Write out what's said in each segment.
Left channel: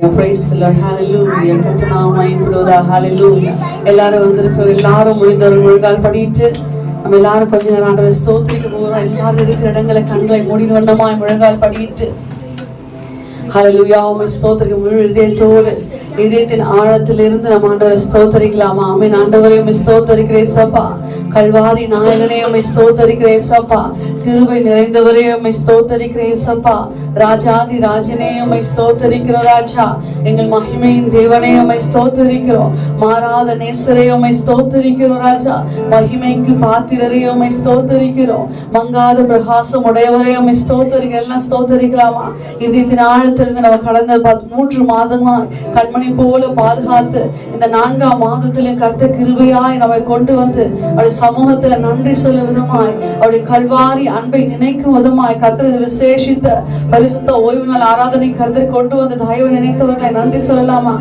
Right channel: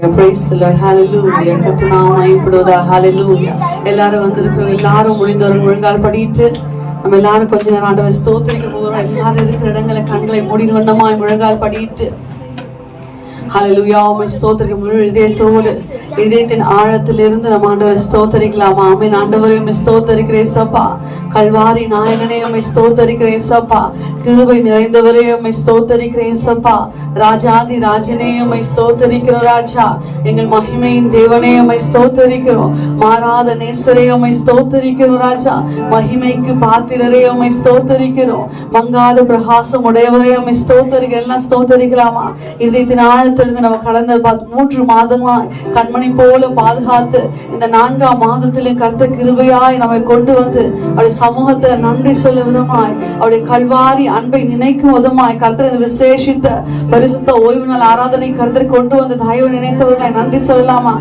Praise the Lord. Hallelujah. கர்த்தநாமம் மகிமைப்படுவதாக. Hallelujah. எல்லாரும் வந்திருக்கிறோம். எல்லாரும் முடிந்தவர்கள் முழங்கால் படிட்டு நம்ம எல்லாரும் கொஞ்ச நேரம் ஆண்டவரை ஸ்தோத்திரிக்க போகிறோம். எல்லாரும் இருக்கிற இடங்களை கண்களை மூடின வண்ணமாய் முழங்கால் படிட்டு ஹல்லேலூயா உம்மை ஸ்தோத்திரிக்க முழு இதயத்தோடு இதயத்தின் ஆழத்திலிருந்து நம்ம ஆண்டவரை ஸ்தோத்திரிக்கலாமா? ஆமென். ஆண்டவரே உம்மை ஸ்தோத்திரிக்கிறேன் ஏசப்பா. கல்வாரி நாயகனே உம்மை ஸ்தோத்திரிக்கிறேன் ஏசப்பா. கிருபை நிறைந்தவரே உம்மை ஸ்தோத்திரிக்கிறேன் ஏசப்பா. ராஜாதி ராஜனே உம்மை ஸ்தோத்திரிக்கிறோம் ராஜா. எங்கள் மகிமையின் தேவனே உம்மை ஸ்தோத்திரிக்கிறோம். மாறாத நேசரே உம்மை ஸ்தோத்திரிக்கிறோம் ராஜா. மகிமைக்கு பாத்திரரே உம்மை ஸ்தோத்திரிக்கிறோம். மங்காத பிரகாசம் உடையவரே உம்மை ஸ்தோத்திரிக்கிறோம். எல்லாம் ஸ்தோத்திரிக்கலாமா? இதயத்தின் ஆழத்திலிருந்து நம்ம கடந்த 3 மாதமாய் கண்மணி போல பாதுகாத்து இந்த 4ஆம் மாதத்திலே கர்த்தர் கிருபையாய் நம்மை கொண்டு வந்து அவருடைய சமூகத்துல நன்றி சொல்லும் விதமாய் அவருடைய கல்வாரி அன்பை நினைக்கும் விதமாய் கர்த்தர் இந்த விசேஷித்த பரிசுத்த ஓய்வு நாள் ஆராதனை கர்த்தர் கொண்டு வந்து தயவு நினைத்தவர்களை நன்றி சொல்லலாமா?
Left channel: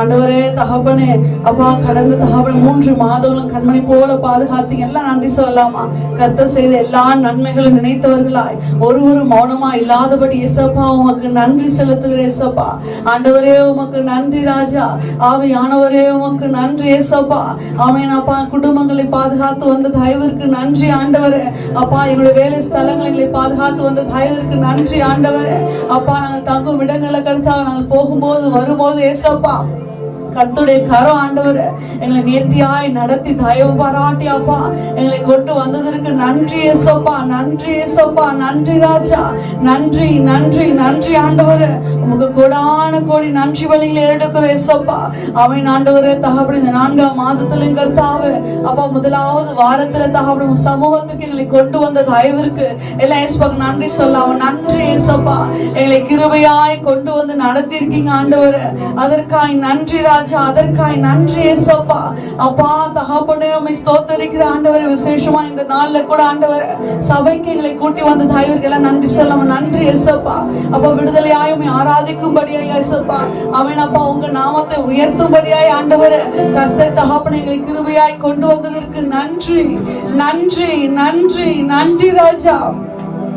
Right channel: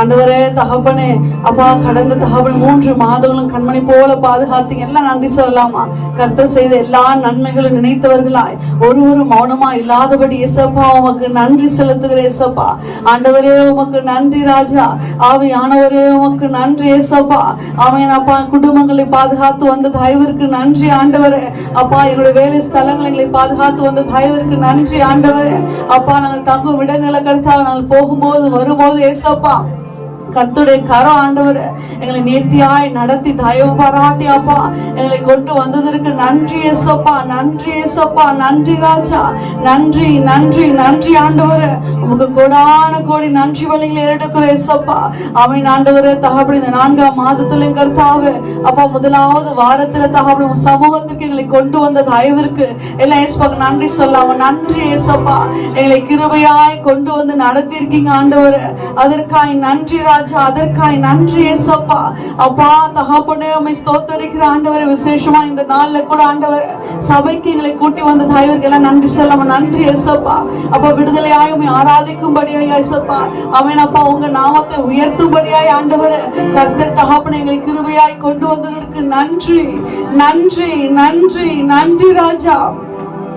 ஆண்டவரே தகப்பனே அப்பா, கடந்த தகப்பனை 3 மாதங்களும் கண்மணி போல பாதுகாத்தீங்க. எல்லாம் நன்றி சொல்லலாமா? கர்த்தர் செய்த எல்லா நன்மைகளும் நினைத்தவர்களாய் ஒருவரும் மௌனமா இல்லாதபடி ஏசப்பா உமக்கு நன்றி செலுத்துகிற ஏசப்பா. ஆண்டவரே உமக்கு நன்றி ராஜா. ஆவியானவரே உமக்கு நன்றி ஏசப்பா. ஆமென் அப்பா. குடும்பங்களை பாதுகாத்து வந்த தயவிற்கு நன்றி ஆண்டவரே. அப்பா, எங்களுடைய வேலை ஸ்தலங்களை பாதுகாத்து வந்த தயவிற்கு நன்றி ஆண்டவரே. அப்பா, நாங்கள் தங்கும் இடங்களை கருத்தாக நாங்கள் போகும்போது வரும்போது ஏசப்பா கர்த்தருடைய கரம் ஆண்டவர் எங்களை நேர்த்தியாய் நடத்தி தயவு பாராட்டி அப்பா எங்களை கொண்டு வந்ததற்கு நன்றி ஏசப்பா. நன்றி ஏசப்பா. நன்றி ராஜா. நன்றி நன்றி நன்றி ஆண்டவர். உமக்கு கோடான கோடி நன்றி வழிகளை எடுக்கிற ஏசப்பா. ஆமென் ஆண்டவரே. தகப்படி இந்த 4ஆம் மாதத்துல கர்த்தாவே அப்பா முதலாவது வாரத்துல தகப்படி சமூகத்துக்கு எங்களை கொண்டு வந்த தயவிற்கு எல்லாம் ஏசப்பாக்கு நன்றி சொல்லாம நன்றி ஏசப்பா. எங்களை கிருபையாய் கொண்டு வந்து நடத்தி இருக்கீங்க ஆண்டவர். அதற்காய் நன்றி ராஜா. அதற்காய் நன்றி ஏசப்பா. அப்பா தகப்பனே உம்மை ஸ்தோத்திரிக்கிற ஆண்டவரே. விசேஷமா இந்த நாள்ல கூட ஆண்டவரே சபைக்கு எங்களை கூட்டி வந்த தயவிற்கு எல்லாம் நன்றி சொல்லாம நன்றி ஏசப்பா. அப்பா விடுதலையாய் உம்மை ஆராதிக்கும்படியாய் ஏசப்பா. ஆமென் அப்பா. உங்க நாமத்தை உயர்த்தும்படியாய் ஆண்டவரே கர்த்தர் தகப்பனே எங்களை கிருபையாய் கொண்டு வந்ததற்கு நன்றி நன்றி நன்றி நன்றி ராஜா.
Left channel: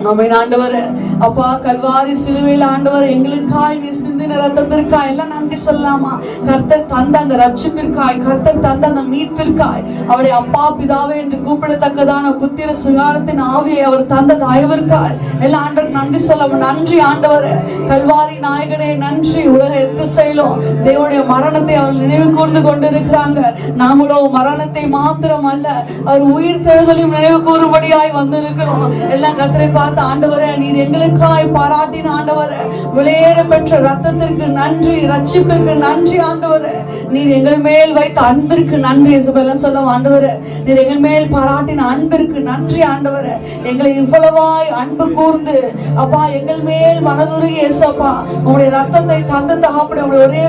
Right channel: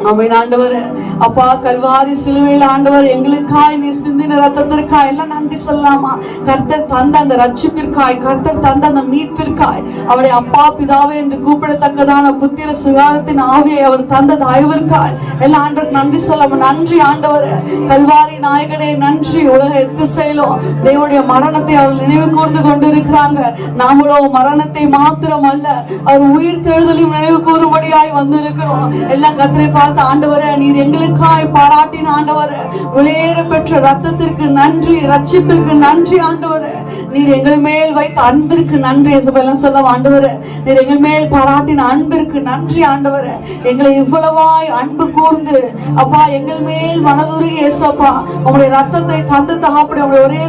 ஆமென் ஆண்டவரே. அப்பா கல்வாரி சிலுவையில் ஆண்டவர் எங்களுக்காய் நீ சிந்தின ரத்தத்திற்காய் எல்லாம் நன்றி சொல்லலாமா? கர்த்தர் தந்த அந்த ரட்சிப்பிற்காய், கர்த்தர் தந்த அந்த மீட்பிற்காய், அவருடைய அப்பா பிதாவே என்று கூப்பிடத்தக்கதான புத்திர சுகாரத்தின் ஆவியை அவர் தந்த தயவிற்காய் எல்லாம் ஆண்டவர் நன்றி சொல்லாம நன்றி ஆண்டவரே. கல்வாரி நாயகனே நன்றி. உலக எத்திசையிலும் தேவனுடைய மரணத்தை அவர் நினைவு கூர்ந்து கொண்டிருக்கிறாங்க. நாமளோ மரணத்தை மாத்திரம் அல்ல அவர் உயிர் தெழுதலையும் நினைவு கூறும்படியாய் வந்திருக்கிறோம். எல்லாம் கர்த்தரை பார்த்து ஆண்டவரே நீர் எங்களுக்காய் பாராட்டின ஆண்டவரே விலையேற பெற்ற ரத்தத்திற்கு நன்றி, ரட்சிப்பிற்கு நன்றி ஆண்டவரே. நீர் எங்கள் மேல் வைத்த அன்பிற்கு நன்றி எல்லாம் சொல்ல ஆண்டவரே. நீர் எங்கள் மேல் பாராட்டின அன்பிற்கு நன்றி ஆண்டவரே. எங்களை இவ்வளவாய் அன்பு கூர்ந்து அப்பா எங்கள் மேல் மனதுருகி ஏசப்பா உங்களுடைய ரத்தத்தை தந்து தகப்படி உங்களுடைய ஒரே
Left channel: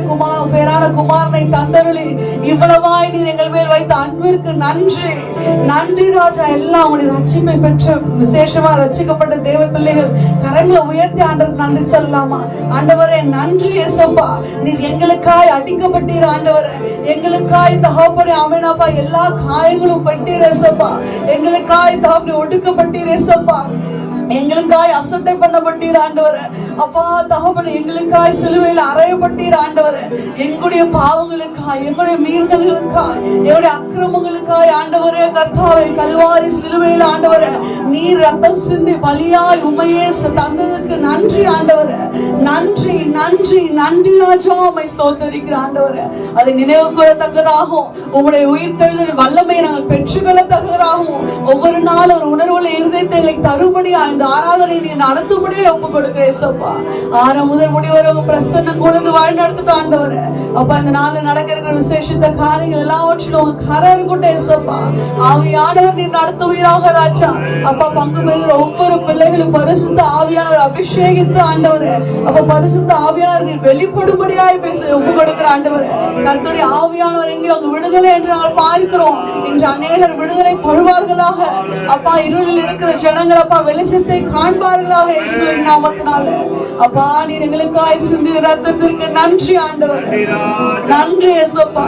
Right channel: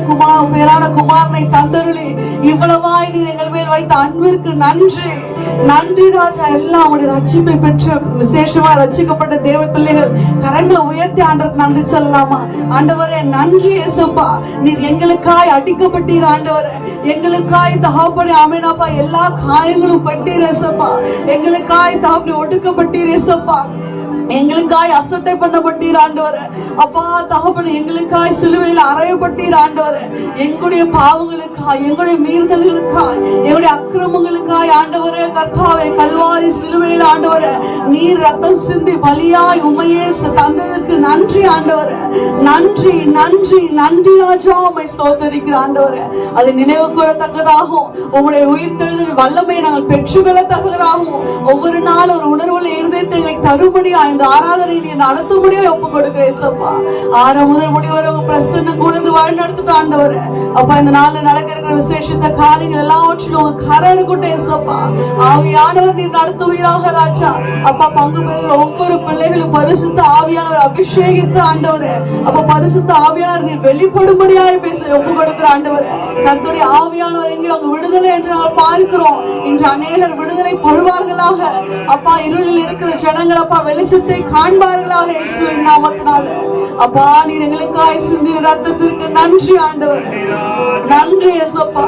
பேரான குமாரனை தந்தருளி இவ்வளவாய் நீர் எங்கள் மேல் வைத்த அன்பிற்கு நன்றி நன்றி ராஜா. எல்லாம் உங்களுடைய ரட்சிப்பை பெற்ற விசேஷமா ரட்சிக்கப்பட்ட தேவ பிள்ளைகள் கரங்களை உயர்த்தி ஆண்டவருக்கு நன்றி சொல்லலாமா? ஆண்டவரே நன்றி ஏசப்பா. நீர் எங்களுக்காய் அடிக்கப்பட்டீர் ஆண்டவரே. எங்களுக்காய் தகப்பனே ஆமென் அப்பா எல்லா காயங்களும் பட்டீர் ஏசப்பா. எங்களுக்காய் தகப்பனே ஒடுக்கப்பட்டீர் ஏசப்பா. எங்களுக்காய் அசட்டை பண்ணப்பட்டீர் ஆண்டவரே. அப்பா தகப்பனே எங்களுக்காய் சிலுவையில் அறையப்பட்டீர் ஆண்டவரே. எங்களுடைய பாவங்களுக்காய், எங்களுடைய மீறுதல்களுக்காய், எங்களுடைய அக்கிரமங்களுக்காய் ஆண்டவரே கர்த்தாவே கல்வாரி சிலுவையில் ஆண்டவரே நீர் ரத்தம் சிந்தி பலியாய் உம்மையே தந்ததற்கு நன்றி ஆண்டவரே. நன்றி நன்றி நன்றி ராஜா. உம்மை ஸ்தோத்திரிக்கிற ஆண்டவரே. அதை நினைவு கூறத்தக்கதாகவும் உம்முடைய உயிர்த்தெழுதல் வல்லமையை நாங்கள் பெற்றுக்கொள்ளத்தக்கதாகவும் ஒவ்வொரு நாள் ஒரு உணர்வுள்ள இருதயத்தை எங்களுக்கு தரும்படியா இந்த ஆராதனை நீ நடத்தும்படியா ஒப்பு கொடுக்கிற ஏசப்பா. ஆரம்பம் முதல் முடிவரை உங்க பிரசன்னம் கூர்ந்து வழி நடத்திட்டு ஆண்டவரே. அப்பா இந்த நாள்ல நடக்கிற விசேஷித்த காரியங்கள் எல்லாவற்றிலும் உங்க கரை இருக்கட்டும் ஏசப்பா. ஆவியானவர் நீ நடத்துவீராக ராஜா. அப்பா பங்கு பெறுகிற ஒவ்வொரு பிள்ளைகளும் பரிசுத்த ஆவியானவர் அபிஷேகித்து ஆண்டவரே அப்ப பரிசுத்த ஆவியானவர் நீர் வெளிப்படும்படியாய் பேச ஒப்பு கொடுக்கிற ஆண்டவரே. கர்த்தருடைய ஆவியானவர் இங்கே அவங்க விடுதலை என்று நாங்கள் பார்க்கிறோம். இன்று அநேகர் விடுதலை படுவார்களாக. அப்பா இருளில் இருக்கிற ஜனங்கள் அப்பா வெளிச்சத்தை காண்பார்களாக இயேசுவின் நாமத்தினால. அப்பா நீர் எங்களுக்காய் சிந்தின ரத்தத்திற்கு நன்றி ஆண்டவரே. நன்றி ஏசப்பா,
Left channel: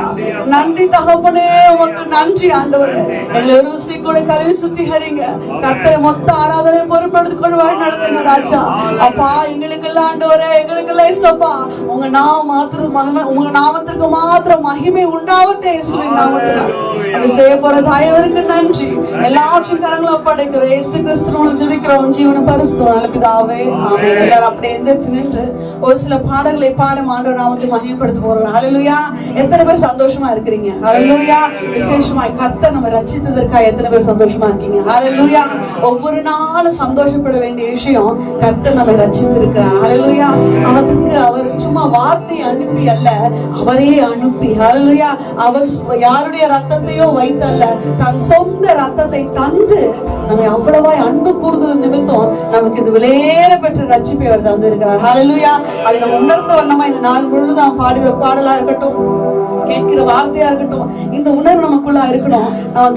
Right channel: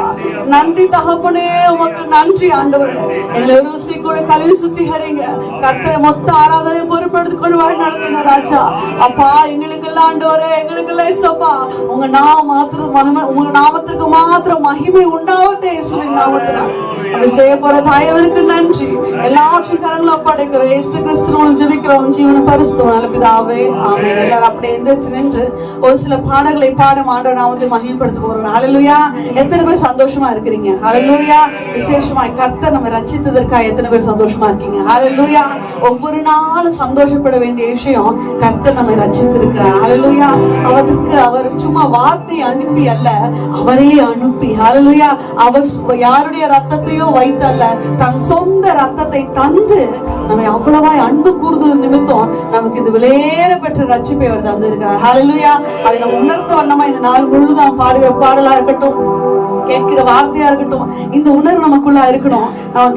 நன்றி தகப்பனே, உமக்கு நன்றி ஆண்டவரே. எங்களை ருசி கூட கழுவி சுத்திகரிங்க. கர்த்தரை மொத்த ஆராதனை பொறுப்பெடுத்துக் கொண்டு வழி நடத்துங்க ராஜா. அப்பா எங்களுக்கு எல்லாம் ஆண்டவரே, எங்களுக்கு எல்லாம் ஏசப்பா உங்க நாமத்துக்கு மாத்திரம் மகிமை உண்டாவட்டே இயேசுவின் நாமத்தினால. செய்ய போற தாயவருக்கு நன்றி. எல்லாவற்றையும் கரங்களை ஒப்படைக்கிறோம். இயேசு கிறிஸ்துவின் ஜெபிக்கிறோம் ஜீவன பரிசுத்தம் நல்ல பிதாவே, ஆமென். எல்லாரும் அப்படியே எந்திரிச்சு நின்று ஒரு சில பாடல்களை பாடும் ஆண்டவர் நாமத்தை மகிமைப்படுத்த போறோம். ஹல்லேலூயா. எத்தனை பேர் சந்தோஷமா இருக்கிறீங்க? ஹல்லேலூயா. விசேஷமா கர்த்தர் நம்ம ரட்சித்ததற்காக எத்தனை பேர் சந்தோஷமா இருக்கீங்க? ஹல்லேலூயா. ஒவ்வொரு நாளும் சந்தோஷப்பட வேண்டிய விஷயம், கர்த்தர் நம்மை ரட்சித்திருக்கிறார். ஹல்லேலூயா. அவர் சும்மா வார்த்தை அனுப்பி அல்ல, அவரே அனுப்பி, ஹல்லேலூயா, அவர் யாருடைய ரத்தத்தையோ வைத்தல்ல, தன் சொந்த ரத்தத்தை தந்து நம்மை அவ்வளவாய் அன்பு கூர்ந்தது நிமித்தம் நமக்கு இந்த விலையேற பெற்ற ரட்சிப்பை அவர் தந்து இருக்கிறார். ஹல்லேலூயா. அதை நம்ம உணர்ந்த வண்ணமா இந்த நாள் முழுதும் பாடுகிற பாடலா இருக்கட்டும், கேட்கிற வார்த்தையா இருக்கட்டும், இந்த உணர்வு நமக்குள்ள இருக்கணும்.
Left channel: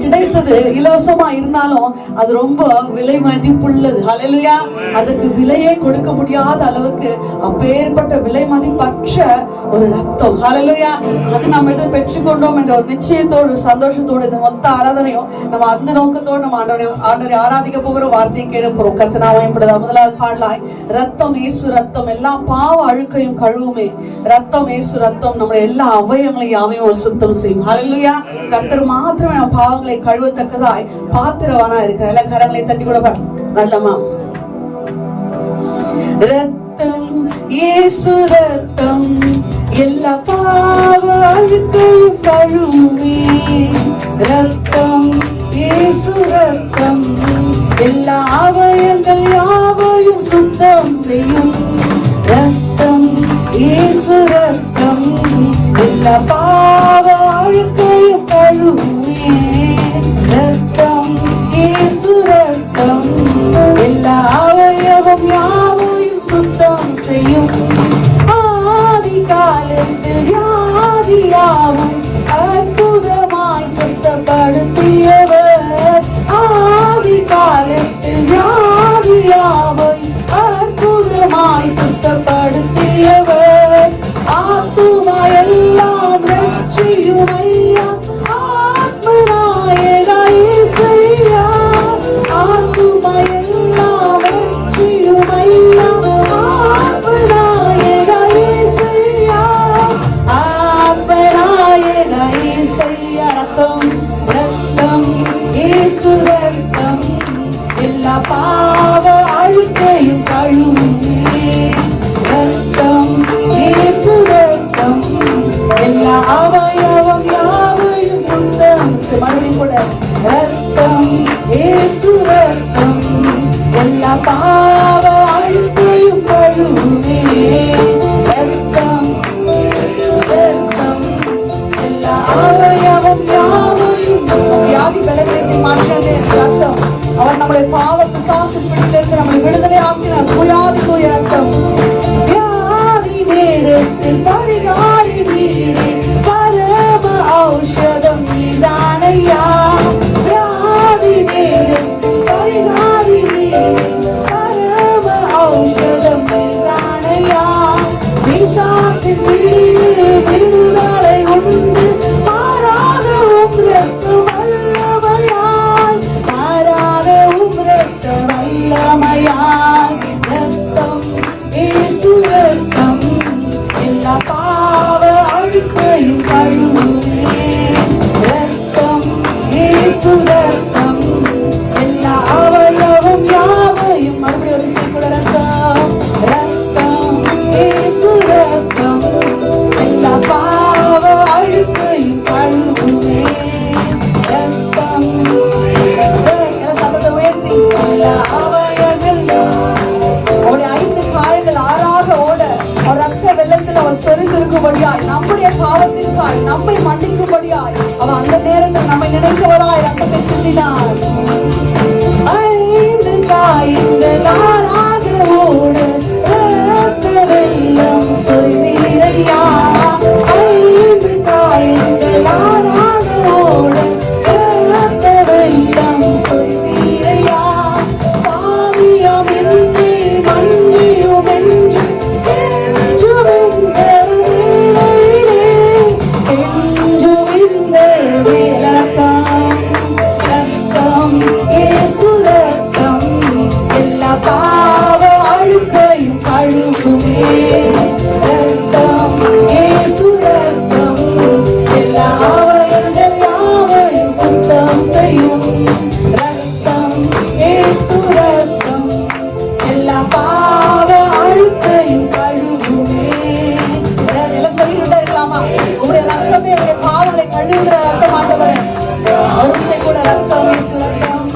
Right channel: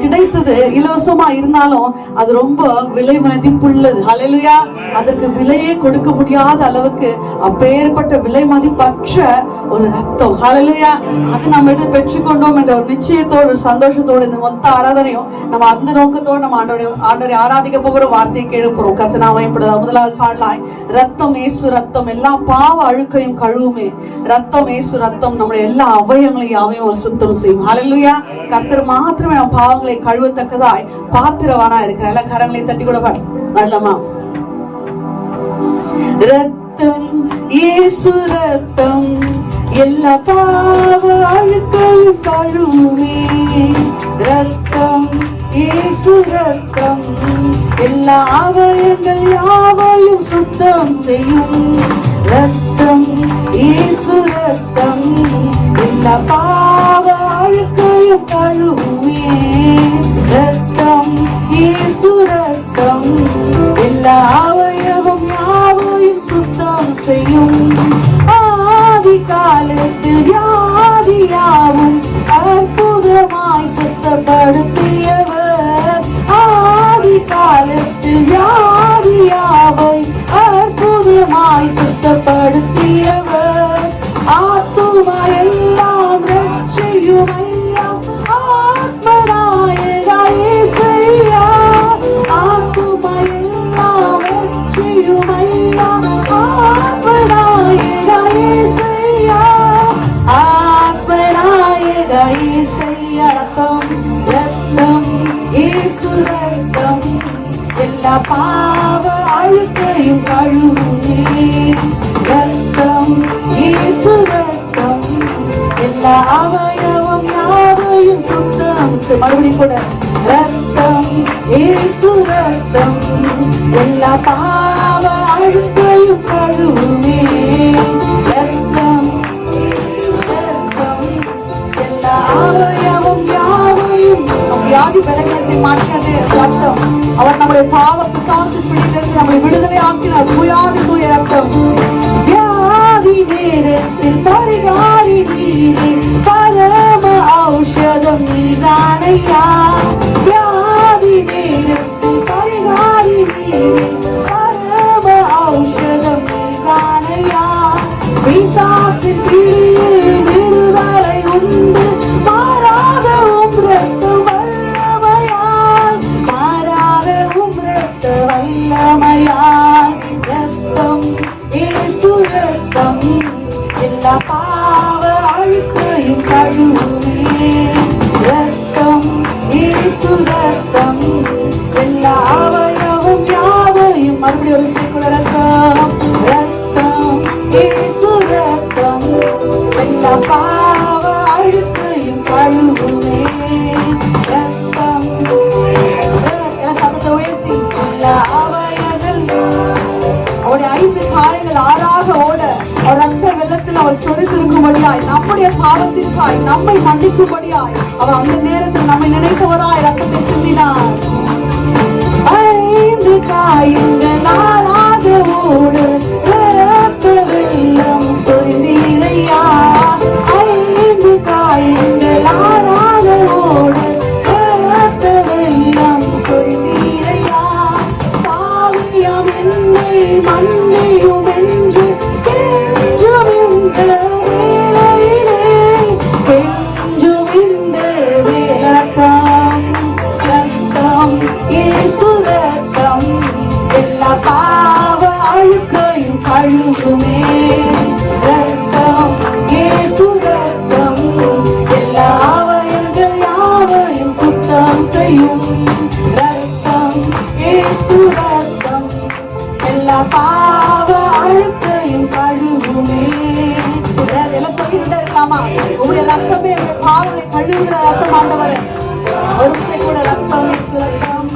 கிடைத்தது இலவசமா இருந்தாலும் அது ரொம்ப விலை மதிப்புள்ளது. ஹல்லேலூயா. அதுக்கு விலையே கொடுக்க முடியாத அளவுக்கு அப்பேற்பட்ட விலை மதிப்பற்ற ஒரு ரத்தம். ஹல்லேலூயா. அது நம்ம பெற்றுக்கொண்டோம் என்ற ஒரு நிச்சயத்தோடு சந்தோஷத்தோடு இந்த மொத்த ஆராதனையும் நம்ம அந்த நோக்கத்தோடு நம்ம ஆண்டவரை ஆராதிக்க போகிற வார்த்தையை கேட்க போறோம். கர்த்தர் இப்படிதான் முதலாவது பாடலாய், ரத்தம் இயேசு ரத்தம் எல்லா பாவ அழுக்கையும் கழுவுமே. ரத்தம் இயேசு ரத்தம் நம்முடைய எல்லா அவயங்களையும் யாவையும் ஒரு சுத்தம் செய்யும். ஹல்லேலூயா. கர்த்தர் மாத்திரமே நம்ம பாவங்களை கழுவத்தக்கதாய் பாத்திரவானா இருக்கிற எல்லா கரங்களை தட்டி கூட பாடலாமா? ரத்தம் இயேசு ரத்தம் எல்லா பாவ அழுக்கையும் கழுவுமே. ரத்தம் இயேசு ரத்தம் எல்லா அவயங்கள் யாவையும் சுத்தம் செய்யும். ரத்தம் இயேசு ரத்தம் எல்லா பாவ அழுக்கையும் கழுவுமே. ரத்தம் இயேசு ரத்தம் எல்லா அவயவம் யாவையும் சுத்தம் செய்யும். ஆதி காலத்தில் வியாதியாவும் அற்புதமாய் சுத்தப்படுத்தியவர். ஆதி காலத்தில் வியாதியாவை அற்புதமாய் சுத்தப்படுத்தியவர். ஆத்துமா எல்லாம் ரட்சியும் ஐயா, ஆத்மநாயகா இயேசையா. ஆத்துமா எல்லாம் ரட்சியும் ஐயா, ஆத்மநாயகா இயேசையா. ஆத்மநாயகா இயேசையா. ரத்தம் ரத்தம் இயேசு ரத்தம் எல்லா பாவ அழுக்கையும் கழுவுமே. ரத்தம் இயேசு ரத்தம் எல்லா அவயவம் யாவையும் சுத்தம். மறுபடியும் கூட, ரத்தம் இயேசு ரத்தம் எல்லா பாவ அழுக்கையும் கழுவுமே. ரத்தம் ரத்தம் எல்லா அவயவம் யாவையும். வியாதி பலவீனத்தை மாற்றியது ரத்தம். அவர் நம்முடைய பாவ பிசாசு பிடியிலிருந்து நம்மை விடுதலை ஆக்கினார். தூயாதி தூய ரத்தம். வியாதி நேரத்தில் பரிகாரி நீரே, பரம ஔஷதம் நீதானையா. வியாதி நேரத்தில் பரிகாரி நீரே, பரம ஔஷதம் நீதானையா. பிசாசின் பிடியில் விடுதலை உண்டு, மாறாத உம் ரத்தம் வல்லமையாய், மாறாத உம் ரத்த வல்லமையாய். ரத்தம் இயேசு ரத்தம் எல்லா பாவ அழுக்கையும் கழுவுமே. ரத்தம் இயேசு ரத்தம் எல்லா அவயவம் யாவையும். மறுபடியும் ஒரு சில ரத்தம் ரத்தம் இயேசு ரத்தம் எல்லா பாவ அழுக்கையும் கழுவுமே. ரத்தம் சத்தத்தை உயர்த்தி எல்லா அவயங்கள். அவருடைய 5 காயங்கள் ஆறாக ஓட ரத்த வெள்ளத்தில் அவர் சொரிந்திருக்கும்படியாய், நம்முடைய பாவத்திற்காய் நம்மை மன்னிக்கும்படியாய் அவர் அந்த நேரத்தில் நம்மை நினைப்பவராய் ரத்தத்தை சிந்தினார். 5 காயங்கள் ஆறாக ஓட ரத்த வெள்ளம் சொரிந்தீரையா. 5 காயங்கள் ஆறாக ஓட ரத்த வெள்ளம் சொரிந்தீரையா. பாவியம் என்னை மன்னியும் என்று கெஞ்சும் இந்த வேளையிலே, விடுகிற ரத்தம் ஆண்டவரே. ஒரு விசை கூட ரத்தம் இயேசு ரத்தம்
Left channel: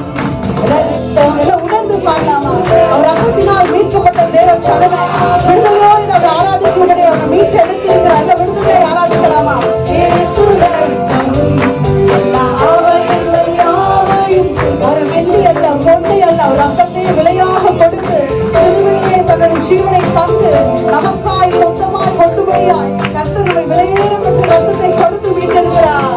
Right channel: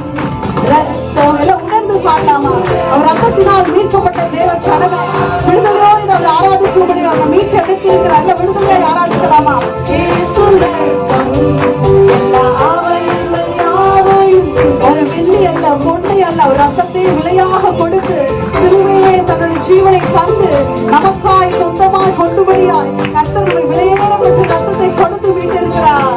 ரத்தம் எல்லாம் உணர்ந்து பாடலாமா? அவர் ரத்தத்தினால் மீட்கப்பட்ட தேவ ஜனமே, விடுதலையோடு அவரை ஆராதிக்கும்படி அவரை மீட்டு எடுத்திருக்கிறார். எல்லாம் விடுதலையை ஆராதிக்கலாமா? இயேசு ரத்தம் எல்லா ஆவயங்கள் யாவையும் ஒரு வெள்ளி அல்ல பொன்னை அல்ல ஒரு ரத்தத்தை விலையாக கொடுத்து சிலுவையிலே தன்னுடைய ஜீவனை தந்து நமக்காய் சொந்தமாய் கொண்டுபடியாய் கர்த்தருடைய விலையேறப்பட்ட ரத்தத்தை கொடுத்து மீட்டெடுக்கிறார்.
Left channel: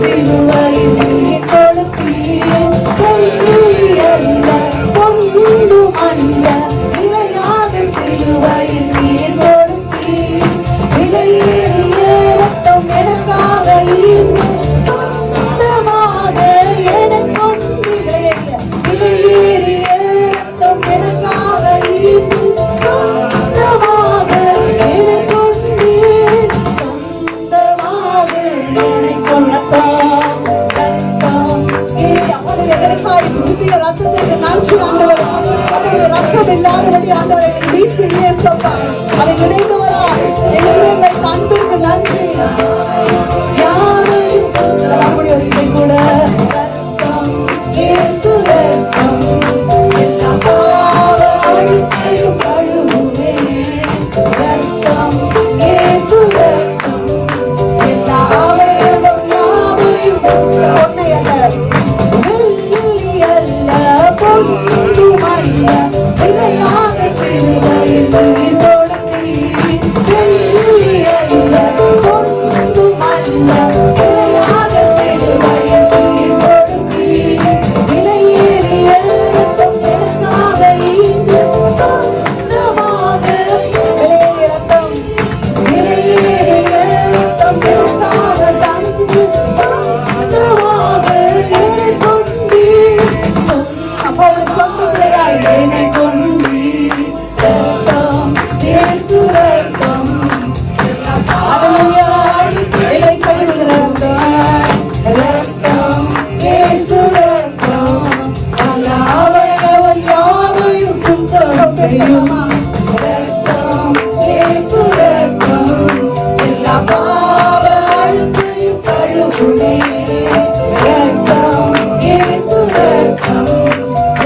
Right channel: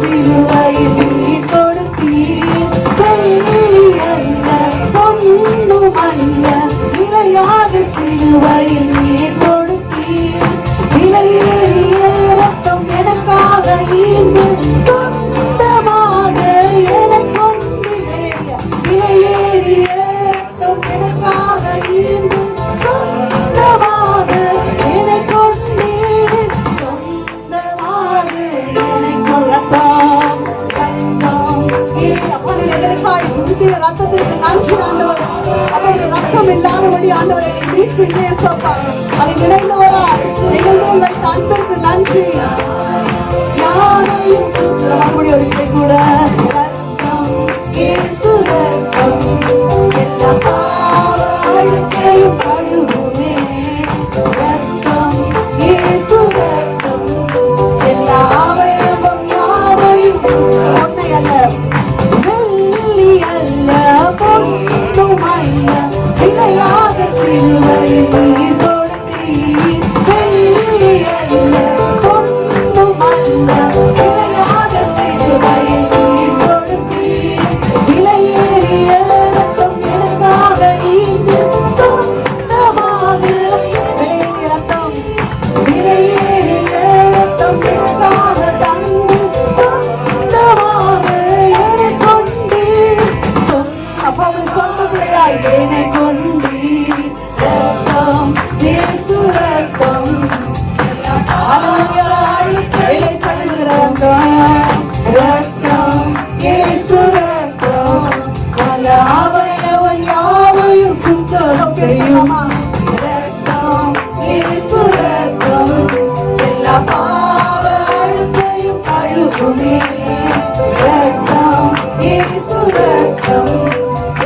சிலுவையில் நீர் கொடுத்தீர், வெள்ளி அல்ல பொன்னும் அல்ல, விலையாக சிலுவையில் நீர் கொடுத்தீர். விலையேறிய ரத்தம் எனக்காக ஈந்து சொந்தமாக எனக்கொண்டு விலையேறிய ரத்தம் எனக்காக ஈந்து சொந்தமாக எனக்கொண்டு சொந்தமாக எனக்குள் ரத்தம் இல்லாதபடி ஆண்டவரை மீட்பு இல்லையே சொப்பா அதை நினைந்தவரா எங்கள் மேல் வைத்த அன்பிற்கு நன்றி. யாரையும் மறுபடி ஒரு இசை கூட ரத்தம் இயேசு ரத்தம் எல்லா பாவ அழுக்கையும் கழுவுமே. ரத்தம் இயேசு ரத்தம் எல்லா அவயவம் யாவையும் பொன்னை அல்ல வெள்ளி அல்ல பொன்னும் அல்ல, விலையாக சிலுவையில் நீர் கொடுத்தீர். வெள்ளி அல்ல பொன்னும் அல்ல, விலையாக சிலுவையில் நீர் கொடுத்தீர். விலையேறிய ரத்தம் எனக்காக ஈந்து சொந்தமாக விலையேறிய ரத்தம் எனக்காக தந்து சொந்தமாக என்னை கொண்டீர். அப்பொழுது சொந்த பிள்ளையாய் என்னை கொண்டீர். ரத்தம் இயேசு ரத்தம் என்னை கழுவுகிற ரத்தம். ரத்தம் இயேசு ரத்தம் யாவையும் சுத்தம் செய்யும். ரத்தம் இயேசு ரத்தம் எல்லா பாவ அழுக்கையும் கழுவுமே. ரத்தம் இயேசு ரத்தம்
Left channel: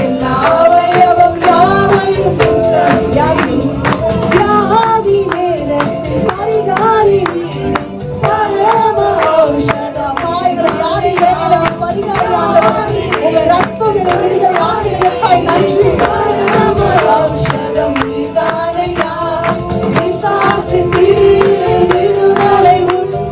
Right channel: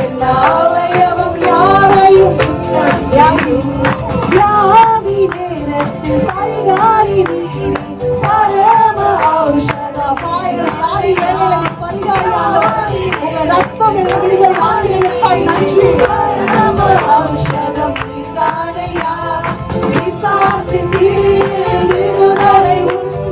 எல்லா அவயவம் யாவையும் சுத்தம் செய்யும். வியாதி நேரத்தில் பரிகாரி நீர் பரம ஔஷதம். வியாதி நேரத்தில் பரிகாரி உங்க ரத்தம் என விடுதலை ஆக்கியதற்காய் நன்றி. பரம ஔஷதம் நீர்தானையா, பிசாசின் பிடியில் விடுதலை உண்டு.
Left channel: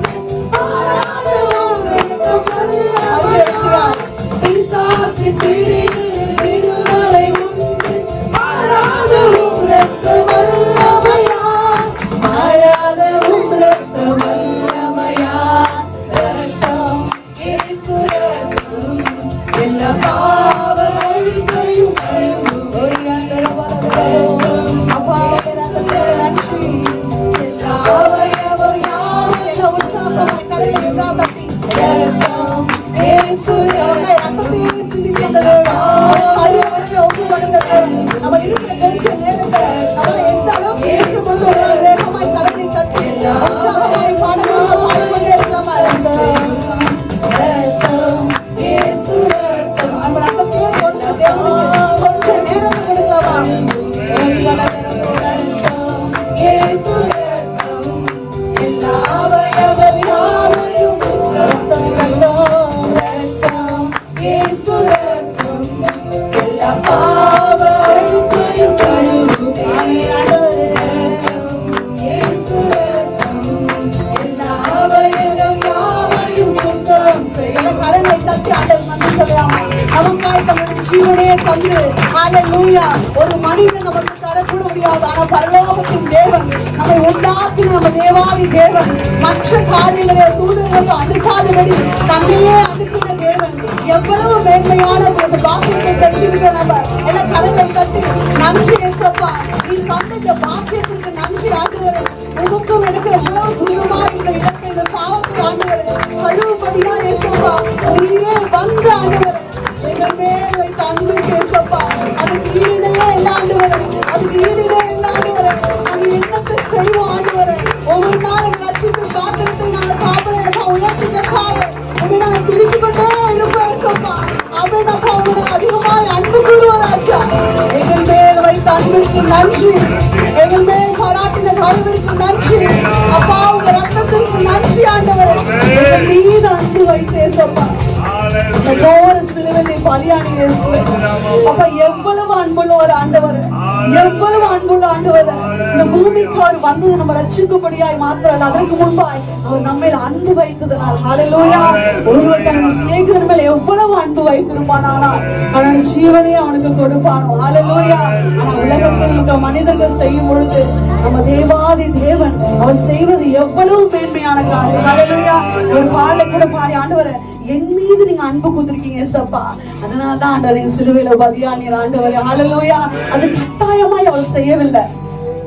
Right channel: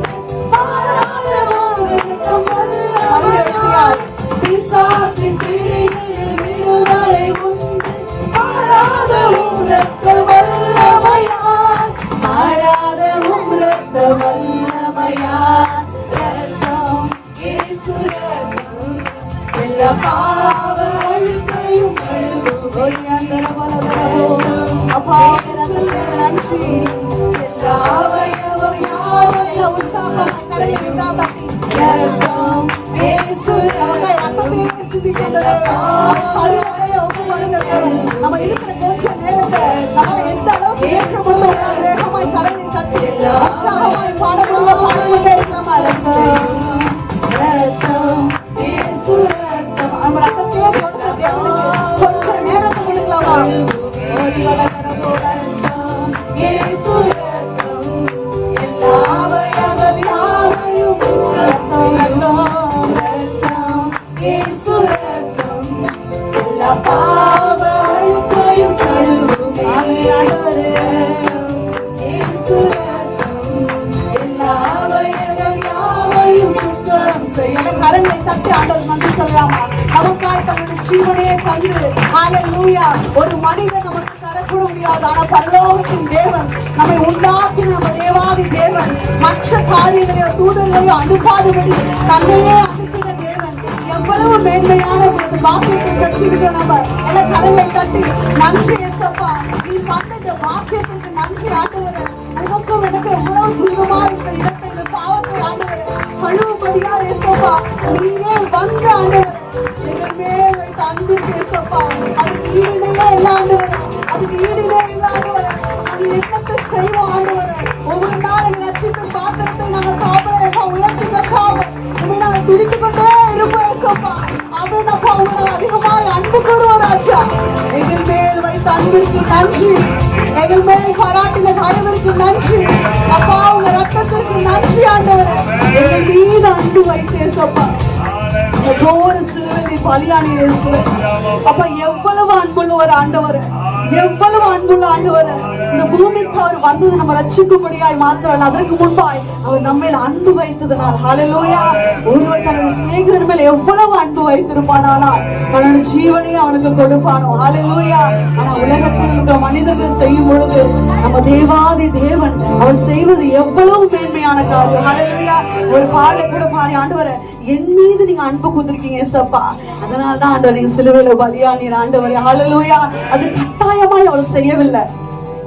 பிசாசின் பிடியில் விடுதலை உண்டு. மாறாதவும் இரத்த வல்லமையால், மாறாதவும் இரத்த வல்லமையால். ரத்தம் இயேசு ரத்தம் எல்லா பாவ அழுக்கையும் அப்பா நன்றி. எல்லா அவயவம் யாவும் எல்லாம் உற்சாகமாய் கரையுண்டா தட்டி. ரத்தம் இயேசு ரத்தத்தை சிந்திக்கிறது சரீரத்தை ஒப்பு கொடுக்கிறது. நம்ம இருக்கிற கொஞ்ச நேரத்தை நம்ம எந்த அளவுக்கு ஏற்றுக்கொண்டு வேகமாய் கரங்களை தட்டி உற்சாகமாய் பாடப்படுவோம். பாடப்பட்டே இருக்கலாமா? ரத்தம் ரத்தம் இயேசு ரத்தம் நம்ம ரத்தத்தையே கொடுத்த தேவனுக்கு கொஞ்ச நேரத்தை கொடுக்கலாமா? இயேசு ரத்தம் எல்லா அவயவங்கள் யாவையும் ரத்தம் ரத்தம் ரத்தம் இயேசு ரத்தம் எல்லா பாவ அழுக்கையும் கழுவுமே. இயேசு ரத்தம் எல்லா அவயவங்கள் யாவையும் சுத்தம் செய்ய. கரங்களை தட்டி ஆண்டவர் நன்றி சொல்லலாமா? நமக்காய் தன்னுடைய ஜீவனையே தந்து ஹல்லேலூயா. ஒரு மனிதன் நமக்கு தரக்கூட முடியாது, ஆனா பரலோகத்தின் தேவன் நம்மை உண்டாக்கின நம்ம தேவாதி தேவன் மற்ற காரியங்களை தூதர்களையும் அனுப்பாதபடி தன்னையே அனுப்பின தேவன் எவ்வளவு மேன்மையான ஒரு பாக்கியத்தை பெற்றிருக்கிற நம்ம எல்லாம் கரங்களை தட்டி நன்றி ஏசப்பா. நீ தந்த இந்த பாக்கியத்துக்கு நன்றி ஆண்டவரே. உமக்கும் எனக்கு எவ்வளவு தூரமா இந்த இடத்தை இந்த பாவத்தை ஆண்டவரே கழுவும்படியா ஏசப்பா நீரே வந்த ஆண்டவரே எங்கள் மேல் வைத்த அன்பு ஏசப்பா. அதுக்கு ஈடுனே எல்லா ஆண்டவரே, அதுக்கு ஈடுனே எல்லா கிருபைகளுக்கு நன்றி. எங்கள் மேல் பாராட்டின தயவுக்கு நன்றி. அப்பா உங்க ரத்தத்திற்கு நன்றி ஆண்டவரே. எங்கள் மீது அன்பு வைத்தேசப்பா. சிலுவையில் பலியானீரே அப்பா. எவ்வளவு அன்புள்ள ஒரு ஆண்டவர், எவ்வளவு அன்புள்ள ஆண்டவர். இந்த பூமிக்கு அவர் வந்தது நம்ம ரட்சிக்கும்படியாய் மாத்திரம், அதற்கு முன்பாய் அவர் நம்ம அன்பு வைத்ததனால். ஹல்லேலூயா. ஒருவர் தன்னுடைய சிநேகிதர் மேல எவ்வளவு அன்பு வைத்திருப்பானா தன்னுடைய ஜீவனையே அவனுக்கு கொடுப்பானோ. ஹல்லேலூயா. ஆனா உலகத்தில் இருக்கிற மனிதர்கள் செய்யும் பொழுது நம்ம தேவாதி தேவன் அவர் செய்வது எவ்வளவு மேன்மையான காரியம். ஹல்லேலூயா. ஒரு பாடலை கூட பாடி ஆண்டவரே என் மீது நீங்க அன்பு கொடுத்திருக்கீங்க ஏசப்பா, அதனாலதான் ஆண்டவர் நீங்க சிலுவையில பலியானீர் ஆண்டவரே. ஹல்லேலூயா. அது கட்டாயமாய் அவர் செய்யவில்லை,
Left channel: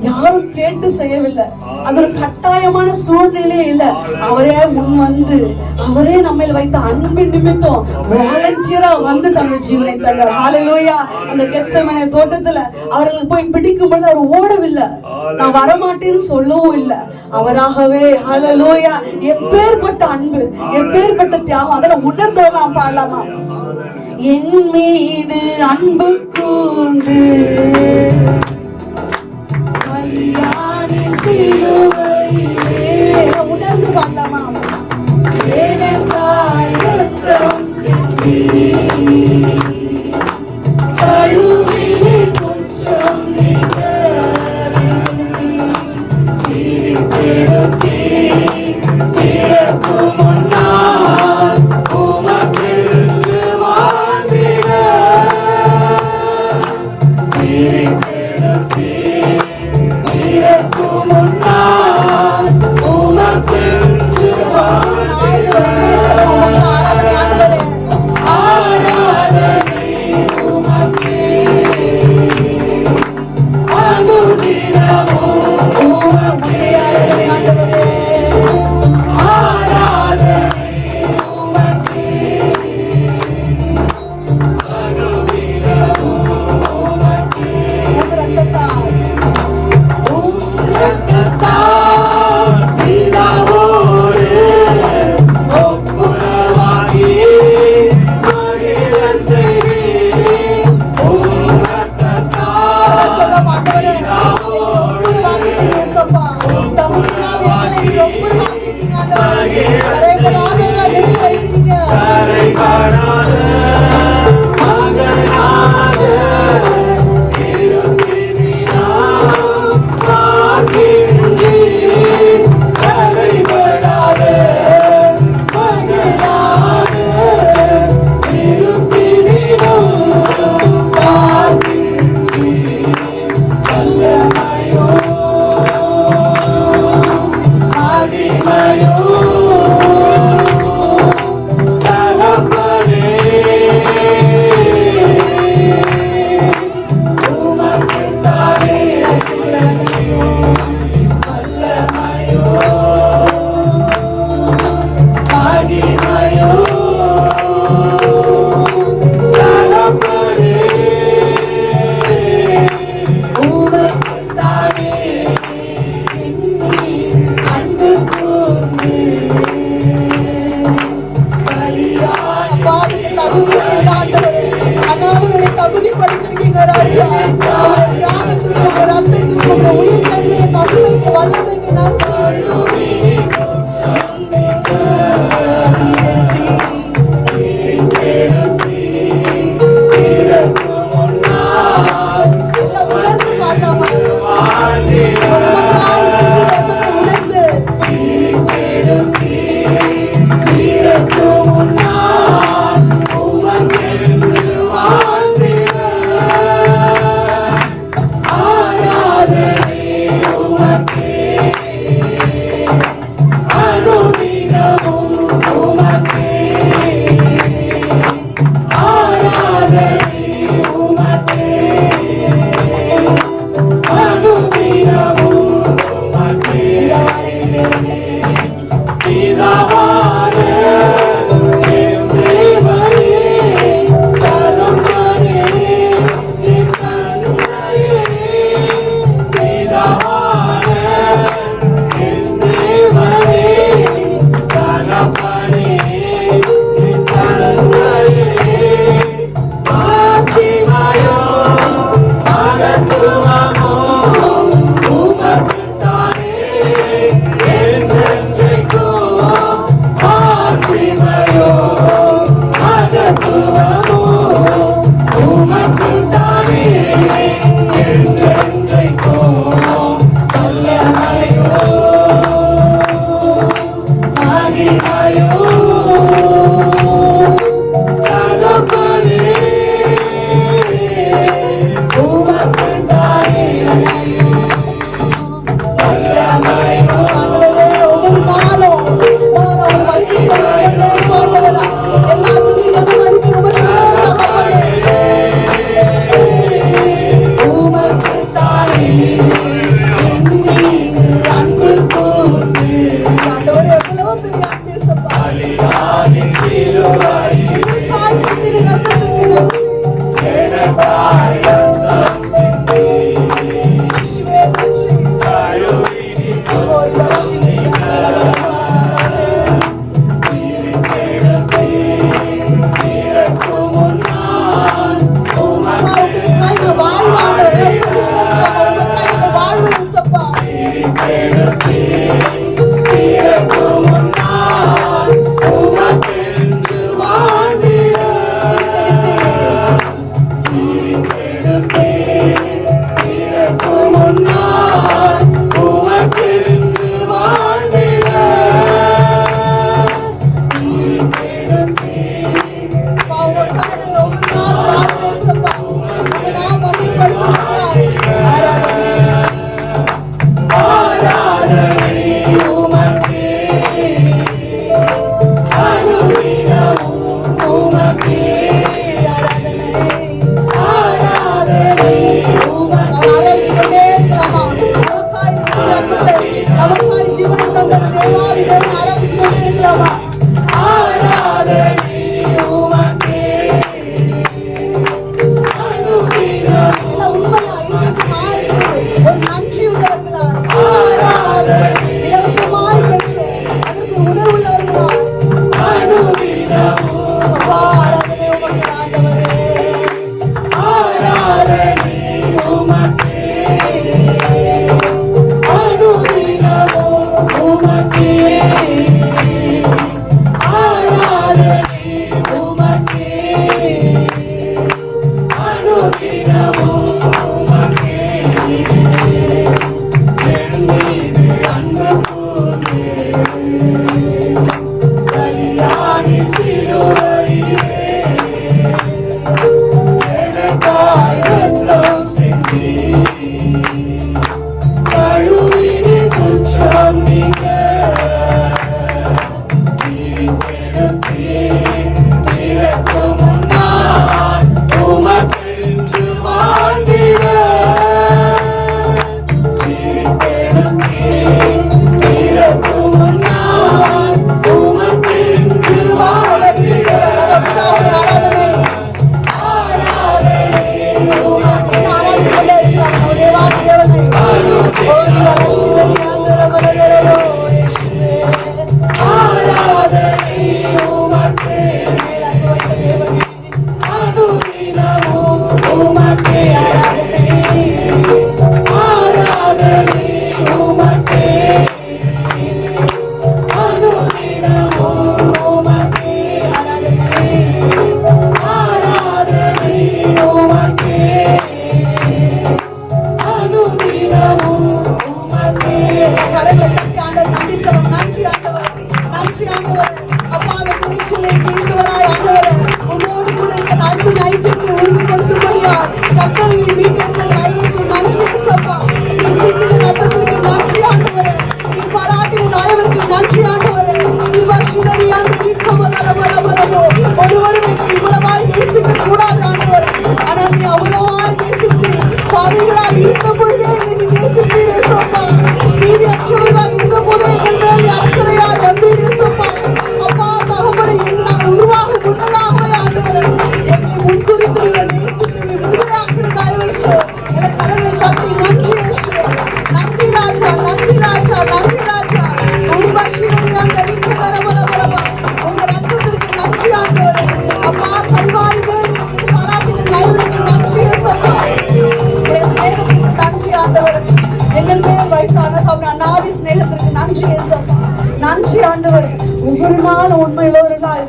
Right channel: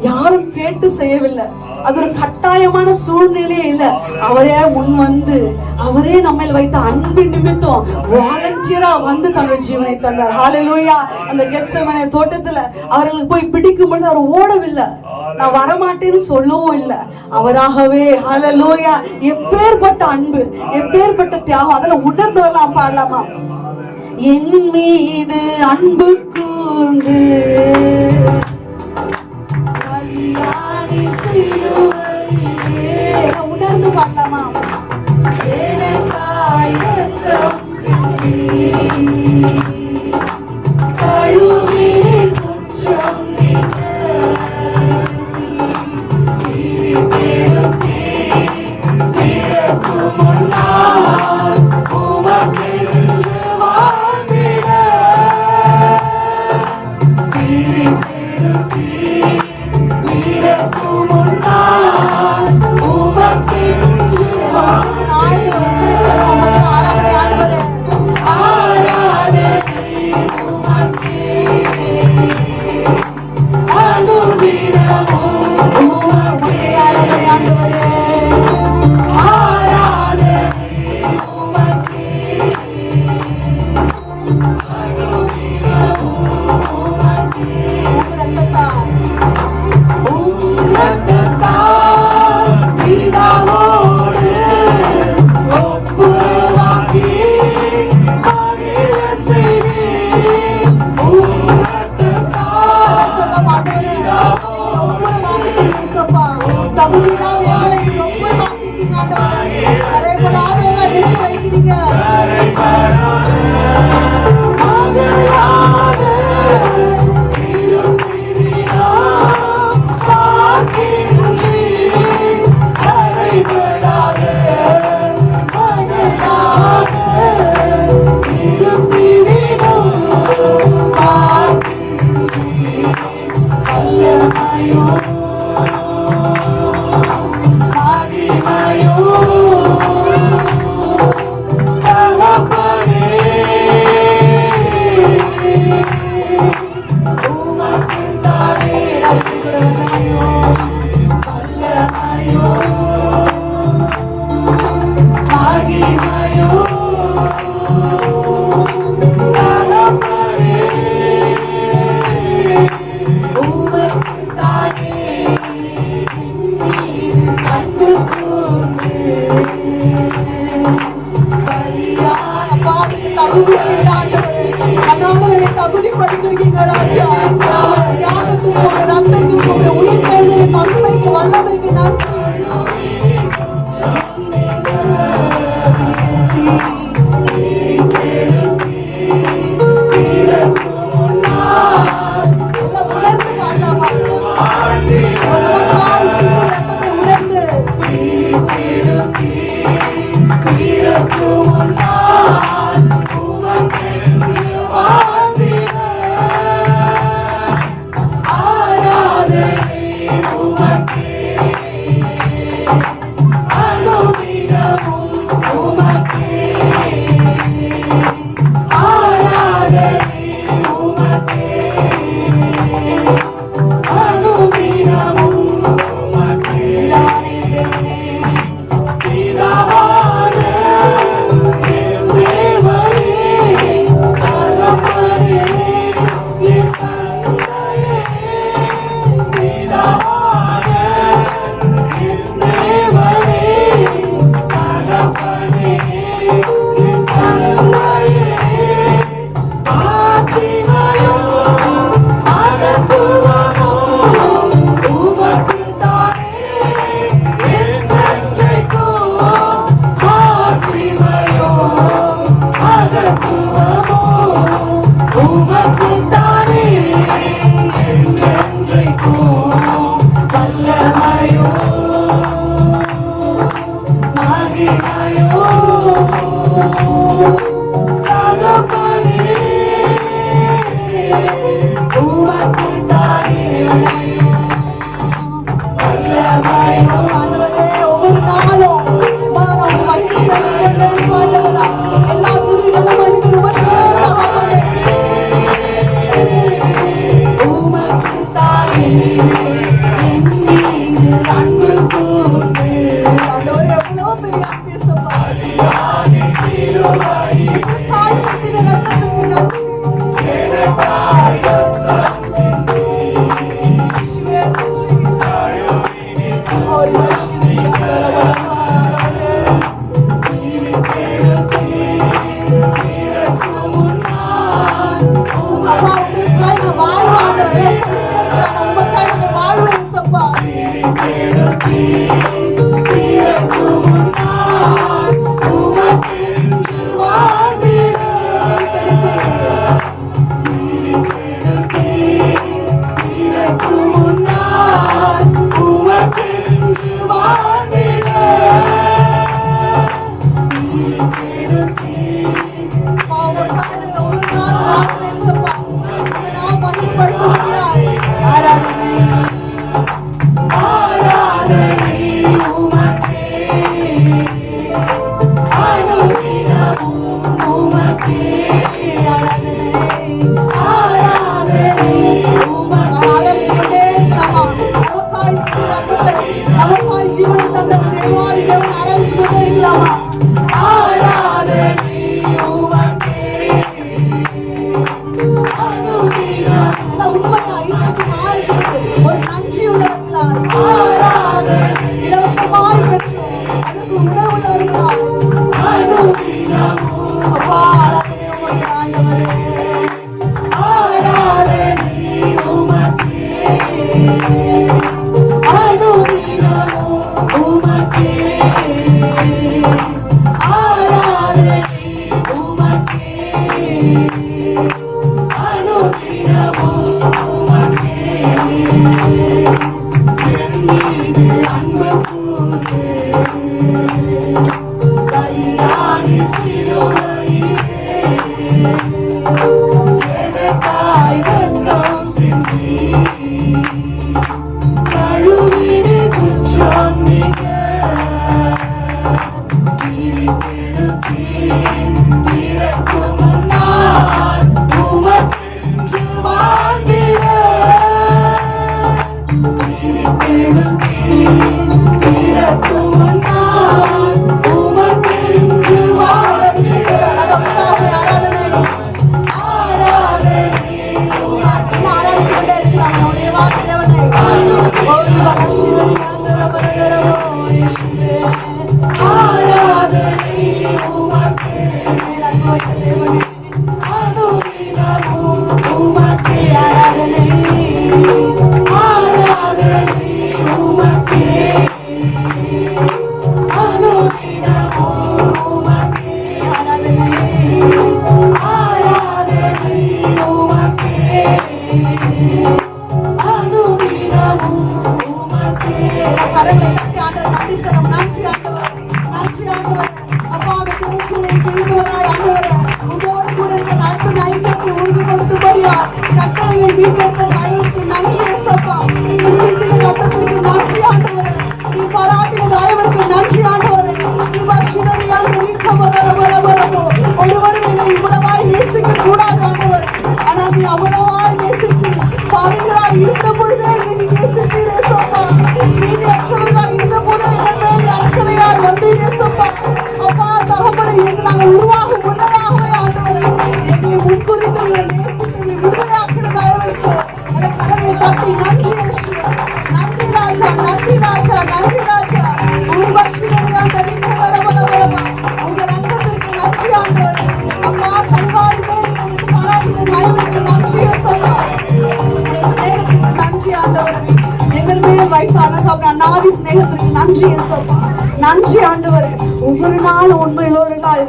யாரும் கேட்டு செய்யவில்லை, அது ஒரு கட்டாயமான சூழ்நிலையே இல்ல. அவரே முன் வந்து அவரே நம்ம வைத்த அன்பின் நிமித்தம் வாலண்டியரா வந்து தன்னுடைய ஜீவனை தந்தார். ஹல்லேலூயா. அந்த கெத்செமனே தோட்டத்துல அவர்களுக்கு போய் பிடிக்கும் பொழுது அவர் ஓடவில்லை, நான் வரமாட்டேன்னு சொல்லவும் இல்லை, அவராகவே. ஹல்லேலூயா. எப்பேற்பட்ட அன்பு, எப்பேற்பட்ட தியாகம், அதெல்லாம் உணர்ந்தவெல்லாம் பாடலாமா? என் மீது அன்பு கூர்ந்து உணர்ந்து பாடலாமா? Yeah.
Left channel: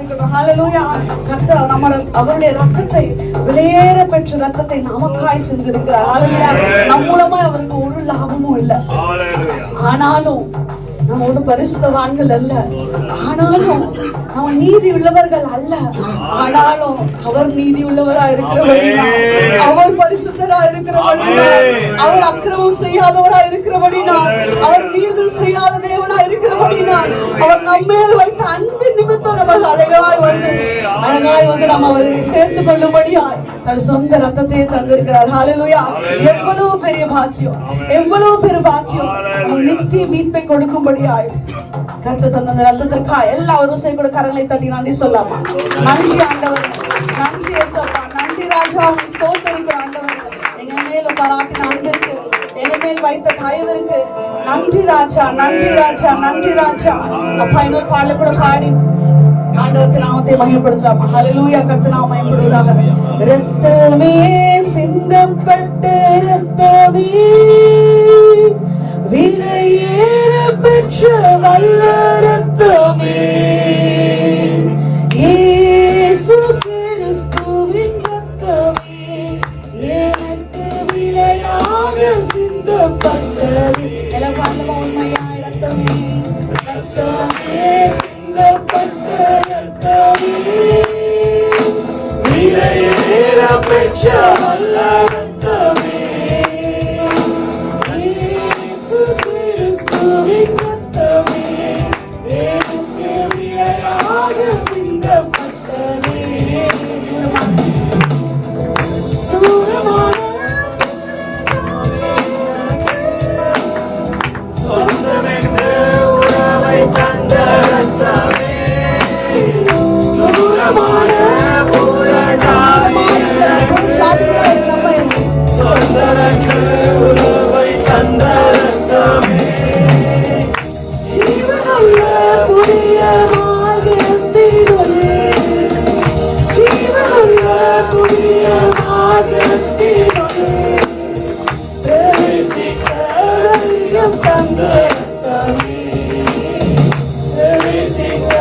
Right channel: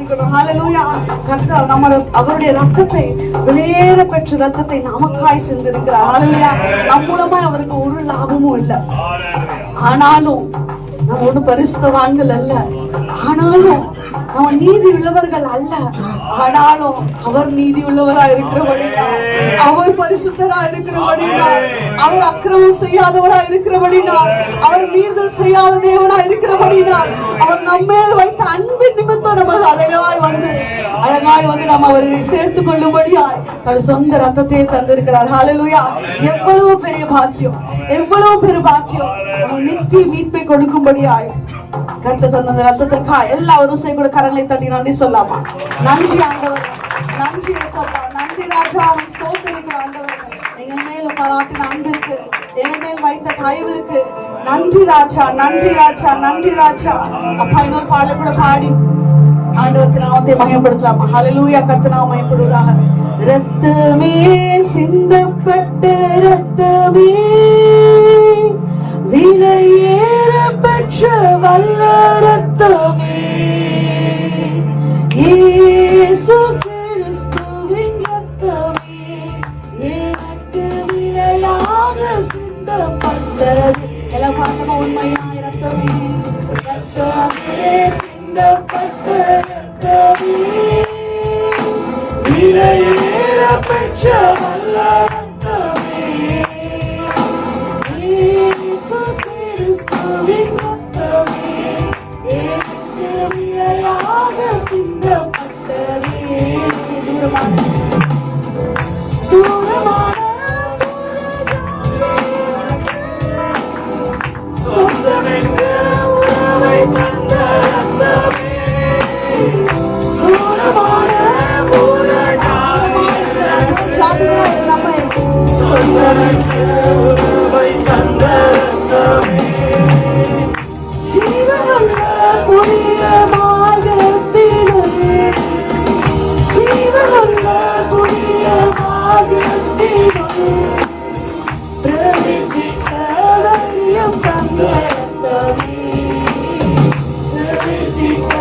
இருக்கணும். ஹalleluya. கர்த்தர் அவருடைய ரத்தத்தை விலையேற பெற்ற ரத்தத்தை நமக்காய் சிந்திருக்கிறார். ஹalleluya. நம் மூலமா அவருக்கு ஒரு லாபமும் இல்லை. ஆனாலும் நாம் ஒரு பரிசுத்தவான்கள் அல்ல, ஆனாலும் அவன் நீதி உள்ளவர்கள் அல்ல, ஆனாலும் அவர் நீதி உள்ளவரா இருக்கிறபடினால், அவர் பரிசுத்தரா இருக்கிறபடினால், அவர் அக்கிரமம் செய்யாதவரா இருக்கிறபடினால், அவர் மீறுதல் செய்யாத தேவனா இருக்கிறபடினால், அவர் நம்மேல் வைத்த அன்பின் நிமித்தம் நம்ம அழகாய் வந்து நம்ம அவரை சேர்த்துக் கொள்ளும்படியாய் தன் சொந்த ரத்தத்தையே தந்திருக்கிறார். ஹalleluya. எவ்வளவு பெரிய பாக்கியம், எவ்வளவு பெரிய பாக்கியம். நித்திய மீட்பை கொடுக்கும்படியாய் கர்த்தர் தந்த ரத்தத்திற்காக எல்லா ஒரு கூட கரங்களை தட்டி நன்றி சொல்லாமா? நன்றி ஆண்டவர், நன்றி ஏசப்பா, நன்றி ராஜா, ஸ்தோத்திரிக்கிற ஆண்டவர். எங்க மேல் பாராட்டின அன்பிற்கு, எங்க மேல் வைத்த தயவிற்கு நன்றி ராஜா, நன்றி ராஜா, நன்றி ராஜா. அப்பா இன்னொரு பாடலை கூட பாடி ஆண்டவத்தின் நாமத்தை மகிமைப்படுத்தலாமா? ஹalleluya. கர்த்தர் நாமம் மகிமைப்படுவதாக. ரத்தமே சிந்தப்பட்ட ரத்தமே, விலையேற பெற்ற வல்ல ரத்தமே, இயேசு கிறிஸ்துவின் ரத்தமே, எனக்கு விலையாக சிந்தப்பட்டது. எல்லாம் பாடமா? உண்மையான ரத்தமே, ரத்தமே சிந்தப்பட்ட ரத்தமே, விலையேற பெற்ற வல்ல ரத்தமே, இயேசு கிறிஸ்துவின் ரத்தமே, எனக்கு விலையாக சிந்தப்பட்டதே. தூரமான சொந்தமென்று உறவை தந்த ரத்தமே, தூரமான சொந்தமென்று உறவை தந்த ரத்தமே, ஜீவனுள்ள புதிய மார்க்கத்தினுள்ளே, ஜீவனுள்ள புதிய மார்க்கத்தினுள்ளே பிரவேசிக்க தைரியம் தந்த ரத்தமே, பிரவேசிக்க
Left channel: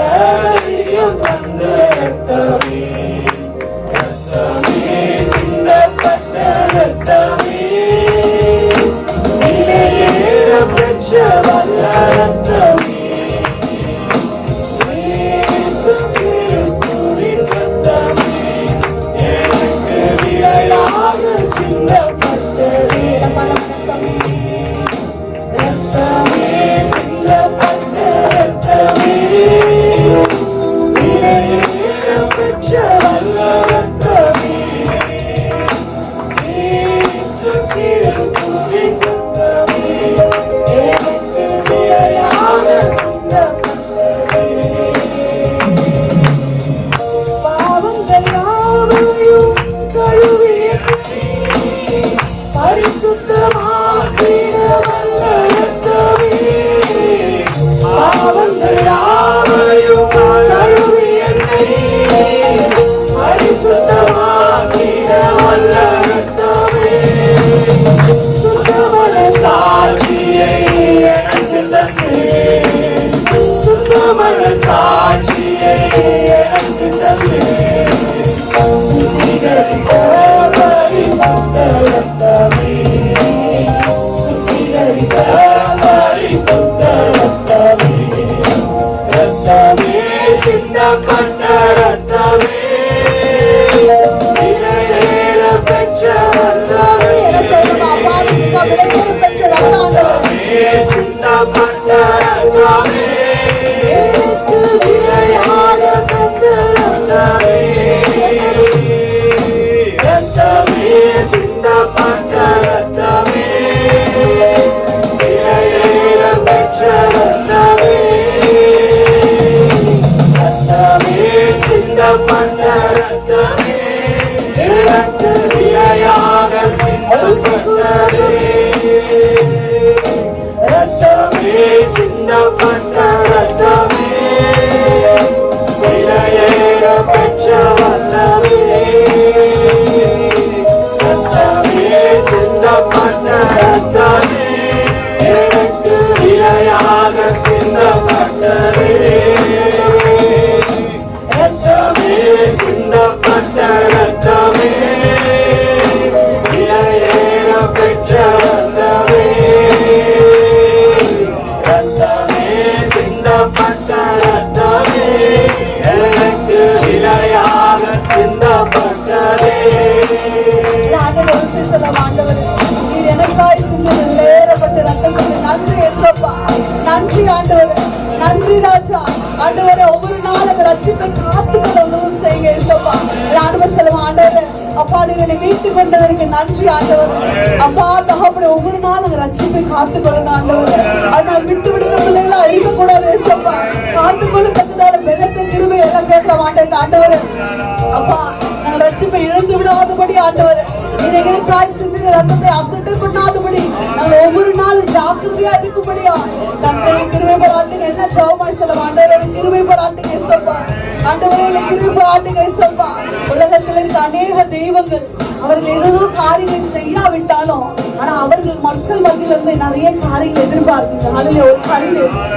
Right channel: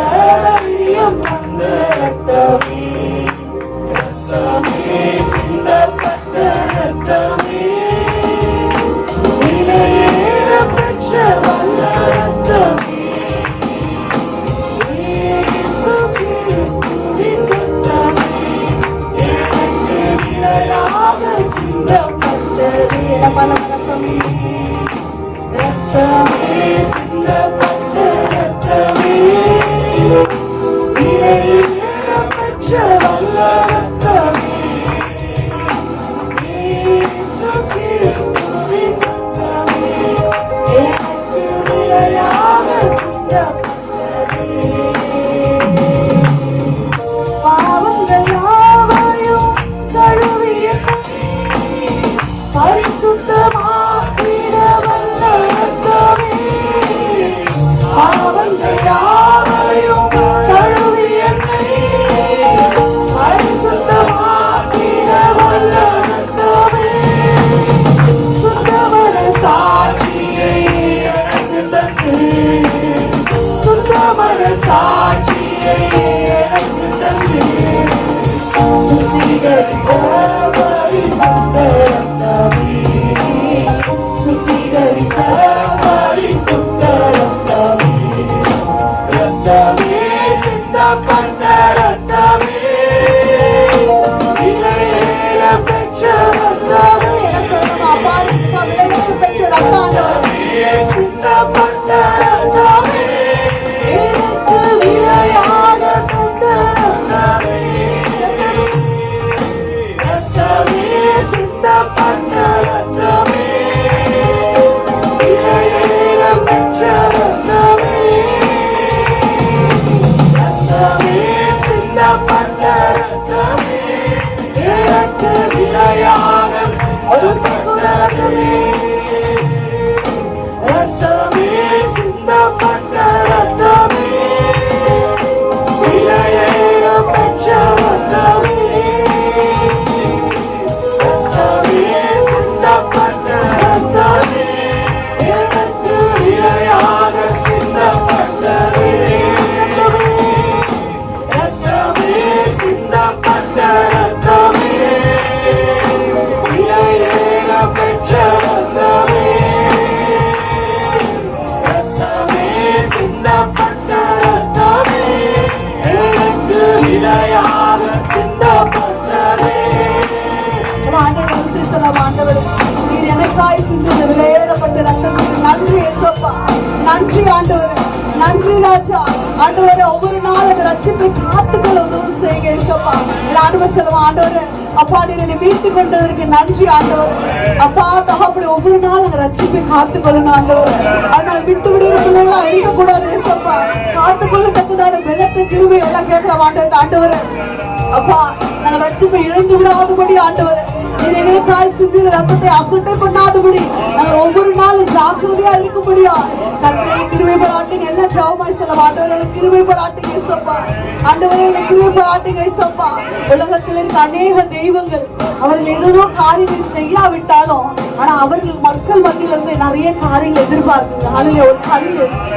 தைரியம் தந்த ரத்தமே, ரத்தமே சிந்தப்பட்ட ரத்தமே, விலையேற பெற்ற வல்ல ரத்தமே, இயேசு கிறிஸ்துவின் ரத்தமே, எனக்கு விலையாக சிந்தப்பட்டதே. பல ரத்தமே, ரத்தமே சிந்தப்பட்ட ரத்தமே, விலையேற பெற்ற வல்ல ரத்தமே, இயேசு கிறிஸ்துவின் ரத்தமே, எனக்கு விலையாக சிந்தப்பட்டதே. பாவங்கள் யாவையும் கழுவி பரிசுத்தமாக்கின ஆண்டவரே ஒவ்வொரு நாள் அந்த ரட்சிப்பை காத்துக்கொள்ள உதவி செய்யுங்க ஏசப்பா. எல்லாருமே சொல்லுவோம் ஆண்டவரே அப்பா நீங்க மீட்டு கொண்டதற்கு நன்றி ஆண்டவரே. அப்பா தகப்பனே ஒவ்வொரு நாள் அந்த ரட்சிப்பை காத்துக்கொள்ளணும் ஆண்டவரே. அதை விட்டு விடுகிற பிள்ளைங்களா இருக்கக்கூடாது ஏசப்பா. காத்துக்கொள்ள தக்கதான வெள்ளத்தை கிருபை எல்லாம் கேட்கலாம் ஆண்டவரே. அப்பா நாங்க ரட்சிப்பை இழந்து விடாதபடி ஆண்டவரே எங்களுக்காய் சிந்தின ரத்தத்தை அசட்டை பண்ணாதபடி நாங்க ஒவ்வொரு நாளும் ஜாக்கிரதையா இருக்கும்படியா கர்த்தரை கிருபை பாராட்டுங்க. எல்லாம் ஜெபமாய் சொல்ல ஆண்டவரே கிருபை பாராட்டுங்க ஏசப்பா. ஆண்டவரே கிருபை பாராட்டுங்க ஏசப்பா. உலகத்தில் இருக்க அநேக தெய்வங்கள் அவர்கள் ஏதோ காரியங்கள் செய்யாவிட்டாலும் ஆனா அவர்கள் மக்கள் மத்தியில இருந்து நிறைய காரியங்கள் எதிர்பார்க்கிறாங்க.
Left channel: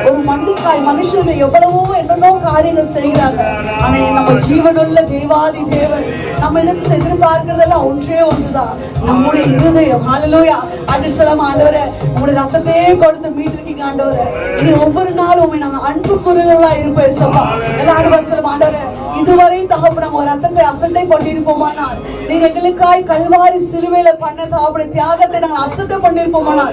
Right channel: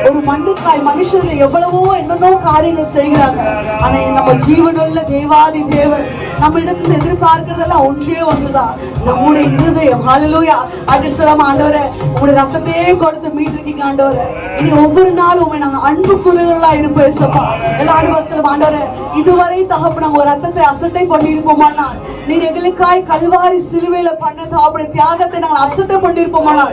ஒரு மண்ணுக்காய் மனுஷர்கள் எவ்வளவோ என்னென்னோ காரியங்கள் செய்கிறாங்க. ஆனா நம்ம ஜீவனுள்ள தேவாதி தேவன் நம்ம இடத்துல எதிர்பார்க்கிறதெல்லாம் ஒன்றே ஒன்றுதான், நம்முடைய இருதயம். ஹல்லேலூயா. அப்படி சொல்லாம ஆண்டவரே உங்களுடைய ரத்தத்தையே கொடுத்து மீட்டிருக்கீங்க ஆண்டவரே. இனி ஒவ்வொரு நாளும் உண்மை நாங்க அன்பு கூறுகளா இருப்போம் ஏசப்பா. எல்லாரும் சொல்லுவோம் ஆண்டவரே இதுவரை தகப்பு நாங்க ஒரு ரத்தத்தை அசட்டை பண்ணியிருப்போமானால் நீர் எங்களுக்காய் கல்வாரி சிலுவையில பண்ண தாவுடைய தியாகத்தை நாங்கள் அசட்டை பண்ணியிருப்போமானால்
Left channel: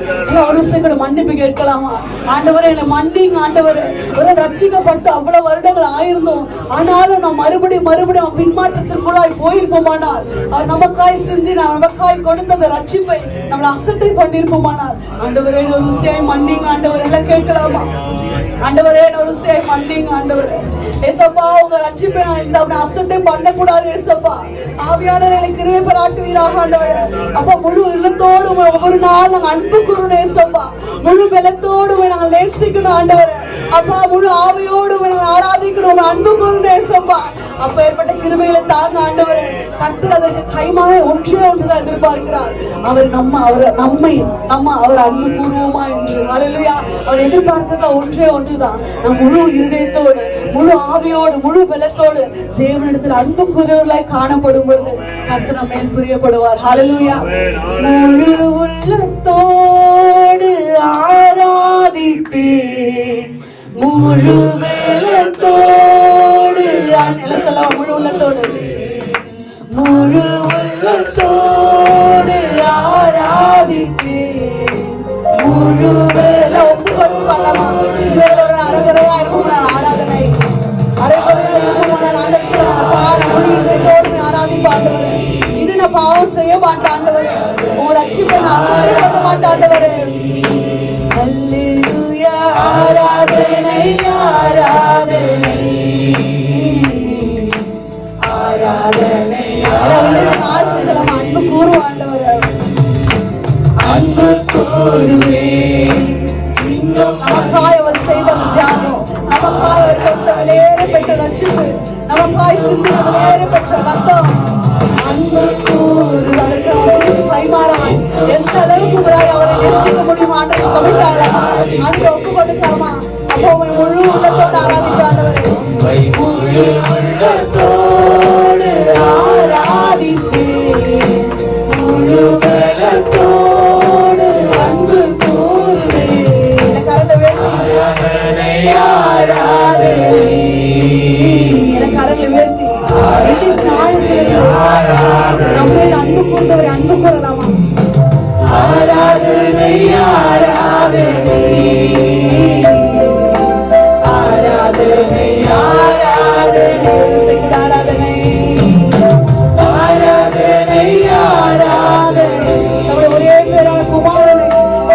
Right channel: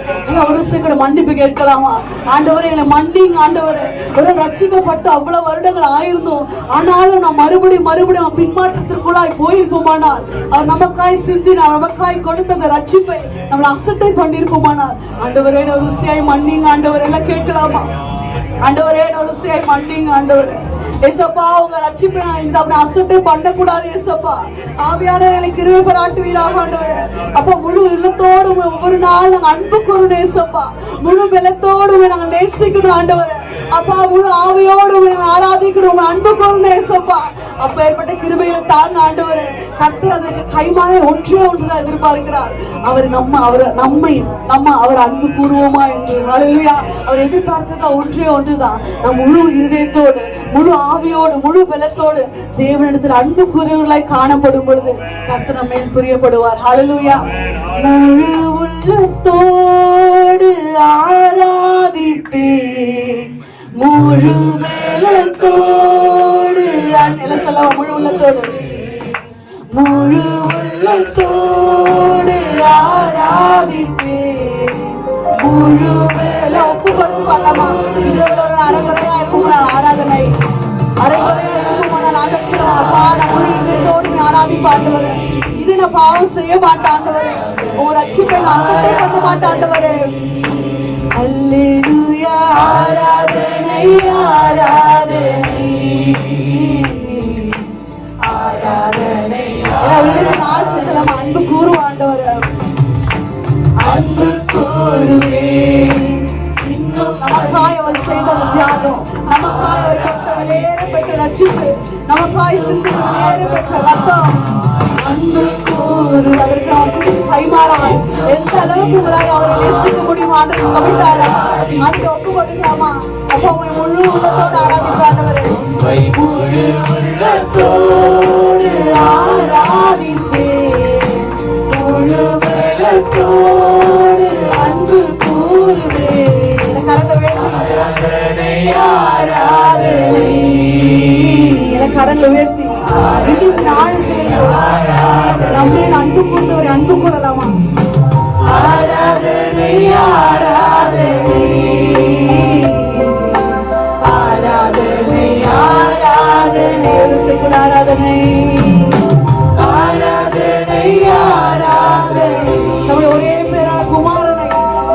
ஒரு விஷயம் மன்னிப்பு கேட்கலாமா ஆண்டவரே எங்களை மன்னிங்க ஆண்டவரே. ஒரு ரட்சிக்கப்பட்டு அவ்வளவு வருடங்கள் ஆயிருந்தோம் ஆனாலும் நான் மறுபடியும் பின்மாற்றத்திற்குள்ளாய் போயிருப்போமானால் அவர் நமக்காய் சிந்தினார் நமக்காய் கொடுத்த அந்த ரட்சிப்பை நம்மளை அசட்டை பண்ணியிருப்போமானால் ஆண்டவரே ஒரு விஷயம் மன்னிங்க ஆண்டவரே. எல்லாம் கேட்கலாமா ஆண்டவரே ஒரு விஷயம் மன்னிங்க ஆண்டவரே. ஏசப்பா உங்க ரட்சிப்பை அசட்டை பண்ணக்கூடாது ஏசப்பா. ஆவியானவர்களை கிருபை பாராட்டுவீராக ஆண்டவரே. அப்பா முழு உள்ளத்தோடு ஒவ்வொரு நாள் நாங்க அன்பு கூறணும் ஏசப்பா. முழு பலத்தோடு நாங்கள் நேசிக்கணும் ஆண்டவரே. அப்பா முழு ஆவியோடு நாங்கள் ஆராதிக்கணும் அன்பு கூறணும் ஏசப்பா. அப்ப ஏற்பட்ட கிருபையில தாங்க ஆண்டவரே. கர்த்தர் அதற்கு கைமான ஒன்றே ஒன்றுதான் எதிர்பார்க்கிறார். அவர் அன்பு கூறுவோமா என்று. ஹல்லேலூயா. அவர் எதிர்பார்க்கிறது ஒன்றே ஒன்றுதான், நம் முழு இருதயத்தோடு முழு ஆவியோடு முழு பலத்தோடு தேவனிடத்தில் அன்பு கூறுவர்களாய் காணப்படும் பொழுது கர்த்தர் நம்ம மேல் பிரியப்படுவார். ஹல்லேலூயா. முழு உள்ளத்தோடு ஆராதிப்பே முழு பலத்தோடு முழு உள்ளத்தோடு ஆராதிப்பே முழு ஒப்பு கொடுத்து பண்ணலாமா? அரைகுறையா இருக்கும் ஆராதனை அரைகுறையா இருக்கும் அப்பா நம்ம இதயத்தோடு ஆராதிப்பாண்டவரே. இது நான் பாவம் செய்ய மாட்டாண்டவரே. உங்க ரட்சிப்பை அசட்டை பண்ண மாட்டாண்டவரே. அல்லேலூயா. ஆராதனை ஆராதனை ஆராதனை அன்பு கூறுவாண்டவரே. அன்பு கூறுவே இன்னும் நமக்காய் அவர் செய்த தியாகம், நமக்காய் அவர் கொடுத்த விலையேற பெற்ற ரட்சிப்பு, நமக்காய் சிந்தின விலையேற பெற்ற ரத்தம். அன்பு கூறு அதற்கு அவருக்கு கைமாறான் எந்த அளவுக்கு உங்களால் அவரை நேசிக்க முடியும் ஆண்டு தமிழ்த்தாள அங்கே ஒப்பு கொடுக்கலாமா? அப்போ உங்களை முழு உள்ளத்தோடு ஆராதித்தாண்டவரே. முழு உள்ளத்தோடு ஆராதிப்பே முழு பலத்தோடு அன்பு கூறுவே. இல்ல கரங்களை உயர்த்தி நம்மளே அன்பு கூர்ந்தவர் அன்பு கூறலாமா? ஆராதனை ஆராதனை ஆராதனை ஆராதனை ஆராதனை ஆராதனை ஆராதனை. நம்முடைய ஒரே பேரான குமாரனை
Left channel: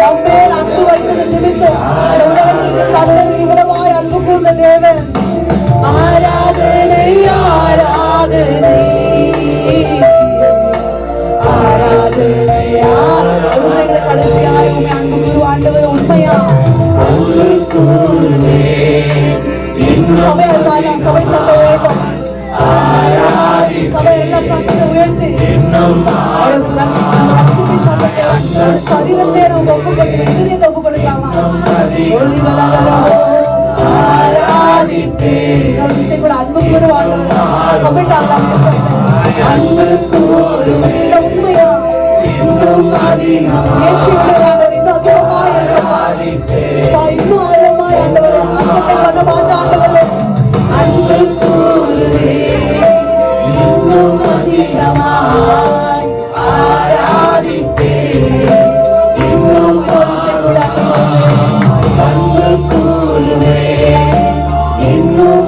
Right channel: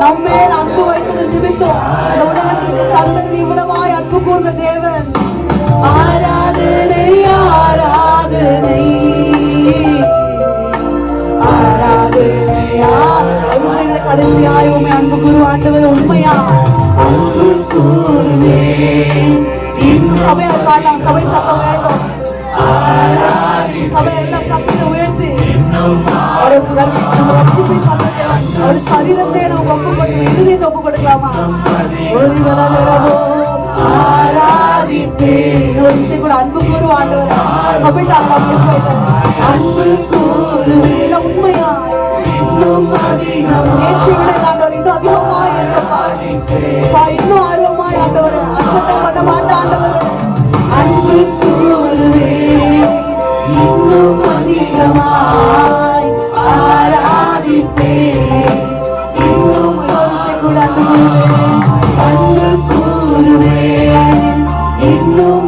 நம்மேல் அன்பு வைத்தது நிமித்தம் இந்த உலகத்திற்கு கர்த்தர் இவ்வளவாய் அன்பு கூர்ந்த தேவன். ஆராதனை ஆராதனை ஆராதனை ஆராதனை. கடைசியாய் உண்மை அன்பு கூறு ஆண்டவர் உண்மையா அன்பு கூறுவே. சபையார் பாடலாம், சபை சத்தம் உயர்த்தும். சபை எல்லாம் சத்தத்தை உயர்த்தி நம்ம ரட்சிப்பின் சத்தத்தை அவருடைய சரீரத்தை நம்ம ஒப்பு கொடுத்து இருதயத்தை ஒப்பு கொடுக்கலாமா? ஆராதிப்பே இன்னொரு விஷயம் கூட அன்பு கூறு ஆண்டவர் அன்பு கூறு உண்மையா இன்னும் அதிகமாக நேற்று விட ஆண்டவர் இன்னும் அதிகமாக இன்னும் ஆர்வமாய் ஆண்டவர் அசட்டை பண்ண மாட்ட ஆண்டவர். அன்பு கூறுவே இன்னும் அதிகமாய் ஆராதிப்பே இன்னும் கூட அன்பு கூறுவே இன்னும்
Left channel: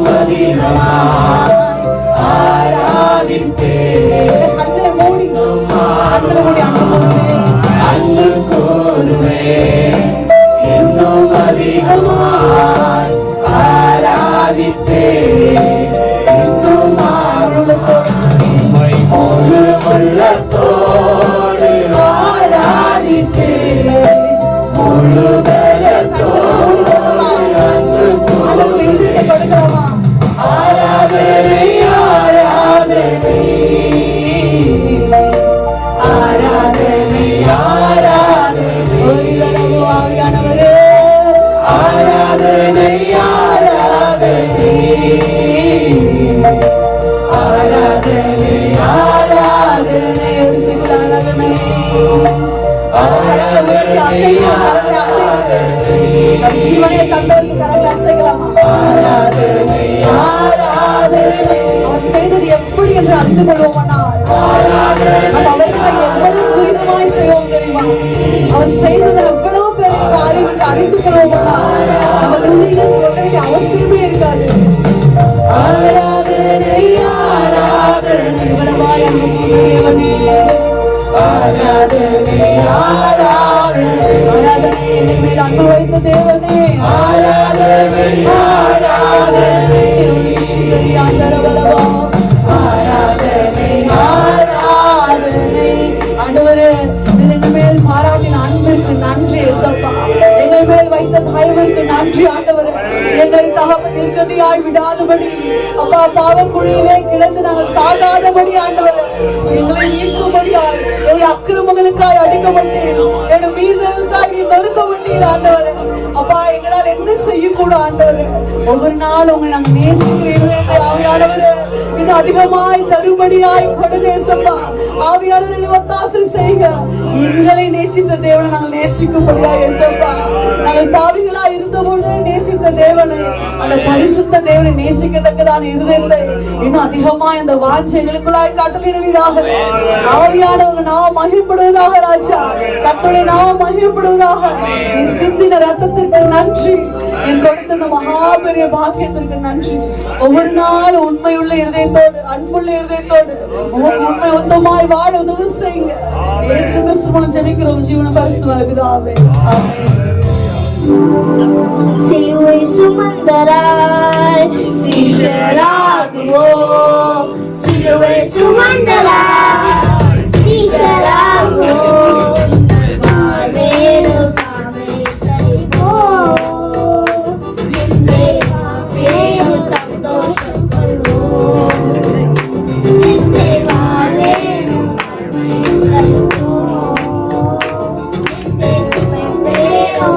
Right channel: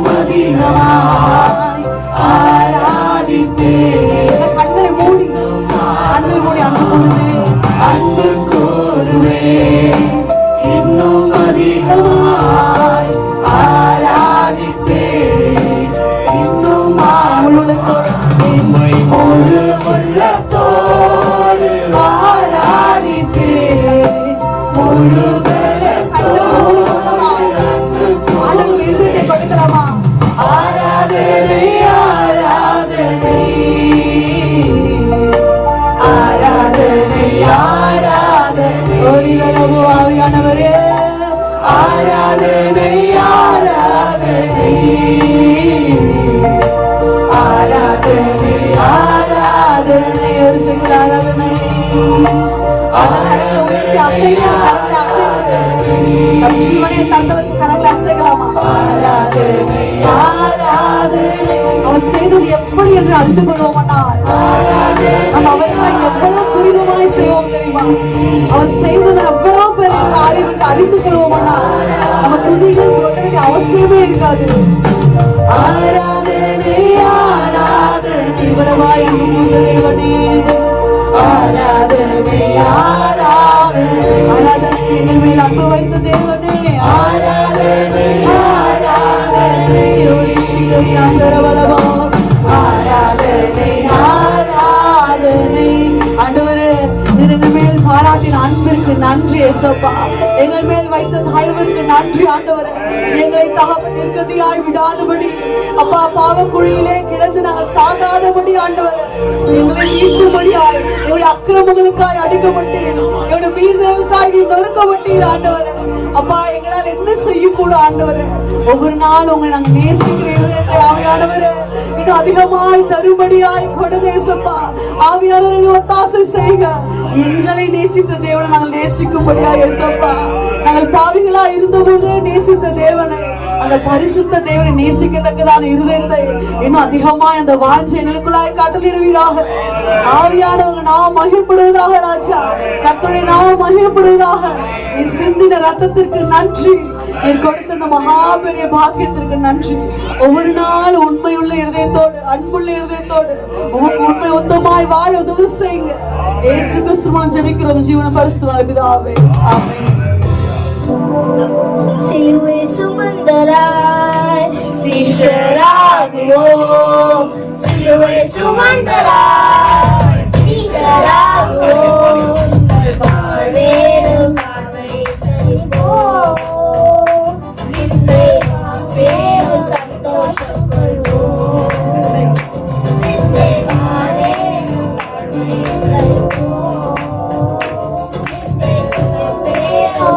கரங்களை உயர்த்தி அசைங்க, கரங்களை அசைத்து நம் ஜீவனை தந்ததற்கு கரங்களை அசைக்கலாமா? அவர் செய்தது எப்படி என்று அறிந்து கொள்வோம்னா நம்ம அவருக்காக எவ்வளவு துரிதமாய் செய்வோம் தெரியுமா? அவர் செய்தது எவ்வளவு பெரிய காரியம் என்று அறிந்து கொள்வோம்னா நம்ம துதிகள் சொல்ல வேண்டிய அவசியமே இருக்காது. ஆராதனை ஆராதனை இவ்வளவாய் தேவனே, ஆராதனை ஆராதனை ஆராதனை எங்கள் மேல் அன்பு வைத்த தேவனே, ஆராதனை ஆராதனை ஆதரவளவா, ஆராதனை ஆராதனை. ஆண்டவரே, எங்கள் மேல் பாராட்டின அன்பிற்கு நன்றி ஏசப்பா. எங்கள் மேல் வைத்த தயவிற்கு நன்றி ஆண்டவரே. எங்களை நிர்கதியாய் விடாதபடி அப்பா, பாவம் குழியிலே கிடந்து நாங்கள் சாகாதபடி ஆண்டவரே எங்களை மீட்கும்படியாய், எங்களுடைய அக்கிரமங்களுக்காய் அடிக்கப்பட்டீர், எங்களுடைய மீறுதலுக்காய் நீ நொறுக்கப்பட்டீர் ஆண்டவரே. அப்பா, எங்களால் என்ன செய்யக்கூடும் ஆண்டவரே? ஒவ்வொரு நாள் உங்களை நாங்கள் நேசிக்கிறீர்கள் ஆவியானவரே. இன்னும் அதிகமாய் தருபடியாய் கொடுதேசப்பா. ஆவியானவரை ஒத்தாசை செய்க. எங்களை நேசித்த தேவனை நாங்கள் நேசிக்கும்படியாய் ஏசப்பா. நாங்கள் பாவிகளா இருந்த பொழுதே நேசித்த தேவனை, அந்த பரிசுத்த தேவனை நேசிக்கத்தக்கதான இருதயத்தை இன்னும் அதிகமாய் அந்த வாஞ்சைகளுக்குள்ளாய் கட்டளையிடுவீராக. ஆவியானவங்க நாம் மகிழ்ப்படுவதாக ராஜா, கர்த்தருடைய நாம் மகிழ்ப்படுவதாக. நீ சிந்தின ரத்தத்திற்கு நன்றி, நீ கொடுத்த இந்த மகா பெரிய பாக்கியத்திற்கு நன்றி. ஒவ்வொரு நாள் உண்மையுள்ள இருதயத்தோடு, அன்புள்ள இருதயத்தோடு உங்களுக்கு உண்மை உத்தமாய் வாழ உதவி செய்யுங்க. இயேசு கிறிஸ்து மூலம் ஜெபிக்கிறோம் ஜீவன பரிசுத்த பிதாவே. சிலுவை சுமந்தராய் சீஷராகுவோம், சிலுவை சுமந்தராய் சீஷராகுவோம், வாழ்வேறு காணை சரிப்போம், நிந்தை வாழ்வேறு சந்தோஷம் கொள்வோம், நிந்தை வாழ்வேறு காணை சரிப்போம், நிந்தை சுமப்பேரும்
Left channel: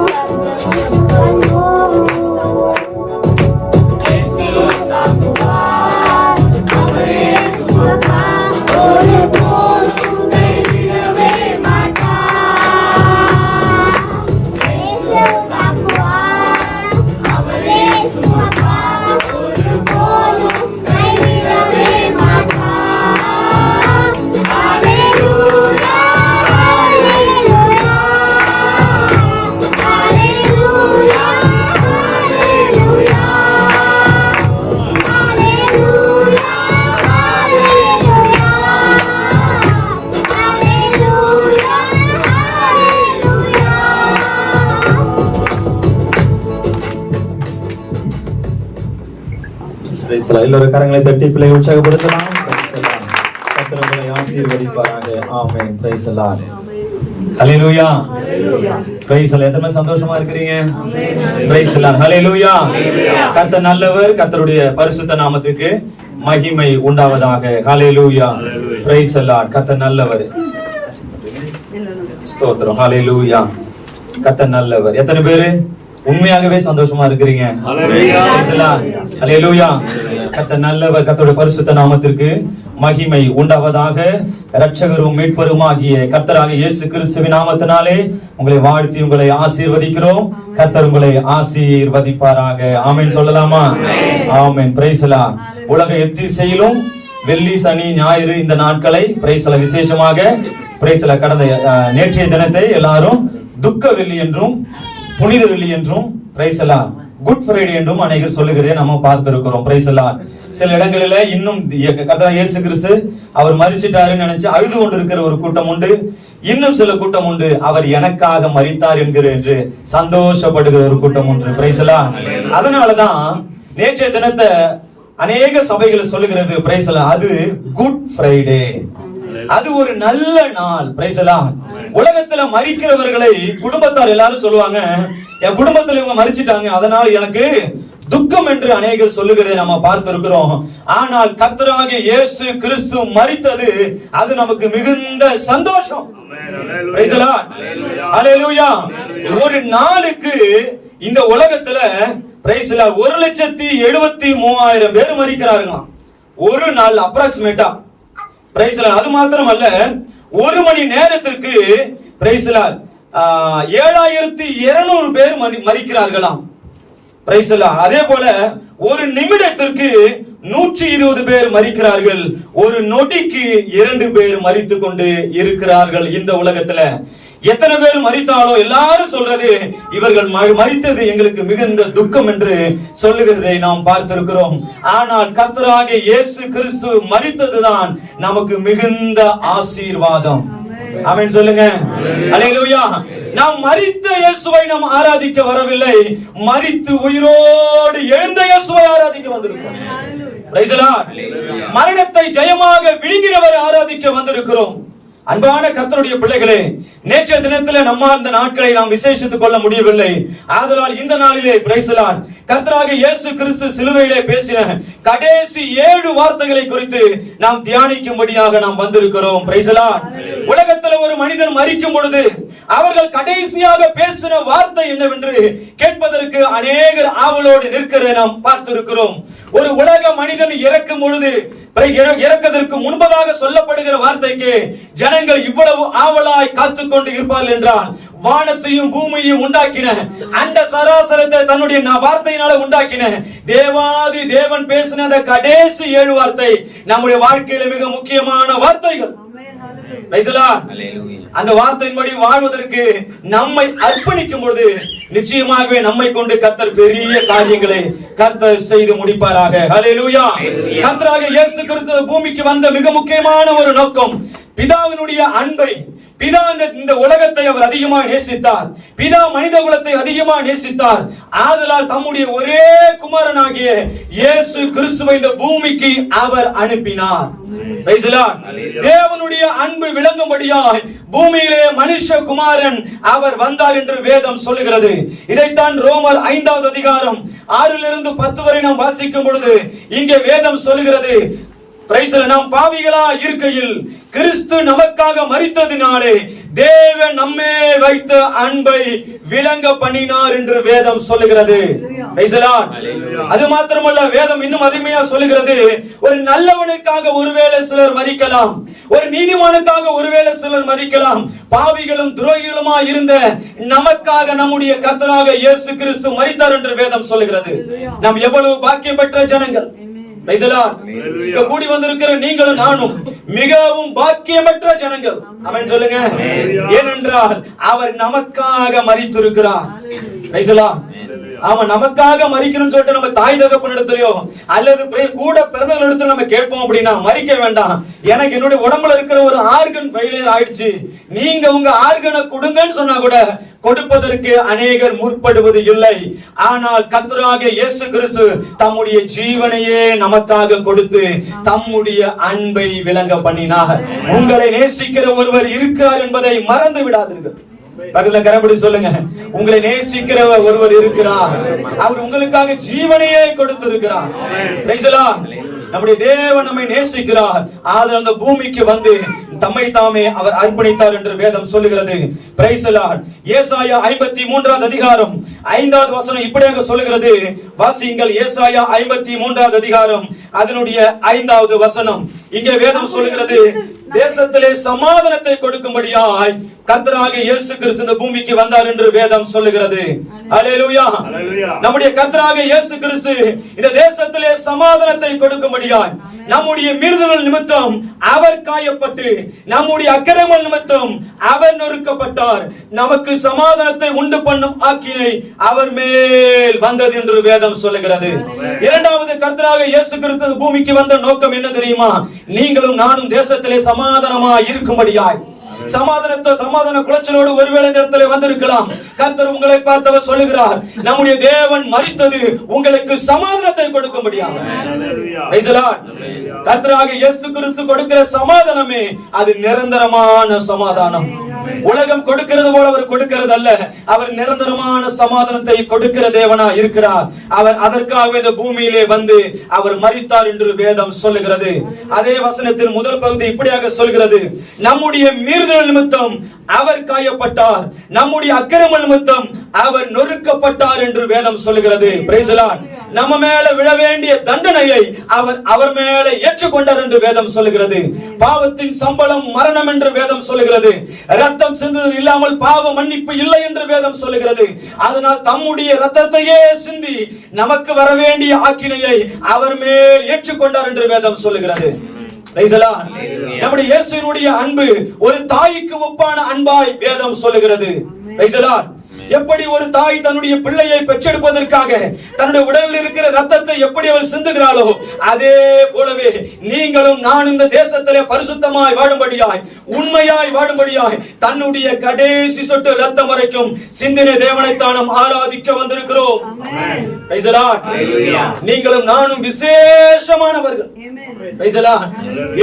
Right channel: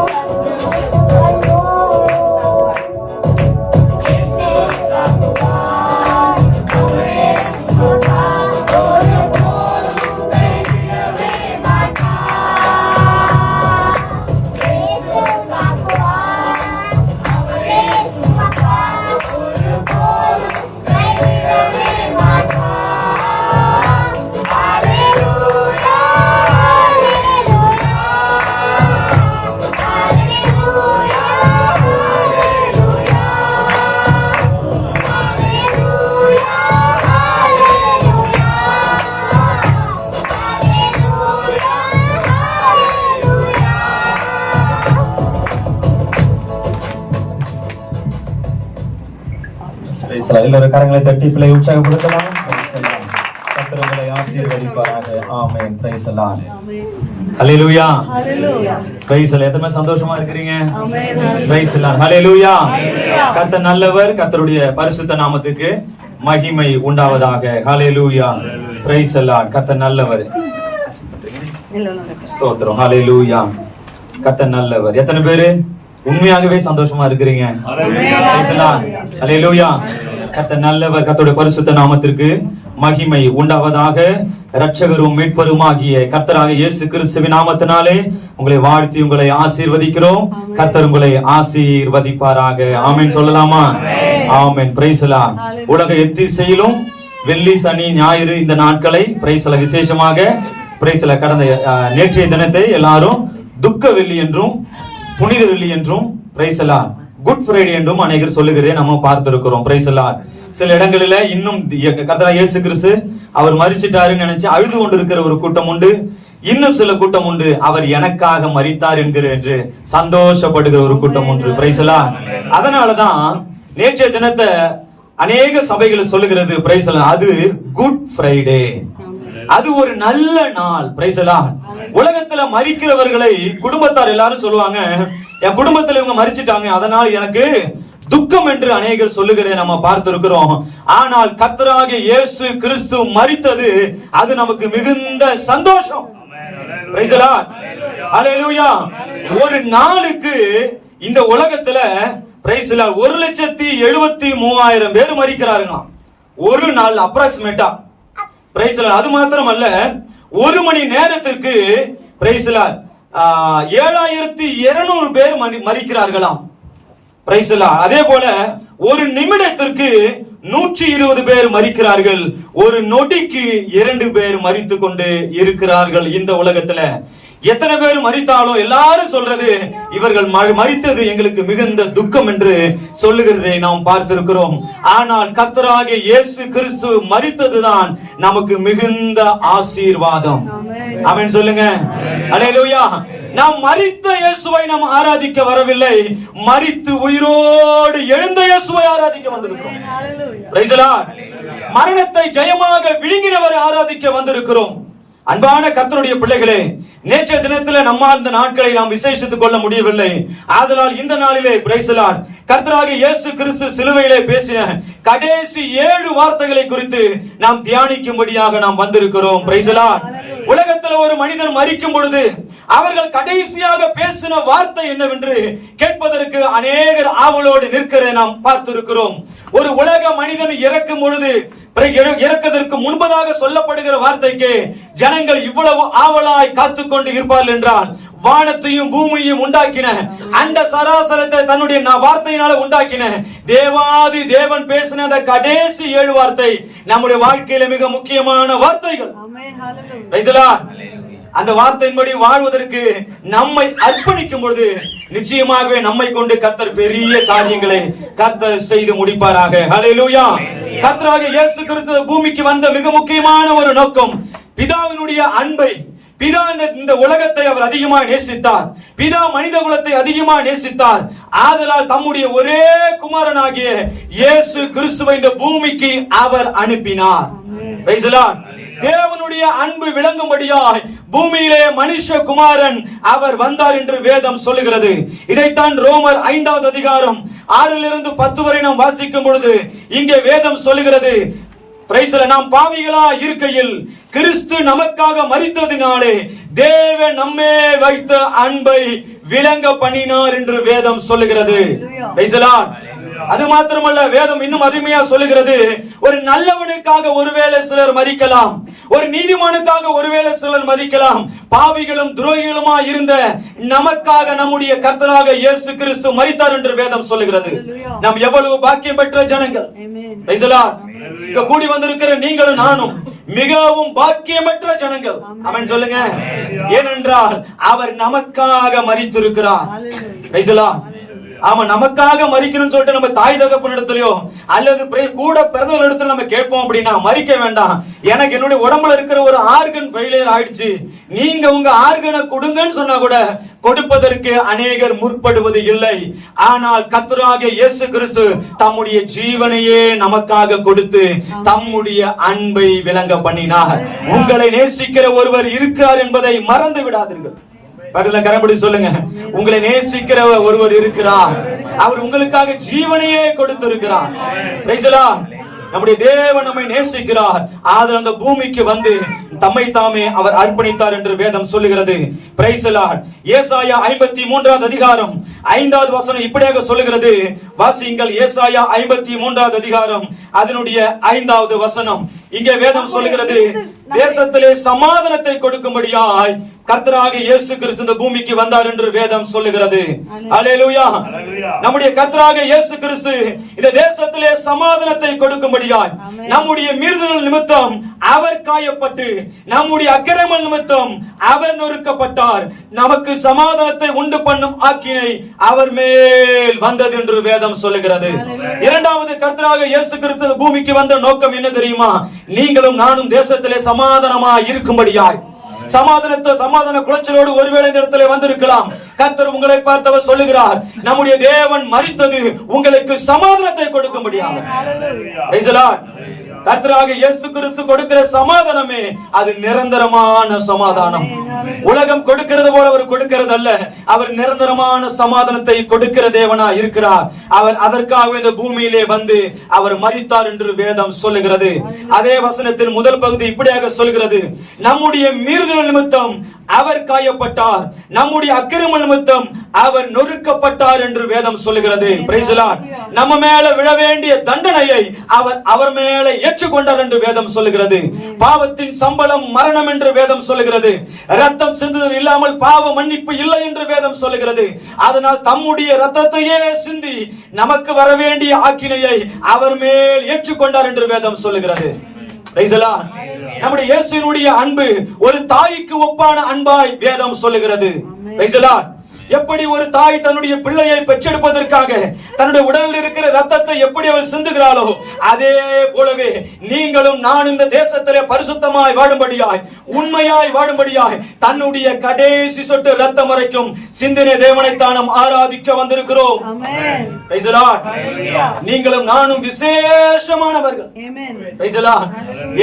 எல்லோரும் கரங்களை தட்டி பிள்ளை உற்சாகப்படுத்தலாம். கர்த்தர் ஆசீர்வதிப்பாராக. ஆமென். Praise the Lord. ஹல்லேலூயா. Praise the Lord. எத்தனை சந்தோஷமா இருக்கீங்க? Praise the Lord. ஹல்லேலூயா. கர்த்தர் நல்லவர். கர்த்தருடைய பரிசுத்த நாமத்துக்கு மகிமை உண்டாவதாக. ஹல்லேலூயா. Praise the Lord. கர்த்தர் நல்லவர். ஸ்தோத்திரம். ஹல்லேலூயா. கர்த்தர் நல்லவர். எத்தனை பேரு உண்மையாகவே சந்தோஷமா இருக்கிறீங்க? ஹல்லேலூயா. கர்த்தர் நல்லவர். கர்த்தருடைய பரிசுத்த நாமத்திற்கு மகிமை உண்டாவதாக. இரட்சகரும் மீட்பருமாகிய கர்த்தராகிய இயேசு கிறிஸ்துவின் நாமத்தினாலே உங்களை வாழ்த்தி உங்களை ஆசீர்வதிக்கிறோம். கர்த்தர் உங்களை ஆசீர்வதிப்பாராக. ஆமென் சொல்லலாமா? ஆமென். Praise the lord. உலக எத்திசையிலும் வெள்ளி, சனி, ஞாயிறு இந்த நாட்களை பிரைஸ் தி லார்ட் விசேஷமாக பிரைஸ் தி லார்ட் கடந்த நேற்றைய தினத்தை எல்லாரும் துக்க வெள்ளி என்றும் புனித வெள்ளி என்றும் price the Lord good Friday என்றும் அநேகர் சொல்லுகிறதை நம்ம பார்த்திருக்கிறோம். Price the Lord. சில இடங்களில இன்னும் கர்த்தர் இயேசு கிறிஸ்து அவர் மரிச்சிட்டாருன்னு நினைச்சு அழுது கொண்டிருக்கிற ஒரு கூட்டம் உண்டு. இன்னும் சில கூட்டம் உண்டு, அவர் எனக்காக மரித்தார் என்கிற என்று சந்தோஷப்படுகிற ஒரு கூட்டம் உண்டு. Price the Lord. அதனாலதான் நேற்றைய தினத்தை அநேக சபைகள் சொல்லுகிறது பிரைஸ் தி லார்ட், அது குட் ஃப்ரைடே, அது ஒரு நல்ல நாள். Price the Lord. உலகத்துல மரிக்கிறவர்களை குடும்பத்தார் எல்லாரும் சொல்லுவாங்க, என் குடும்பத்துல இவங்க மரிச்சிட்டாங்க அதனால எனக்கு துக்கம் என்று அநேகர் சொல்லுகிறதை நம்ம பார்த்திருக்கிறோம். ஆனால் கர்த்தராகிய இயேசு கிறிஸ்து மரித்தது அது நமக்கு மிகுந்த சந்தோஷம். Praise the Lord. ஹல்லேலூயா. ஒரு நாளுக்கு இந்த உலகத்துல பிரைஸ் தி லார்ட் 1,73,000 பேர் மரிக்கிறாருங்க ஒரு நாள் அப்ராக்சிமேட்டா. Price the Lord. அது மாத்திரமல்ல, ஒரு மணி நேரத்துக்கு பிரைஸ் தி லார்ட் 7200 பேர் மரிக்கிறார்களாம். Price the Lord. அதே போல ஒரு நிமிடத்திற்கு 120 பேர் மரிக்கிறார்கள். ஒரு நொடிக்கு 2 பேர் மரித்துக் கொண்டு இருக்கிறார்கள். இந்த உலகத்துல எத்தனை பேர் மரித்தாலும் எல்லாரும் சொல்றது இவர்கள் மரித்தது எங்களுக்கு மிகுந்த துக்கம் என்று சொல்லுகிறதை நாம் பார்த்திருக்கிறோம். ஆனால் கர்த்தராகிய இயேசு கிறிஸ்து மரித்ததுதான் நமக்கு மிகுந்த ஆசீர்வாதம். ஆமென் சொல்லுங்க. அல்லேலூயா. நாம் மரித்த இயேசுவை நாம் ஆராதிக்க வரவில்லை, மரித்து உயிரோடு எழுந்த இயேசுவை ஆராதிக்க வந்திருக்கிறோம். Price the Lord. மரணத்தை ஜெயமாக விழுங்கினவரை ஆராதிக்க வந்திருக்கிறோம். அன்பான கர்த்தருடைய பிள்ளைகளே, நேற்றைய தினத்திலே நம்மால் இந்த நாட்களை நாம் விசேஷித்துக் கொள்ள முடியவில்லை. ஆதலால் இந்த நாளிலே பிரைஸ் தி லார்ட் கர்த்தராகிய இயேசு கிறிஸ்து சிலுவையிலே பேசின கடைசி 7 வார்த்தைகளை குறித்து நாம் தியானிக்கும்படியாக நாம் வந்திருக்கிறோம். Price the Lord. உலகத்தில் ஒரு மனிதன் மரிக்கும் பொழுது அவர்கள் கடைசியாக பேசின வார்த்தை என்னவென்று கேட்பதற்கு அநேகர் ஆவலோடு நிற்கிறதை நாம் பார்த்திருக்கிறோம். ஒரு உலக மனிதன் இறக்கும் பொழுது இறக்கதற்கு முன்பதாக சொல்லப்படுகிற வார்த்தைக்கு ஜனங்கள் இவ்வளவு ஆவலாய் காத்துக் கொண்டு இருப்பார்கள் என்றால், வானத்தையும் பூமியையும் உண்டாக்கின அண்ட சராசரத்தை தன்னுடைய வார்த்தையினால உண்டாக்கின தேவாதி தேவன் பேசின அந்த கடைசி 7 வார்த்தை நம்முடைய வாழ்க்கையில மிக முக்கியமான வார்த்தைகள். அந்த வார்த்தையின்படி வாழ்வதற்கு நம்மை அர்ப்பணிக்கும் பொழுது நிச்சயமாகவே நம்மை கொண்டு கர்த்தர் பெரிய காரியங்களை கர்த்தர் செய்து முடிப்பாராக. ஹல்லேலூயா. கர்த்தராகிய இயேசு கிறிஸ்து பூமிக்கு வந்த மிக முக்கியமான ஒரு நோக்கம் பிதாவினுடைய அன்பை. பிதா இந்த உலகத்தை அவர் அதிகமாக நேசித்தார். பிதா மனித குலத்தை அதிகமாக நேசித்தார். ஆதலால் தம்முடைய ஒரே குமாரனாகிய இயேசு கிறிஸ்துவை இந்த பூமிக்கு அவர் அனுப்பினார். தேவனுடைய அன்பு விளங்கும்படியாய் பூமியிலே மனுஷ குமாரன் அவர் வந்தார் என்று வேதம் சொல்லுகிறது. இதைத்தான் ரோமர் 5வது அதிகாரம் 6 - 10 வரை நாம் வாசிக்கும் பொழுது இங்கே வேதம் சொல்லுகிறது, நாம் பாவிகளா இருக்கையில் கிறிஸ்து நமக்காக மரித்ததினாலே தேவன் நம்மே வைத்த அன்பை விளங்க பண்ணினார் என்று வேதம் சொல்லுகிறது. அது மாத்திரமல்ல, வேதம் இன்னும் அருமையா சொல்லுகிறது, ஒரு நல்லவனுக்காக ஒருவேளை சிலர் மரிக்கலாம், ஒரு நீதிமானுக்காக ஒருவேளை சிலர் மரிக்கலாம், பாவிகளும் துரோகிகளுமா இருந்த நமக்காக நம்முடைய கர்த்தராக இயேசு கிறிஸ்து மரித்தார் என்று வேதம் சொல்லுகிறது. நாம் எவ்வளவு பாக்கியம் பெற்ற ஜனங்கள். கூடி வந்திருக்கிற நீங்களும் நானும் மிகவும் பாக்கியமற்ற ஜனங்கள். ஆமென் சொல்லுங்க. ஏனென்றால் அவர் நமக்காக மரித்திருக்கிறார். அவன் நமக்காக மரிக்கணும்னு சொல்லிட்டு நம்ம தாய் தகப்பன் இடத்துலயோ அல்லது கூட பிறந்தவர்கள் இடத்துல நம்ம கேட்போம் அப்படின்னா, மரிக்க வேண்டாம், எனக்கு என்னுடைய உடம்புல இருக்கிற ஒரு ஆர்கன் ஃபெயிலியர் ஆயிடுச்சு, நீங்க உங்க ஆர்கனை கொடுங்கன்னு சொன்னா கூட கொடுப்பதற்கு அநேகர் முற்படுவது இல்லை. ஆனால் கர்த்தராகிய இயேசு கிறிஸ்து தம்முடைய ஜீவனையே நமக்காக கொடுத்து தம்முடைய அன்பை விளங்க பண்ணினார். உங்களை நேசிக்கிற ஒருவர் இருக்கிறார் என்பதை மறந்து விடாதீர்கள். பக்கத்துல கரம்படி சொல்லுங்க, உங்களை நேசிக்கிற ஒருவர் இருக்கிறார், அவர் உங்களுக்காக ஜீவனையே கொடுத்திருக்கிறார். நம்முடைய தேவன் நம்மை நேசிக்கிறார். ஆதலால் அந்த பூமிக்கு வந்து தம்மை தாமே அவர் அர்ப்பணித்தார் என்று வேதம் சொல்லுகிறது. Price the Lord. ஏசாயா 53வது அதிகாரம் 5வது வசனம் இப்படியாக சொல்லுகிறது. வாசியுங்கள். ஏசாயா 53வது அதிகாரம் அதனுடைய 5வது வசனம். இங்கே வேதம் சொல்லுகிறது, தேசத்திலே சமாதானத்தை கொடுக்கும்படியாய் கர்த்தராகிய இயேசு கிறிஸ்து இந்த பூமிக்கு வந்தார் என்று வேதம் சொல்லுகிறது. அல்லேலூயா. நம்முடைய கர்த்தராகிய இயேசு கிறிஸ்து இந்த தேசத்திலே சமாதானத்தை கொடுக்கும்படியாய் நம்முடைய மீறுதல் நிமித்தம் அவர் காயப்பட்டு நம்முடைய அக்கிரம நிமித்தம் அவர் நொறுக்கப்பட்டார். நமக்கு சமாதானத்தை உண்டு பண்ணும் ஆக்கினை அவர் மேல் வந்தது என்று வேதம் சொல்லுகிறது. இரண்டாவது, கர்த்தராகிய இயேசு கிறிஸ்து பூமிக்கு வந்த நோக்கம் என்ன தெரியுமா? நீங்களும் நானும் தேசத்திலே சமாதானமாய் இருக்கும்படியாய். சமாதான குலைச்சலோடு ஒருவேளை இந்த இடத்துல வந்திருக்கலாம். கர்த்தர் உங்களை பார்த்தவர் சொல்லுகிறார், நம்முடைய தேவன் மரித்தது உங்களுக்கு சமாதானத்தை கொடுக்கும்படியாக. கர்த்தராகிய இயேசு கிறிஸ்து கொடுக்கிற சமாதானமே அது நிரந்தரமான சமாதானம். உலகம் கொடுக்கிறது போல அவர் கொடுக்கிறது அல்ல. அவர் நிரந்தரமான சமாதானத்தை கொடுக்கிற தேவனா இருக்கிறார். அவர் அதற்காக இந்த பூமியிலே வந்து அவர் மரித்தார் என்று வேதம் சொல்லுகிறது. அதே வசனத்தின் முதல் பகுதி இப்படியாக சொல்கிறது, நம்முடைய மீறுதல் நிமித்தம் அவர் காயப்பட்டார், நம்முடைய அக்கிரம நிமித்தம் அவர் நொறுக்கப்பட்டார் என்று வேதம் சொல்லுகிறது. Price the Lord. நம்ம மேல விழ வேண்டிய தண்டனையை அவர் மேல ஏற்றுக்கொண்டார் என்று வேதம் சொல்லுகிறது. பாவத்தின் சம்பளம் மரணம் என்று வேதம் சொல்லுகிறது. ரத்தம் சிந்துதல் இல்லாமல் பாவ மன்னிப்பு இல்லை என்று வேதம் சொல்லுகிறது. அதனால் தம்முடைய ரத்தத்தையே சிந்தி நமக்கு வர வேண்டிய ஆக்கினையை அவர் மேல் ஏற்றுக்கொண்டார் என்று வேதம் சொல்லுகிறது. நம்முடைய இயேசுவினுடைய அன்பு ஒரு தாய்க்கு ஒப்பான அன்பாய் வேதம் சொல்லுகிறது. எப்படி ஒரு தாய் தன்னுடைய பிள்ளையை பெற்றெடுப்பதற்காக தன்னுடைய உடலில் இருக்கிற ரத்தத்தை எப்படி அவள் சிந்துகிறாளோ, அதே போலவே நீங்களும் நான் இந்த தேசத்திலே பரிசுத்தமாய் வாழும்படியாய், உண்மையாய் வாழும்படியாய் தன்னுடைய கடைசி சொட்டு ரத்தம் வரைக்கும் சிந்தின தேவனைத்தான் நாம் ஆராதிக்க வந்திருக்கிறோம். நீங்களும் நானும் விசேஷமானவர்கள்.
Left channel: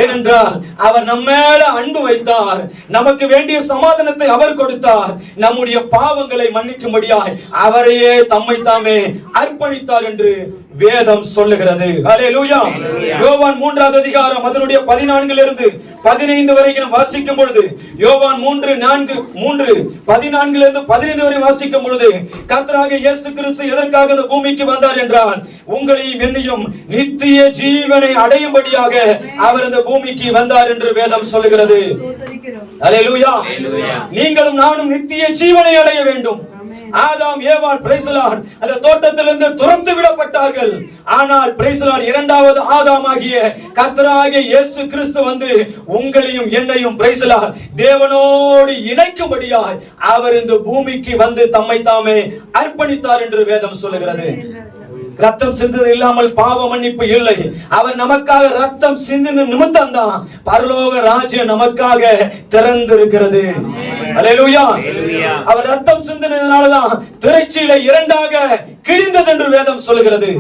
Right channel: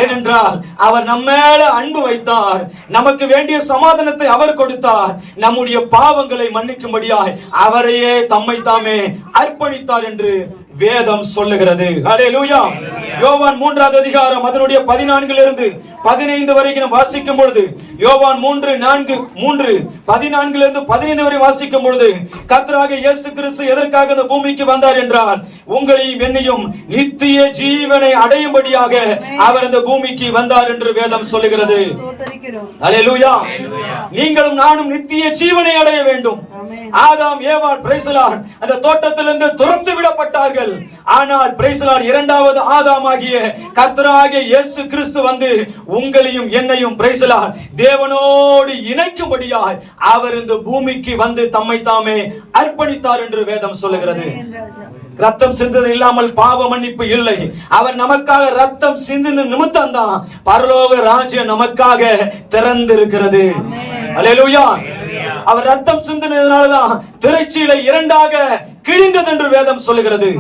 ஏனென்றால் அவர் நம்ம மேல அன்பு வைத்தார், நமக்கு வேண்டிய சமாதானத்தை அவர் கொடுத்தார், நம்முடைய பாவங்களை மன்னிக்கும்படியாய் அவரையே தம்மை தாமே அர்ப்பணித்தார் என்று வேதம் சொல்லுகிறது. ஹல்லேலூயா. யோவான் 3வது அதிகாரம் அதனுடைய 14 இருந்து 15 வரைக்கும் வாசிக்கும் பொழுது, யோவான் 3:14 இருந்து 15 வரை வாசிக்கும் பொழுது, கர்த்தராகிய இயேசு கிறிஸ்து எதற்காக இந்த பூமிக்கு வந்தார் என்றால், உங்களையும் என்னையும் நித்திய ஜீவனை அடையும்படியாக அவர் இந்த பூமிக்கு வந்தார் என்று வேதம் சொல்லுகிறது. ஹல்லேலூயா. நீங்களும் நானும் நித்திய ஜீவனை அடைய வேண்டும். ஆதாம் ஏவாள் அந்த தோட்டத்திலிருந்து துரத்து விடப்பட்டார்கள். ஆனால் இரண்டாவது ஆதாம் ஆகிய கர்த்தராகிய இயேசு கிறிஸ்து வந்து உங்களையும் என்னையும் தேவனோடு இணைக்கும்படியாய் அவர் இந்த பூமிக்கு வந்து தம்மை தாமே அர்ப்பணித்தார் என்று வேதம் சொல்லுகிறது. ரத்தம் சிந்தது இல்லாமல் பாவ மன்னிப்பு இல்லை. அவர் நமக்காக ரத்தம் சிந்தின நிமித்தம் தான் பரலோக ராஜ்யம் நமக்காக திறந்திருக்கிறது. அல்லேலூயா. அவர் ரத்தம் சிந்தினதுனாலதான் திரைச்சீலை இரண்டாக கிழிந்தது என்று வேதம் சொல்லுகிறது.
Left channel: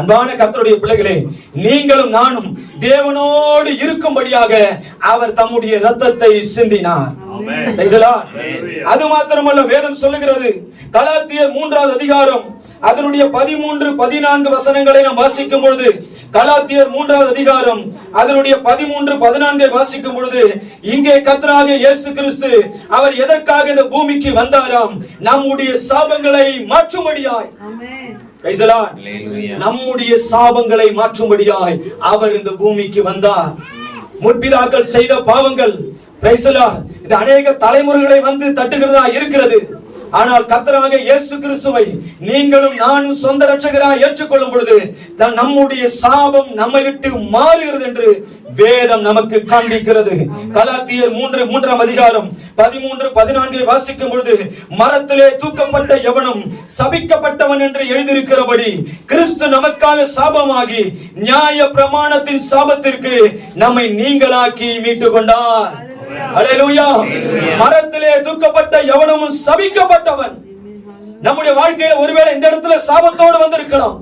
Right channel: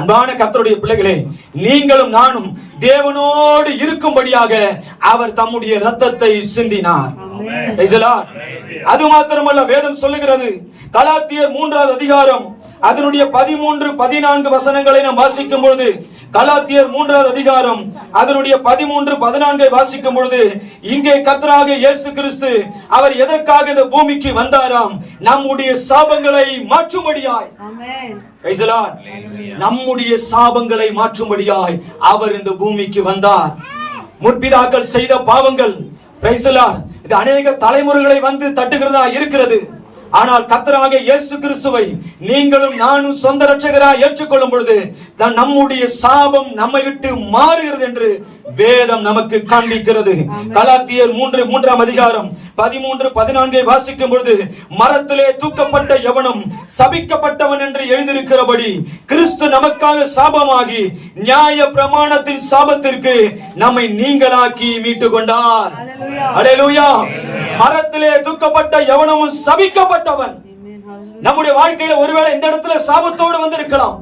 அன்பான கர்த்தருடைய பிள்ளைகளே, நீங்களும் நானும் தேவனோடு இருக்கும்படியாக அவர் தம்முடைய ரத்தத்தை சிந்தினார். அது மாத்திரமல்ல, வேதம் சொல்லுகிறது, கலாத்தியர் 3வது அதிகாரம் அதனுடைய 13-14 வசனங்களை நாம் வாசிக்கும் பொழுது, கலாத்தியர் 3வது அதிகாரம் அதனுடைய 13-14 வாசிக்கும் பொழுது, இங்கே கர்த்தராகிய இயேசு கிறிஸ்து அவர் எதற்காக இந்த பூமிக்கு வந்தாராம்? நம்முடைய சாபங்களை மாற்றும்படியாய். நம்முடைய சாபங்களை மாற்றும்படியாய் அவர் இந்த பூமிக்கு வந்தார். முற்பிதாக்கள் செய்த பாவங்கள் இது அநேக தலைமுறைகளை வந்து தட்டுகிறதா இருக்கிறது. ஆனால் கர்த்தராகிய இயேசு கிறிஸ்துவை நீங்களும் நானும் சொந்த இரட்சகராய் ஏற்றுக்கொள்ளும் பொழுது நம்முடைய சாபம் நம்மை விட்டு மாறுகிறது என்று வேதம் நமக்கு காண்பிக்கிறது. கலாத்தியர் 3:3 அதிகாரம் 13-14 வாசிக்கும் பொழுது, மரத்திலே தூக்கப்பட்ட எவனும் சபிக்கப்பட்டவன் என்று எழுதியிருக்கிறபடி கிறிஸ்து நமக்காக சாபமாகி நியாய பிரமாணத்தின் சாபத்திற்கு நம்மை நீங்களாக்கி மீட்டுக் கொண்டார். அல்லேலூயா. மரத்திலே தூக்கப்பட்ட எவனும் சபிக்கப்பட்டவன். நம்முடைய வாழ்க்கையில ஒருவேளை இந்த இடத்துல சாபத்தோடு வந்திருக்கலாம்.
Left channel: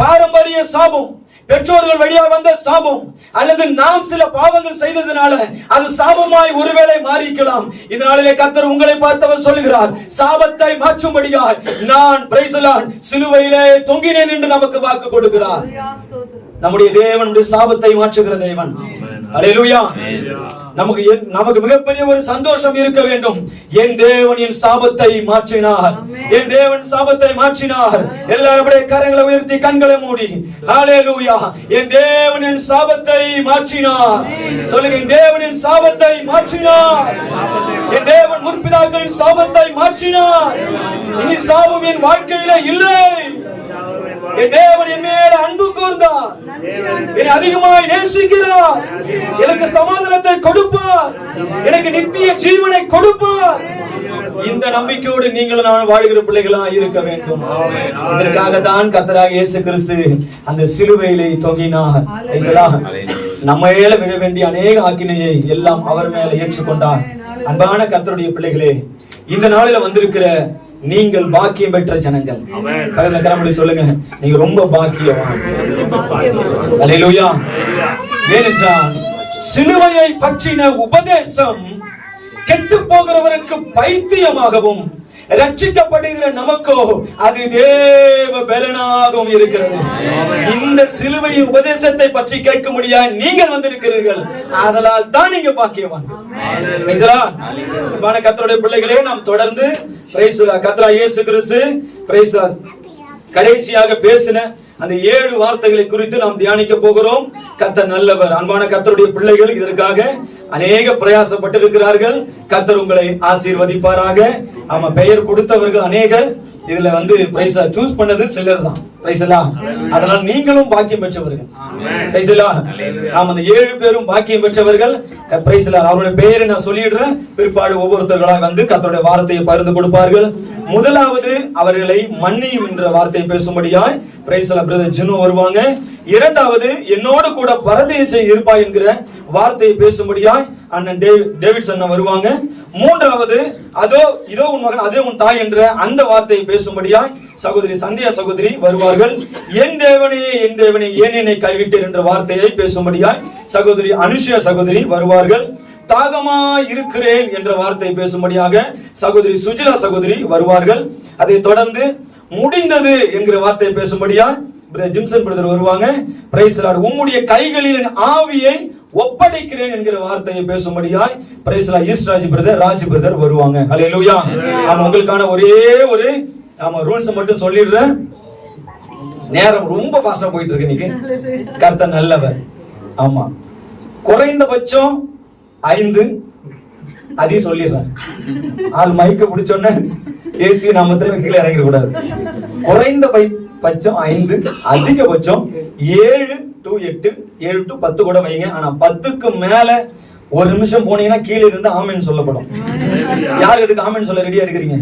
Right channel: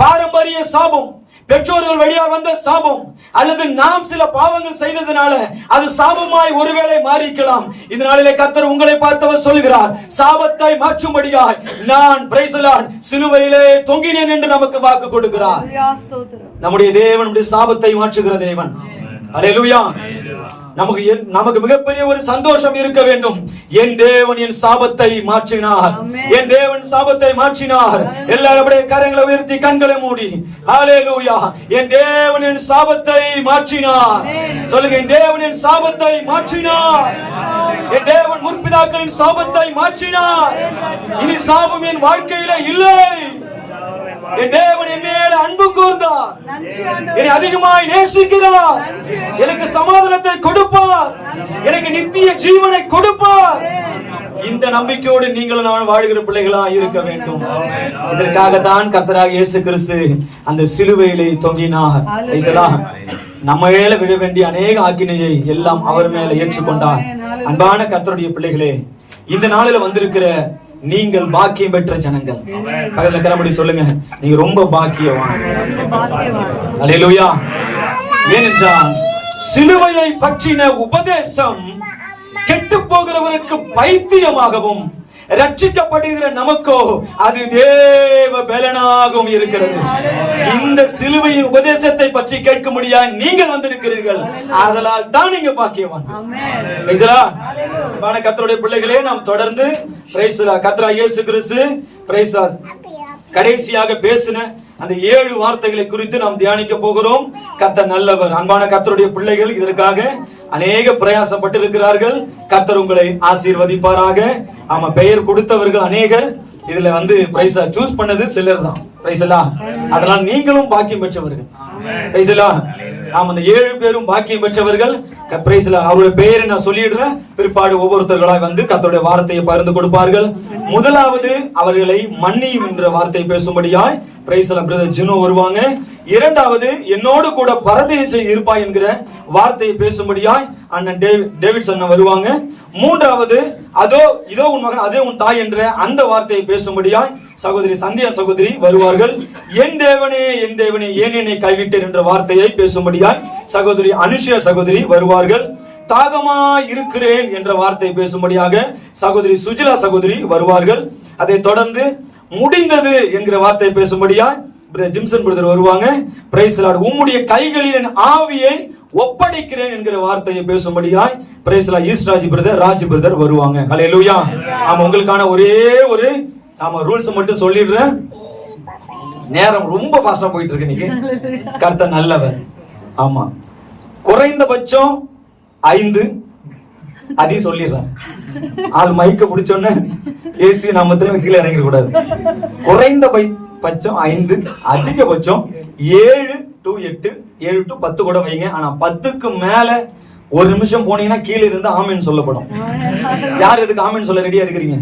பாரம்பரிய சாபம், பெற்றோர்கள் வழியா வந்த சாபம், அல்லது நாம் சில பாவங்கள் செய்ததனால அது சாபமாய் ஒருவேளை மாறிக்கலாம். இதனாலே கர்த்தர் உங்களை பார்த்தவர் சொல்லுகிறார், சாபத்தை மாற்றும்படியாய் நான் சிலுவையிலே தொங்கினேன் என்று நமக்கு வாக்கு கொடுக்கிறார். நம்முடைய தேவனுடைய சாபத்தை மாற்றுகிற தேவன். அல்லேலூயா. நமக்கு மிகப்பெரிய ஒரு சந்தோஷம் இருக்க வேண்டும். என் தேவன் என் சாபத்தை மாற்றினார், என் தேவன் சாபத்தை மாற்றினார். எல்லாரும் அப்படியே கரங்களை உயர்த்தி கண்களை மூடி ஹல்லேலூயா. என் தேவன் என் சாபத்தை மாற்றினார். சொல்லுங்க, என் தேவன் என் சாபத்தை மாற்றினார். என் தேவன் முற்பிதாக்களின் சாபத்தை மாற்றினார். இனி சாபம் என் வாழ்க்கையில இல்லை. என் தேவன் என் மேல அன்பு கூர்ந்தார், என்னை அதிகமாய் நேசிக்கிறார், எனக்கு சமாதானத்தை கொடுப்பார், எனக்கு நித்திய ஜீவனை கொடுப்பார். இந்த நம்பிக்கையோடு நீங்கள் நான் வாழ்கிற பிள்ளைகளா இருக்க வேண்டும். இதற்காக தான் கர்த்தராகிய இயேசு கிறிஸ்து அந்த சிலுவையிலே தொங்கினார். நம்ம மேல விழ வேண்டிய அநேக ஆக்கினையை எல்லாம் அவர் மேல ஏற்றுக்கொண்டார். அன்பான கர்த்தருடைய பிள்ளைகளே, இந்த நாளில வந்திருக்கிற நீங்கள் பாக்கியம் பெற்ற ஜனங்கள். அதுல கரமுடி சொல்லுங்க, நீங்க ரொம்ப பாக்கியவான். அல்லேலூயா. ஏனென்றால் சிலுவையை பற்றின உபதேசம் கெட்டு போகிறவருக்கு பைத்தியமாகவும், ரட்சிக்கப்படுகிற நமக்கோ அது தேவ பலனாகவும் இருக்கிறது. இந்த சிலுவையின் உபதேசத்தை பற்றி கேட்க முடியாது நீங்கள் வந்திருக்கிறீர்கள். அதனால் தான் நீங்க பாக்கியவான். கர்த்தருடைய பிள்ளைகளே, நாம் தொடர்ந்து கர்த்தராகிய இயேசு கிறிஸ்து கடைசியாக பேசின அந்த 7 வார்த்தைகளை குறித்து நாம் தியானிக்க போகிறோம். கர்த்தர் நல்லவர். அன்பான கர்த்தருடைய பிள்ளைகள், இதற்காக அநேக பிரயாசப்பட்டு இருக்கிறார்கள். கர்த்தர் உங்களை ஆசீர்வதிப்பாராக. ஆமா, பெயர் கொடுத்தவர்கள் அநேகர். இதுல பிரைஸா சூஸ் பண்ணது சிலர் தான். பிரைஸ் எல்லாம். அதனால நீங்களும் பாக்கியம் பெற்றவர்கள். பிரைஸ் எல்லாம். ஆமா, அந்த 7 பேரும் பாக்கியம் பெற்றவர்கள். பிரைஸ் எல்லாம். அவருடைய பெயரை நான் சொல்லிடுறேன். பிற்பாடு ஒவ்வொருத்தர்களாக கர்த்தருடைய வார்த்தையை பகிர்ந்து கொடுப்பார்கள். முதலாவது அவர்களை மன்னியும் என்ற வார்த்தையை பேசும்படியாய் பிரைஸ் எல்லாம் பிரதர் ஜினோ வருவாங்க. இரண்டாவது என்னோடு கூட பரதேசி இருப்பாய் என்கிற வார்த்தையை பேசும்படியாய் அண்ணன் டேவிட் அண்ணன் வருவாங்க. மூன்றாவது இதோ உன் மகன் அதே உன் தாய் என்ற அந்த வார்த்தையை பேசும்படியாய் சகோதரி சந்தியா சகோதரி வருவார்கள். என் தேவனே ஏன் என்னை கைவிட்டேன் என்ற வார்த்தையை பேசும்படியாய் சகோதரி அனுஷா சகோதரி வருவார்கள். தாகமாய் இருக்கிறேன் என்ற வார்த்தை பேசும்படியாக சகோதரி சுஜிலா சகோதரி வருவார்கள். அதை தொடர்ந்து முடிந்தது என்கிற வார்த்தை பேசும்படியா ஜிம்சன் பிரதர் வருவாங்க. Praise lord. உம்முடைய கைகளில் என் ஆவியை ஒப்படைக்கிறேன் என்கிற வார்த்தையை பேசும்படியாய் பிரைஸ் லார்ட் ஈஸ்ராஜ் பிரதர் ராஜ் பிரதர் வருவாங்க. ஹல்லேலூயா. ஆமா, உங்களுக்கான ஒரே ஒரு ரூல்ஸ் மட்டும் சொல்லிடுறேன். நேரம் ரொம்ப ஃபாஸ்டா போயிட்டு இருக்கு இன்னைக்கு. கர்த்தர் நல்லவர். ஆமா, குறைந்தபட்சம் 5 அதையும் சொல்லிடுறேன். ஆள் மைக்க பிடிச்சோன்னு ஏசி நாமத்துல கீழே இறங்கிட கூடாது. குறைந்தபட்சம் 5, அதிகபட்சம் 7 to 8, 7 to 10 கூட வைங்க. ஆனா 10க்கு மேல ஒரு நிமிஷம் போனீங்கன்னா கீழே இருந்து ஆமென் சொல்லப்படும். யார் எதுக்கு ஆமென் சொல்ல ரெடியா இருக்கிறீங்க?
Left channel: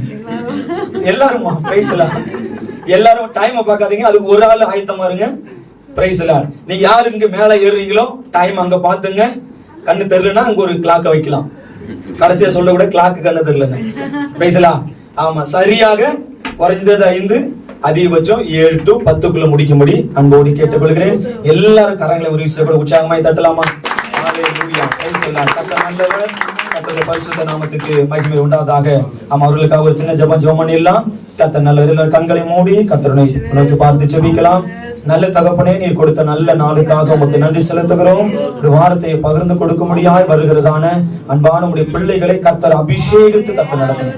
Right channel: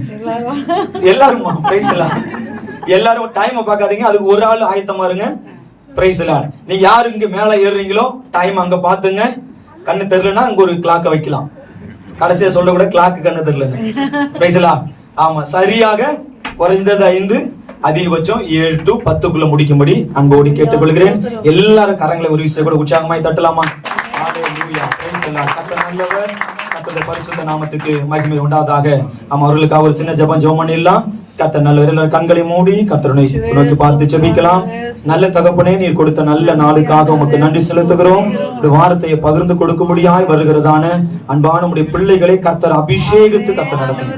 எல்லாருமா? பிரைஸ் எல்லாம். எல்லாரும் டைம் பார்க்காதீங்க. அதுக்கு ஒரு ஆள் ஆயத்தமா இருங்க. பிரைஸ் எல்லாம். நீங்க யாரு இங்க மேல ஏறுறீங்களோ டைம் அங்க பாத்துங்க. கண்ணு தெரியலன்னா அங்க ஒரு கிளாக்க வைக்கலாம். கடைசியா சொல்ல கூட கிளாக்கு கண்ணு தெரியல. பிரைஸ் எல்லாம். ஆமா, சரியாக குறைந்தது 5, அதிகபட்சம் 7 to 10க்குள்ள முடிக்கும்படி அன்போடு கேட்டுக்கொள்கிறேன். எல்லாரும் கரங்களை ஒரு விஷயம் கூட உற்சாகமாய் தட்டலாமா? கர்த்தருடைய பரிசுத்த நாமத்துக்கு மகிமை உண்டாவதாக. அவர்களுக்காக ஒரு சின்ன ஜெபம் பண்ணிடலாம். கர்த்தர் நல்லவர். கண்களை மூடி கர்த்தரை நோக்கி பார்த்து ஜெபிக்கலாம். நல்ல தகப்பனே, நீர் கொடுத்த நல்ல நாளுக்காக உமக்கு நன்றி செலுத்துகிறோம். ஒரு வார்த்தையை பகிர்ந்து கொடுக்க முடியாய் வருகிறதான அன்பான உடைய பிள்ளைகளை கர்த்தர் அபிஷேகித்து கர்த்தர் நடத்துங்க.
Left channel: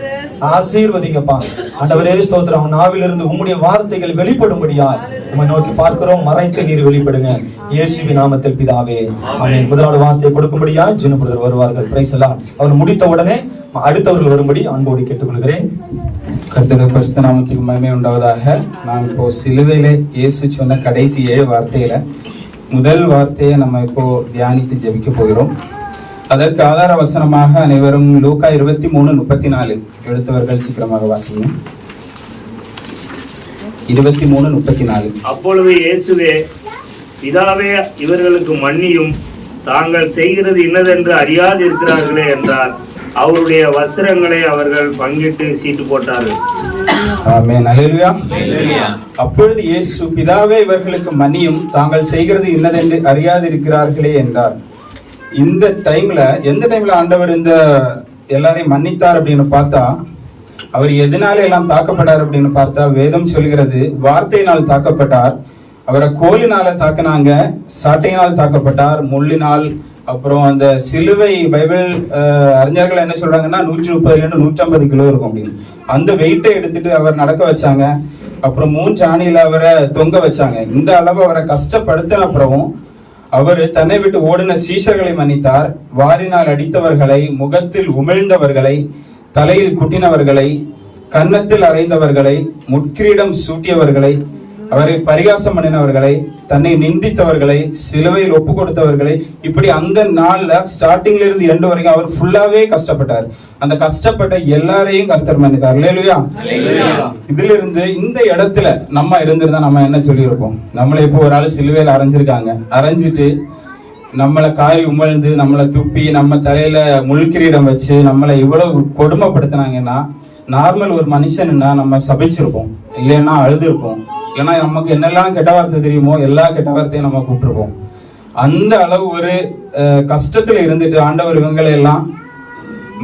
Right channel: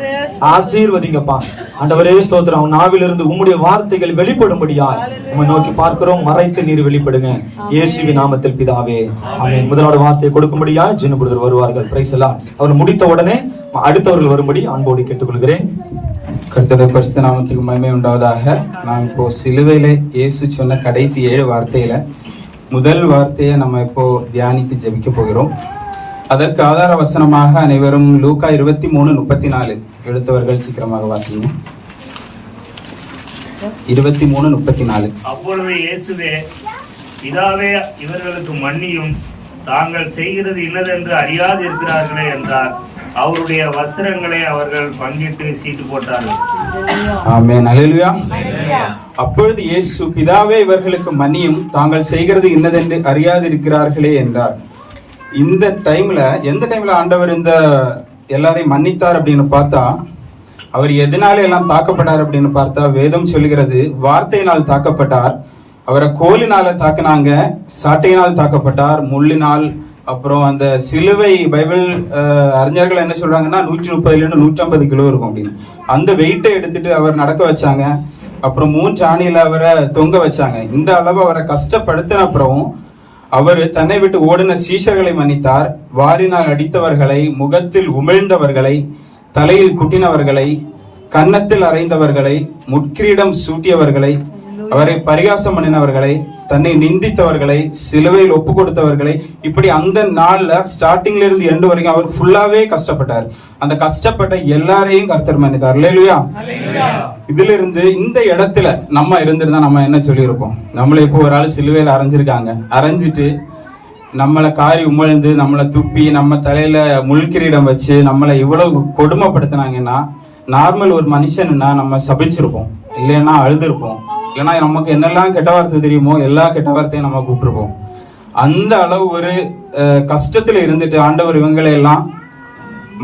ஆசீர்வதிங்கப்பா. ஆண்டவரே ஸ்தோத்திரம். நாவிலிருந்து உம்முடைய வார்த்தைகள் வெளிப்படும்படியாய் நம்ம நோக்கி பார்க்கிறோம். மறைத்து நீர் வெளிப்படுங்க. இயேசுவின் நாமத்தில் பிதாவே, ஆமென். முதலாவது வார்த்தையை கொடுக்கும்படியாய் ஜினு பிரதர் வருவார்கள். பிரைஸ் எல்லாம். அவர் முடித்த உடனே அடுத்தவர்கள் வரும்படி அன்போடு கேட்டுக்கொள்கிறேன். கர்த்தருடைய பரிசுத்த நாமத்துக்கு மகிமை உண்டாவதாக. நாம் இப்போ சிலுவையில இயேசு சொன்ன கடைசி 7 வார்த்தையில முதல் வார்த்தையை நம்ம இப்போ தியானித்து ஜெபிக்க போகிறோம். அதற்கு ஆதார வசனமாக அனைவரும் லூக்கா 23:34 எடுத்தவர்கள் சீக்கிரமாக வாசிங்க. 23:34. அப்பொழுது இயேசுவே, பிதாவே, இவர்களுக்கு மன்னியும், தாங்கள் செய்கிறது இன்னதென்று அறியாது இருக்கிறார்களே என்றார். அவருடைய வஸ்திரங்களை அவர்கள் பங்கிட்டு சீட்டு போட்டார்கள். ஆமென். அல்லேலூயா. அப்பொழுது இயேசு, பிதாவே, இவர்களுக்கு மன்னியும், தாங்கள் செய்கிறது இன்னதென்று அறியாது இருக்கிறார்களே என்றார். இந்த டைம்ல எந்த டைம்ல ஆண்டவர் இந்த எல்லாரையும் மன்னித்தார் அப்படின்னு பார்த்தா, அவர் எதனால எல்லாம் தாக்கப்பட்டார் அப்படின்னு பார்த்தா, வேதம் சொல்கிறது வார்த்தையினால் தாக்கப்பட்டார். அவரை கோலினால தாக்குனாங்க, சாட்டையினால் தாக்கப்பட்டார், முள்ளினால். அப்புறம் அந்த சிலுவை பைபிள் அறிஞர்கள் என்ன சொல்றாங்கன்னா 130 to 150 கிலோ இருக்கும் அப்படின்னு. அந்த வெயிட்டை எடுத்துட்டு அவர் நடக்க வச்சாங்க. அப்புறம் 3 ஆணியில அவரை தொங்க வச்சாங்க. இந்த அளவு அவரை கஷ்டப்படுத்தின அப்புறம் அவர் தன்னை விட்டு ஓடின சீஷர்களை மன்னித்தார். வாரினால் அடித்தவர்களை, முகத்தில் உமிழ்ந்தவர்களை, தலையில் குட்டினவர்களை, கன்னத்தில் அறைந்தவர்களை, முட்கிரீடம் சூட்டியவர்களை, அவரை பரிகாசம் பண்ணினவர்களை, தன்னை நிந்தித்தவர்களை, சிலுவையில் ஒப்பு கொடுத்தவர்களை, இப்படி அந்த நாள்ல ஸ்டார்டிங்ல இருந்து எண்டு வரைக்கும் அவர் ஃபுல்லாவே கஷ்டப்பட்டார். அந்த கஷ்டப்பட்ட எல்லாரையும் கர்த்தர் மன்னித்தார். அல்லேலூயா. இதுல இருந்து இந்த இடத்துல நம்ம இருந்திருந்தா நம்ம என்ன சொல்லியிருப்போம்? நம்மளை இப்போ ஒரு ஆள் சிலுவையில அரைஞ்சிருக்காங்க, அரைஞ்சிட்டு நம்மளை காரி உமிழ்ந்து, நம்மளை துப்பி, நம்ம தலையில முள்கிரீடம் வச்சு நம்மளை இவ்வளவு கொடுமைப்படுத்தினாங்கன்னா, நார்மல் ஒரு மனுஷன்னா நம்ம சபிச்சிருப்போம், இல்லைன்னா அழுதுருப்போம். ஏன்னா நமக்கு என்னெல்லாம் கெட்ட வார்த்தை தெரியுமோ எல்லா கெட்ட வார்த்தையும் நம்ம கூப்பிட்டுருப்போம். அந்த அளவு ஒரு கஷ்டத்துல இருந்துட்டு ஆண்டவர் இவங்களை எல்லாம்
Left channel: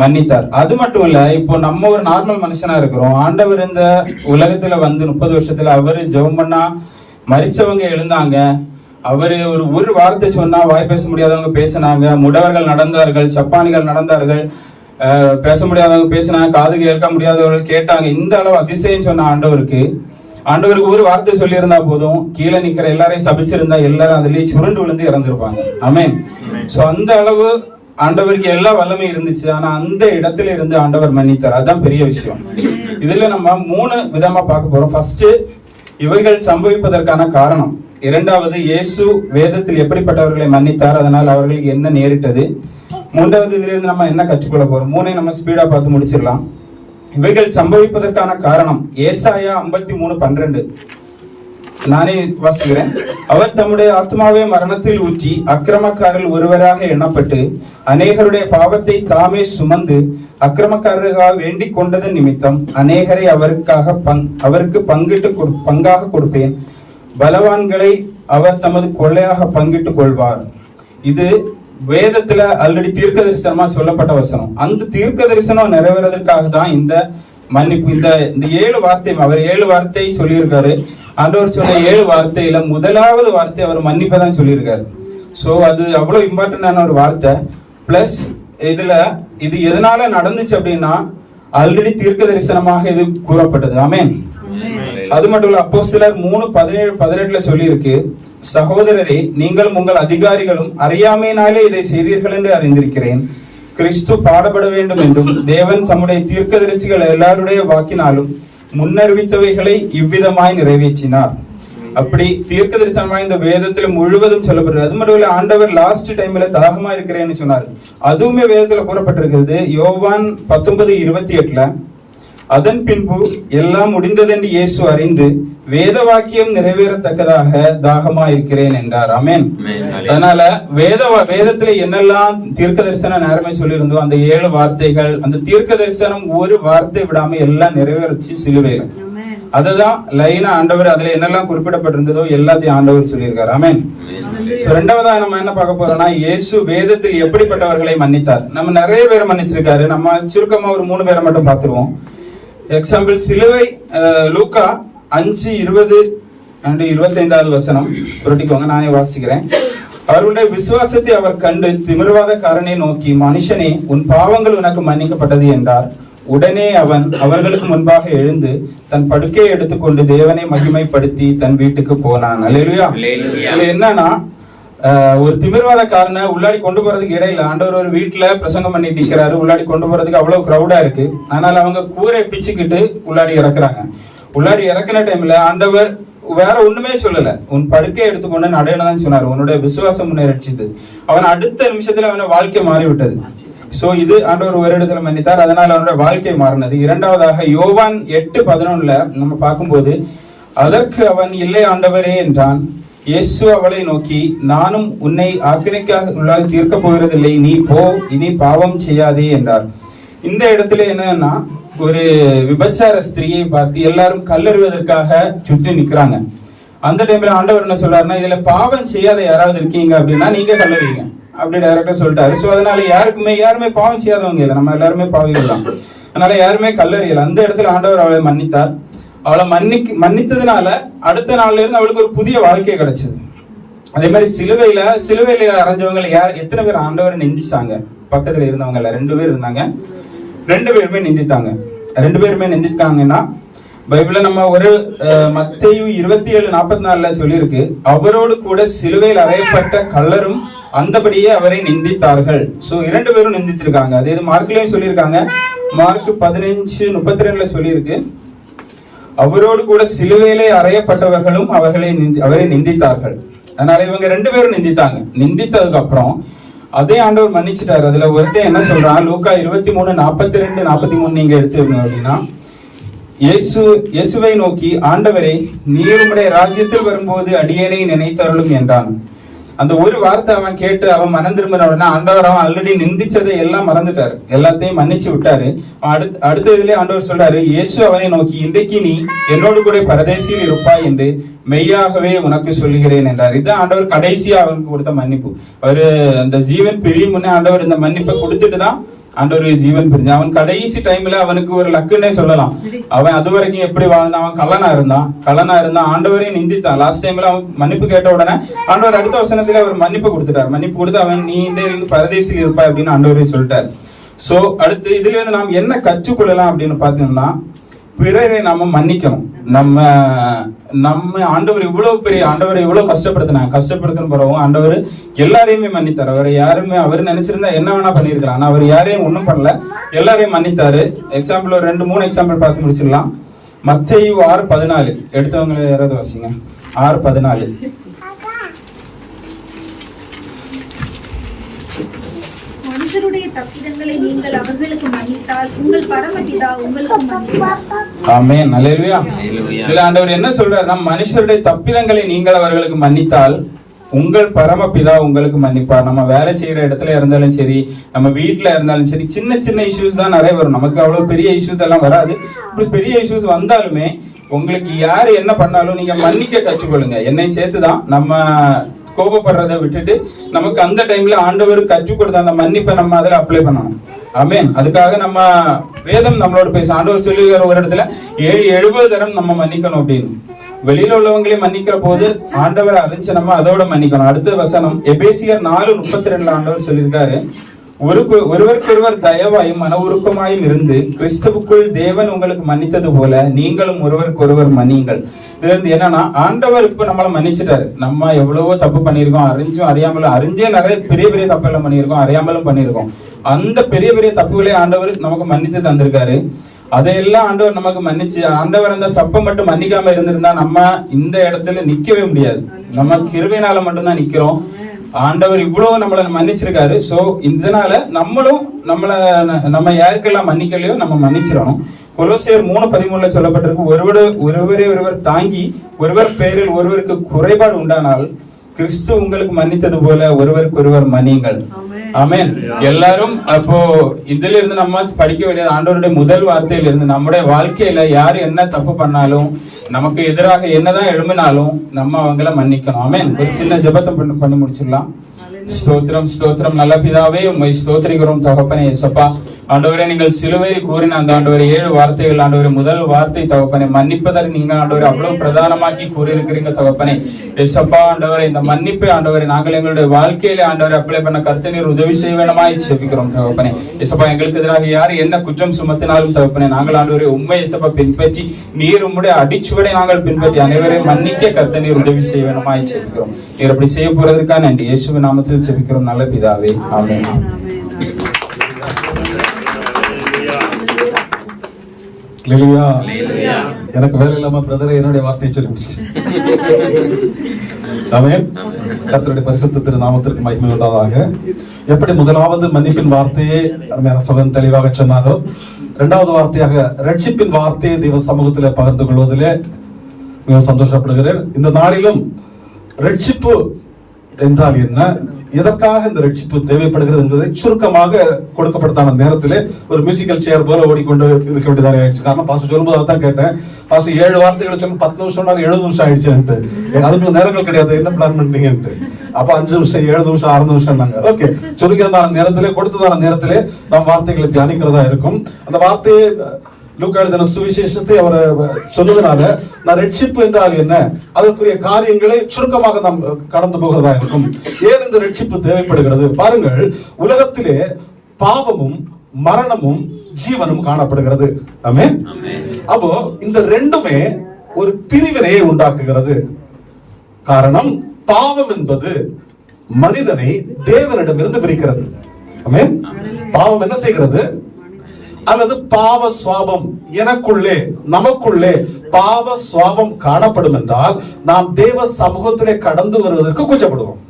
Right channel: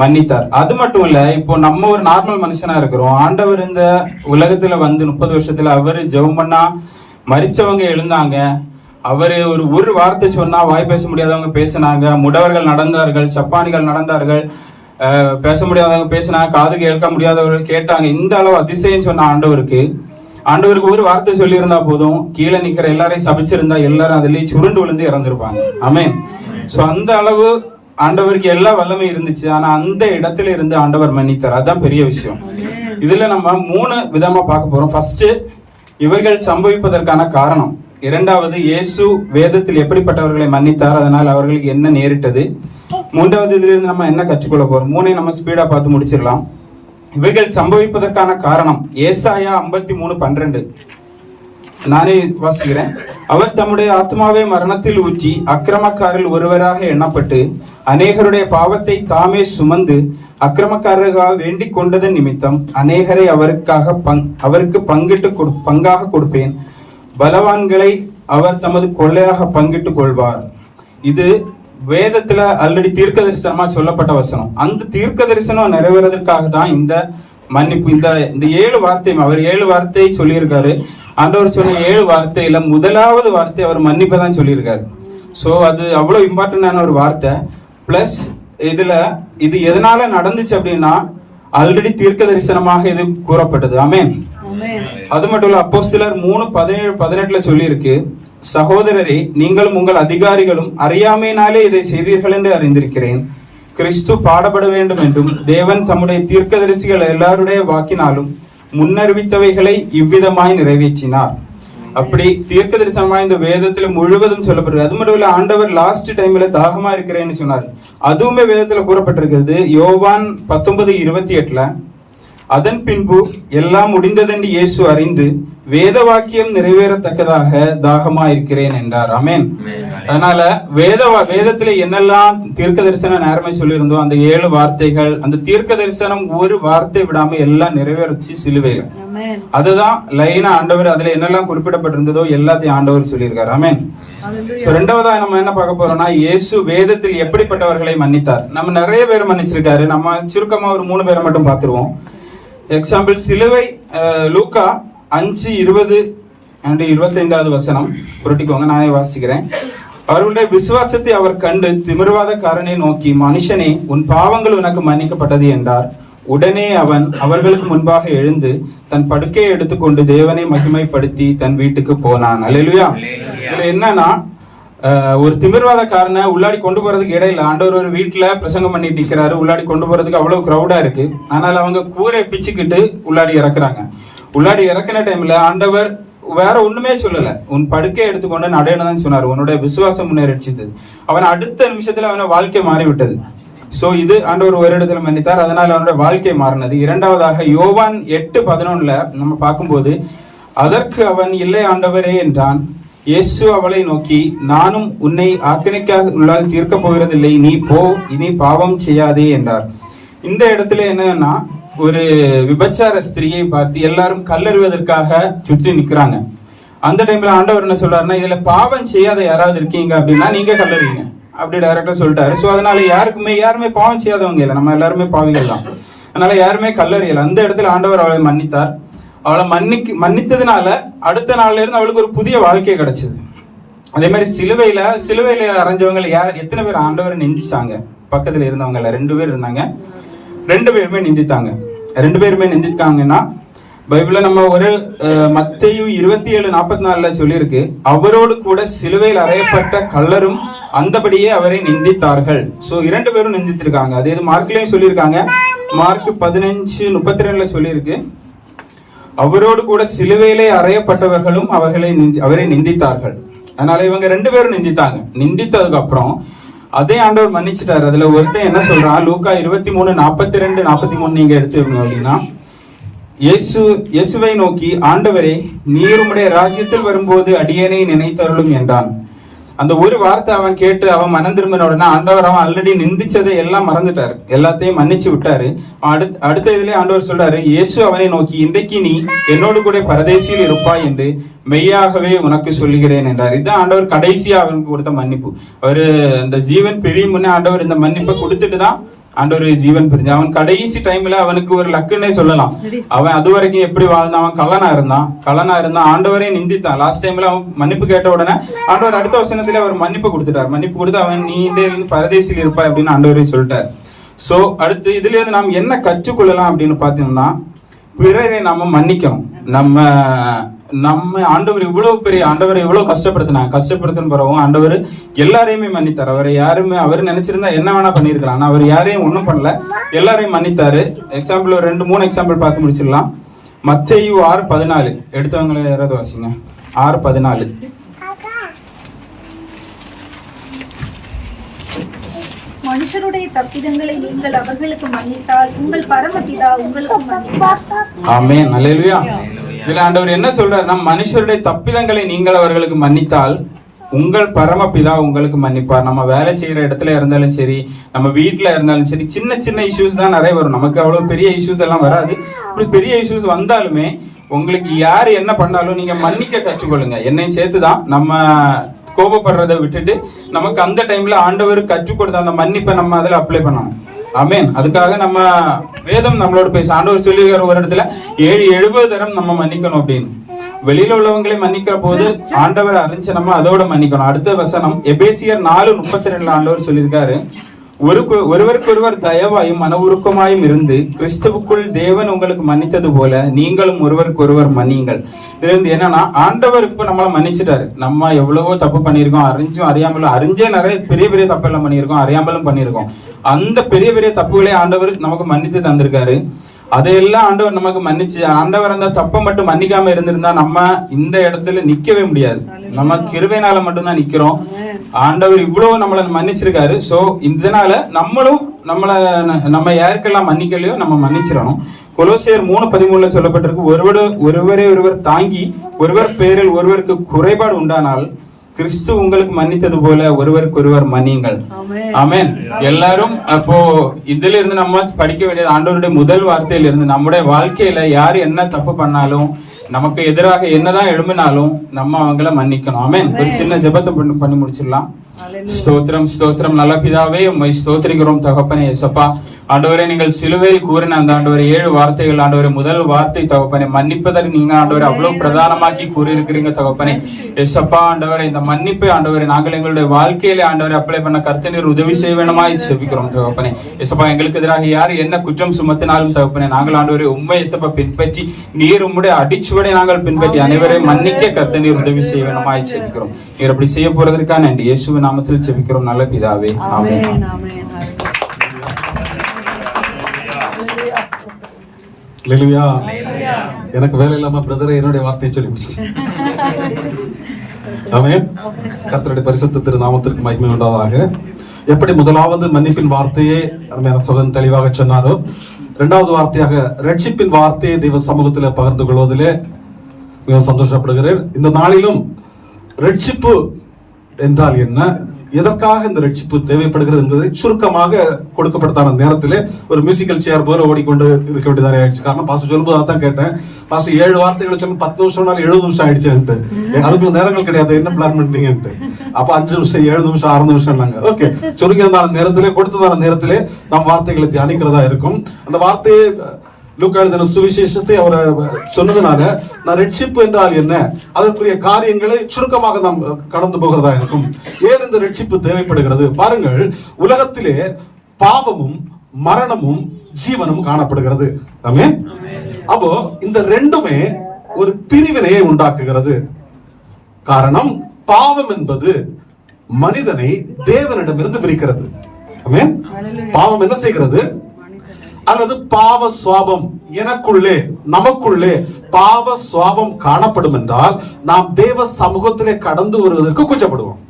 மன்னித்தார். அது மட்டும் இல்ல, இப்போ நம்ம ஒரு நார்மல் மனுஷனா இருக்கிறோம். ஆண்டவர் இந்த உலகத்துல 30 வருஷத்துல அவரு ஜெபம் பண்ணா மரிச்சவங்க எழுந்தாங்க. அவரு ஒரு வார்த்தை சொன்னா வாய் பேச முடியாதவங்க பேசினாங்க, முடவர்கள் நடந்தார்கள், சப்பானிகள் நடந்தார்கள், பேச முடியாதவங்க பேசினாங்க, காது கேட்க முடியாதவர்கள் கேட்டாங்க. இந்த அளவு அதிசயம் சொன்ன ஆண்டவருக்கு ஆண்டவருக்கு ஒரு வார்த்தை சொல்லியிருந்தா போதும், கீழே நிக்கிற எல்லாரையும் சபிச்சிருந்தா எல்லாரும் அதுலயே சுருண்டு விழுந்து இறந்துருப்பாங்க. ஆமென். சோ அந்த அளவு ஆண்டவருக்கு எல்லா வல்லமை இருந்துச்சு. ஆனா அந்த இடத்துல இருந்து ஆண்டவர் மன்னித்தார். அதுதான் பெரிய விஷயம். இதுல நம்ம 3 விதமா பார்க்க போறோம். ஃபர்ஸ்ட், இவைகள் சம்பவிப்பதற்கான காரணம். இரண்டாவது, இயேசு வேதத்தில் எப்படிப்பட்டவர்களை மன்னித்தார், அதனால் அவர்களுக்கு என்ன நேரிட்டது. மூன்றாவது, இதுல இருந்து நம்ம என்ன கற்றுக்கொள்ள போறோம். 3 நம்ம ஸ்பீடா பார்த்து முடிச்சிடலாம். இவைகள் சம்பவிப்பதற்கான காரணம் ஏசாயா 53:12. நானே வாசிக்கிறேன். அவர் தம்முடைய ஆத்மாவை மரணத்தில் ஊற்றி அக்கிரமக்காரில் ஒருவராக எண்ணப்பட்டு அநேகருடைய பாவத்தை தாமே சுமந்து அக்கிரமக்காரர்களாக வேண்டிக் கொண்டதன் நிமித்தம் அநேகரை அவருக்கு பங்காக கொடுப்பேன். பலவான்களை அவர் தமது கொள்ளையாக பங்கிட்டுக் கொள்வார். இது வேதத்துல ஆல்ரெடி தீர்க்க தரிசனமா சொல்லப்பட்ட வசனம். அந்த தீர்க்க தரிசனம் நிறைவேறதற்காக தான் இந்த மன்னிப்பு. இந்த 7 வார்த்தை அவர் 7 வார்த்தை சொல்லியிருக்காரு. ஆண்டவர் சொன்ன 7 வார்த்தையில முதலாவது வார்த்தை அவர் மன்னிப்பை தான் சொல்லியிருக்காரு. சோ அது அவ்வளவு இம்பார்ட்டன்டான ஒரு வார்த்தை. பிளஸ் இது எதனால நடந்துச்சு அப்படின்னா ஆல்ரெடி தீர்க்க தரிசனமாக இது கூறப்பட்டது. ஆமென். அது மட்டும் இல்ல, அப்போஸ்தலர் 3:17-18 சொல்லி இருக்கு, சகோதரரே, நீங்களும் உங்கள் அதிகாரிகளும் அறியாமையினாலே இதை செய்தீர்கள் என்று அறிந்திருக்கிறேன். கிறிஸ்து பாடப்பட வேண்டும் என்றும் தேவன் தம்முடைய தீர்க்கதரிசிகள் எல்லாருடைய வாக்கினாலும் முன்னறிவித்தவைகளை இவ்விதமாய் நிறைவேற்றினார். அப்படி தீர்க்க தரிசனமாய் இந்த வேதத்துல முழுவதும் சொல்லப்படுறது. அது மட்டும் இல்ல, ஆண்டவர் லாஸ்ட் டைம்ல தாகமா இருக்கிறேன்னு சொன்னார். அதுவுமே வேதத்துல கூறப்பட்டிருக்கிறது. யோவான் 19:28 அதன் பின்பு எல்லாம் முடிந்ததென்று இயேசு அறிந்து வேத வாக்கியம் நிறைவேறத்தக்கதாக தாகமா இருக்கிறேன் என்றார். ஆமென். அதனால வேதத்துல என்னெல்லாம் தீர்க்க தரிசனம் நேரமே சொல்லியிருந்தோம், அந்த 7 வார்த்தைகள், அந்த தீர்க்க தரிசனம் ஒரு வார்த்தை விடாம எல்லாம் நிறைவேறச்சு சிலுவைகள். அதுதான் லைனா ஆண்டவர் அதுல என்னெல்லாம் குறிப்பிடப்பட்டிருந்ததோ எல்லாத்தையும் ஆண்டவர் சொல்லியிருக்காரு. ஆமென். சோ ரெண்டாவதா நம்ம என்ன பார்க்க போறோம்னா, இயேசு வேதத்தில் எப்படிப்பட்டவர்களை மன்னித்தார். நம்ம நிறைய பேரை மன்னிச்சிருக்காரு. நம்ம சுருக்கமா ஒரு 3 பேரை மட்டும் பார்த்துருவோம். எக்ஸாம்பிள், சிலுவை லூக்கா 5:20-25 வசனம் புரட்டிக்கோங்க, நானே வாசிக்கிறேன். அவர்களுடைய விசுவாசத்தை அவர் கண்டு திமிர்வாதக்காரனை நோக்கி, மனுஷனே, உன் பாவங்கள் உனக்கு மன்னிக்கப்பட்டது என்றார். உடனே அவன் அவர்களுக்கு முன்பாக எழுந்து தன் படுக்கையை எடுத்துக்கொண்டு தேவனை மகிமைப்படுத்தி தன் வீட்டுக்கு போனான். அல்லேலூயா. இதுல என்னன்னா, ஒரு திமிர்வாதக்காரனை உள்ளாடி கொண்டு போறதுக்கு இடையில ஆண்டவர் ஒரு வீட்டுல பிரசங்கம் பண்ணிட்டு நிக்கிறாரு. உள்ளாடி கொண்டு போறதுக்கு அவ்வளவு கிரௌடா இருக்கு. அதனால அவங்க கூரை பிச்சுக்கிட்டு உள்ளாடி இறக்குறாங்க. உள்ளாடி இறக்குன டைம்ல ஆண்டவர் வேற ஒண்ணுமே சொல்லல, உன் படுக்கையை எடுத்துக்கொண்டு நடன்னு சொன்னார். உன்னுடைய விசுவாசம் முன்னேறிச்சது. அவன் அடுத்த நிமிஷத்துல அவன வாழ்க்கை மாறிவிட்டது. சோ இது ஆண்டவர் ஒரு இடத்துல மன்னித்தார். அதனால அவனுடைய வாழ்க்கை மாறினது. இரண்டாவதாக யோவான் 8:11 நம்ம பார்க்கும்போது, அதற்கு அவன், இல்லை ஆண்டவரே என்றான். இயேசு அவளை நோக்கி, நானும் உன்னை ஆக்கினைக்காக உள்ளாக தீர்க்க போகிறதில்லை, நீ போ, இனி பாவம் செய்யாதே என்றார். இந்த இடத்துல என்னன்னா, ஒரு விபச்சார ஸ்திரியை பார்த்து எல்லாரும் கல்லெறிவதற்காக சுற்றி நிக்கிறாங்க. அந்த டைம்ல ஆண்டவர் என்ன சொல்றாருன்னா, இதுல பாவம் செய்யாத யாராவது இருக்கீங்க அப்படின்னா நீங்க கல்லெறிங்க அப்படி டைரக்டா சொல்லிட்டாரு. சோ அதனால யாருமே பாவம் செய்யாதவங்க இல்லை, நம்ம எல்லாருமே பாவிகள் தான். அதனால யாருமே கல்லெறியல. அந்த இடத்துல ஆண்டவர் அவளை மன்னித்தார். அவளை மன்னித்ததுனால அடுத்த நாள்ல இருந்து அவளுக்கு ஒரு புதிய வாழ்க்கை கிடைச்சது. அதே மாதிரி சிலுவையில அரைஞ்சவங்க எத்தனை பேர் ஆண்டவரை நிந்திச்சாங்க? பக்கத்துல இருந்தவங்க 2 பேர் இருந்தாங்க. 2 பேருமே நிந்தித்தாங்க. 2 பேருமே நிந்தித்தாங்கன்னா, பைபிள்ல நம்ம ஒரு மத்தேயு 27:44 சொல்லியிருக்கு, அவரோடு கூட சிலுவையில் அறையப்பட்ட கள்ளரும் அந்தபடியே அவரை நிந்தித்தார்கள். சோ 2 பேரும் நிந்தித்திருக்காங்க. அதே மார்க்லயும் சொல்லியிருக்காங்க. மார்க் 15:32 சொல்லியிருக்கு, அவரோடு கூட சிலுவையிலே அறையப்பட்டவர்களும் அவரை நிந்தித்தார்கள். அதனால இவங்க 2 பேரும் நிந்தித்தாங்க. நிந்தித்ததுக்கு அப்புறம் அதே ஆண்டவர் மன்னிச்சிட்டாரு. அதுல ஒருத்தன் என்ன சொல்றான், லூக்கா 23:42-43 நீங்க எடுத்துக்கணும் அப்படின்னா, இயேசுவை நோக்கி, ஆண்டவரே, நீர் உம்முடைய ராஜ்யத்தில் வரும்போது அடியேனை நினைத்தருளும் என்றான். அந்த ஒரு வார்த்தை அவன் கேட்டு அவன் மனம் திரும்பின உடனே ஆண்டவர் அவன் ஆல்ரெடி நிந்திச்சதை எல்லாம் மறந்துட்டாரு, எல்லாத்தையும் மன்னிச்சு விட்டாரு. அடுத்த இதுல ஆண்டவர் சொல்றாரு, இயேசு அவனை நோக்கி, இன்றைக்கு நீ என்னோடு கூட பரதேசியில் இருப்பாய் என்று மெய்யாகவே உனக்கு சொல்லுகிறேன் என்றார். இதுதான் ஆண்டவர் கடைசியா அவனுக்கு கொடுத்த மன்னிப்பு. அவரு அந்த ஜீவன் பிரியும் முன்னே ஆண்டவர் இந்த மன்னிப்பை கொடுத்துட்டு தான் ஆண்டவர் ஜீவன் பிரிஞ்சு. அவன் கடைசி டைம்ல அவனுக்கு ஒரு லக்குன்னே சொல்லலாம். அவன் அது வரைக்கும் எப்படி வாழ்ந்தான்? அவன் கள்ளனா இருந்தான், ஆண்டவரே நிந்தித்தான். லாஸ்ட் டைம்ல அவன் மன்னிப்பு கேட்ட உடனே ஆண்டவர் அடுத்த வசனத்துல அவர் மன்னிப்பு கொடுத்துட்டார். மன்னிப்பு கொடுத்து அவன் நீ இந்த பரதேசியில் இருப்பாய் அப்படின்னு ஆண்டவரே சொல்லிட்டார். சோ அடுத்து இதுல இருந்து நாம் என்ன கற்றுக்கொள்ளலாம் அப்படின்னு பாத்தீங்கன்னா, பிறரை நாம மன்னிக்கணும். நம்ம ஆண்டவர் இவ்வளவு கஷ்டப்படுத்தின பிறகும் ஆண்டவர் எல்லாரையுமே மன்னித்தார். அவர் நினைச்சிருந்தா என்ன வேணா பண்ணிருக்கலாம். ஆனா அவர் யாரையும் ஒண்ணும் பண்ணல, எல்லாரையும் மன்னித்தாரு. எக்ஸாம்பிள் ஒரு 2-3 எக்ஸாம்பிள் பார்த்து முடிச்சிடலாம். மத்தேயு 6:14 எடுத்தவங்களை யாராவது வாசிங்க. 6:14. மனுஷருடைய தப்பிதங்களை நீங்கள் அவர்களுக்கு மன்னித்தால் உங்கள் பரமபிதா உங்களுக்கு மன்னிப்பார். ஆமென், அல்லேலூயா. இதுல ஆண்டவர் என்ன சொல்றாருன்னா, மனுஷருடைய தப்பிதங்களை நீங்கள் அவர்களுக்கு மன்னித்தால் உங்கள் பரமபிதா உங்களுக்கு மன்னிப்பார். நம்ம வேலை செய்யற இடத்துல இருந்தாலும் சரி, நம்ம வீட்டுல இருந்தாலும் சரி, சின்ன சின்ன இஷ்யூஸ் தான் நிறைய வரும். நமக்கு அவ்வளவு பெரிய இஷ்யூஸ் எல்லாம் வராது. இப்படி பெரிய இஷ்யூஸ் வந்தாலுமே உங்களுக்கு யாரு என்ன பண்ணாலும் நீங்க மன்னிக்க கற்றுக்கொள்ளுங்க. என்னை சேர்த்துதான் நம்ம கோபப்படுறதை விட்டுட்டு நமக்கு அந்த டைம்ல ஆண்டவர் கற்றுக் கொடுத்த அந்த மன்னிப்பை நம்ம அதில் அப்ளை பண்ணணும். ஆமென். அதுக்காக நம்ம வேதம் நம்மளோட பேச ஆண்டவர் சொல்லுகிற ஒரு இடத்துல 70 தரம் நம்ம மன்னிக்கணும் அப்படின்னு. வெளியில உள்ளவங்களே மன்னிக்கிற போது ஆண்டவரை அறிஞ்சு நம்ம அதோட மன்னிக்கணும். அடுத்த வசனம் எபேசியர் 4:32 ஆண்டவர் சொல்லியிருக்காரு, ஒருவருக்கு ஒருவர் தயவாயும் மன உருக்கமாயும் இருந்து கிறிஸ்துவுக்குள் தேவன் உங்களுக்கு மன்னித்தது போல நீங்களும் ஒருவருக்கு ஒருவர் மன்னியுங்கள். இதுல இருந்து என்னன்னா, ஆண்டவர் இப்ப நம்மள மன்னிச்சிட்டாரு. நம்ம எவ்வளவோ தப்பு பண்ணியிருக்கோம், அறிஞ்சும் அறியாமலும். அறிஞ்சே நிறைய பெரிய பெரிய தப்பு எல்லாம் பண்ணியிருக்கோம், அறியாமலும் பண்ணியிருக்கோம். அந்த பெரிய பெரிய தப்புகளே ஆண்டவர் நமக்கு மன்னித்து தந்திருக்காரு. அதையெல்லாம் ஆண்டவர் நமக்கு மன்னிச்சு, ஆண்டவர் அந்த தப்பை மட்டும் மன்னிக்காம இருந்திருந்தா நம்ம இந்த இடத்துல நிக்கவே முடியாது. நம்ம கிருபையினால மட்டும்தான் நிக்கிறோம். ஆண்டவர் இவ்வளவு நம்மளை மன்னிச்சிருக்காரு. சோ இதனால நம்மளும் நம்ம யாருக்கெல்லாம் மன்னிக்கலையோ நம்ம மன்னிச்சிடணும். கொலோசியர் 3:13 சொல்லப்பட்டிருக்கு, ஒருவரே ஒருவர் தாங்கி ஒருவர் பேரில் ஒருவருக்கு குறைபாடு உண்டானால் கிறிஸ்து உங்களுக்கு மன்னித்தது போல ஒருவருக்கு ஒருவர் மன்னியுங்கள். ஆமென். எல்லாரும் அப்போ இதுல இருந்து நம்ம படிக்க வேண்டியது ஆண்டவருடைய முதல் வார்த்தையில இருந்து, நம்முடைய வாழ்க்கையில யாரு என்ன தப்பு பண்ணாலும், நமக்கு எதிராக என்னதான் எழும்பினாலும் நம்ம அவங்கள மன்னிக்கணும். ஆமென். ஒரு சின்ன ஜெபத்தை பண்ணி முடிச்சிடலாம். ஸ்தோத்திரம் ஸ்தோத்திரம் நல்ல பிதாவே, உம்மை ஸ்தோத்திரிக்கிறோம் தகப்பனே. ஏசப்பா ஆண்டவரே, நீங்கள் சிலுவையில் கூறின அந்த ஆண்டவரே 7 வார்த்தைகள் ஆண்டவரே, முதல் வார்த்தை தகப்பனே மன்னிப்பதற்கு நீங்க ஆண்டவரே அவ்வளவு பிரதானமாக்கி கூறியிருக்கிறீங்க தகப்பனே. ஏசப்பா ஆண்டவரே, இந்த மன்னிப்பை ஆண்டவரே நாங்கள் எங்களுடைய வாழ்க்கையில ஆண்டவரை அப்ளை பண்ண கர்த்த நீர் உதவி செய்ய வேணுமாய் செபிக்கிறோம் தகப்பனே. ஏசப்பா எங்களுக்கு எதிராக யார் என்ன குற்றம் சுமத்தினாலும் தகப்பனே நாங்கள் ஆண்டவரே உண்மை ஏசப்பா பின்பற்றி நீர் உம்முடைய அடிச்சுவடை நாங்கள் பின்பற்றி அனைவரையும் மன்னிக்க கர்த்த நீர் உதவி செய்ய வேணுமாய் செபிக்கிறோம். நீர் அப்படி செய்ய போறதற்காக நன்றி. இயேசுவின் நாமத்தில் செபிக்கிறோம் நல்ல பிதாவே, ஆமென். எனக்கு வேலை இல்லாம பிரதர் என்னுடைய வார்த்தையை சொல்லி ஆமென். கர்த்தருடைய பரிசுத்த திரு நாமத்திற்கு மகிமை உண்டாவதாக. எப்படி முதலாவது மன்னிப்பின் வார்த்தையை சகோதரன் தெளிவாக சொன்னாரோ, 2வது வார்த்தையாக ரட்சிப்பின் வார்த்தையை தெய்வ சமூகத்தில் பகிர்ந்து கொள்வதிலே மிகவும் சந்தோஷப்படுகிறேன். இந்த நாளிலும் ரட்சிப்பு என்றால் என்ன, எதற்காக இந்த ரட்சிப்பு தேவைப்படுகிறது என்பதை சுருக்கமாக கொடுக்கப்பட்டதான நேரத்திலே ஒரு மியூசிக்கல் சேர் போல ஓடிக்கொண்டு இருக்க வேண்டியதாக ஆயிடுச்சு. காரணம் பாஸ்டர் சொல்லும்போது அதை தான் கேட்டேன். பாஸ்டர் 7 வார்த்தைகளை சொல்லி 10 நிமிஷம் 70 நிமிஷம் ஆயிடுச்சுன்ட்டு, அதுக்கு நேரங்கள் கிடையாது, என்ன பிளான் பண்ணீங்கன்ட்டு. அப்ப 5 நிமிஷம் 7 நிமிஷம் 6 நிமிஷம் ஓகே சொல்லிக்கிறதான நேரத்திலே கொடுத்ததான நேரத்திலே நாம் வார்த்தைகளை தியானிக்கிறதா இருக்கும். அந்த வார்த்தையை லூக்கா எழுதின சுவிசேஷத்தை அவர் சொன்னதுனால நான் ரட்சிப்பு என்றால் என்ன, அதற்குரிய காரியங்களை சுருக்கமாக நாம் கடந்து போகிறதா இருக்கும். ஏன் இந்த ரட்சிப்பு தேவைப்படுகிறது பாருங்கள். உலகத்திலே பாவமும் மரணமும் ஜீவனும் காணப்படுகிறது. ஆமென். அப்போ இந்த ரெண்டுமே ஒரு பிரிவினையை உண்டாக்குகிறது. காரணம், பாவம் என்பது மனிதனை தேவனிடமிருந்து பிரிக்கிறது. ஆமென். பாவம் என்ன செய்கிறது, அல்லது பாவ சுவாபம் எனக்குள்ளே நமக்குள்ளே பாவ சுவாபம் காணப்படும் என்றால் நாம் தேவ சமூகத்திலே கடந்து வருவதற்கு கூச்சப்படுவோம்.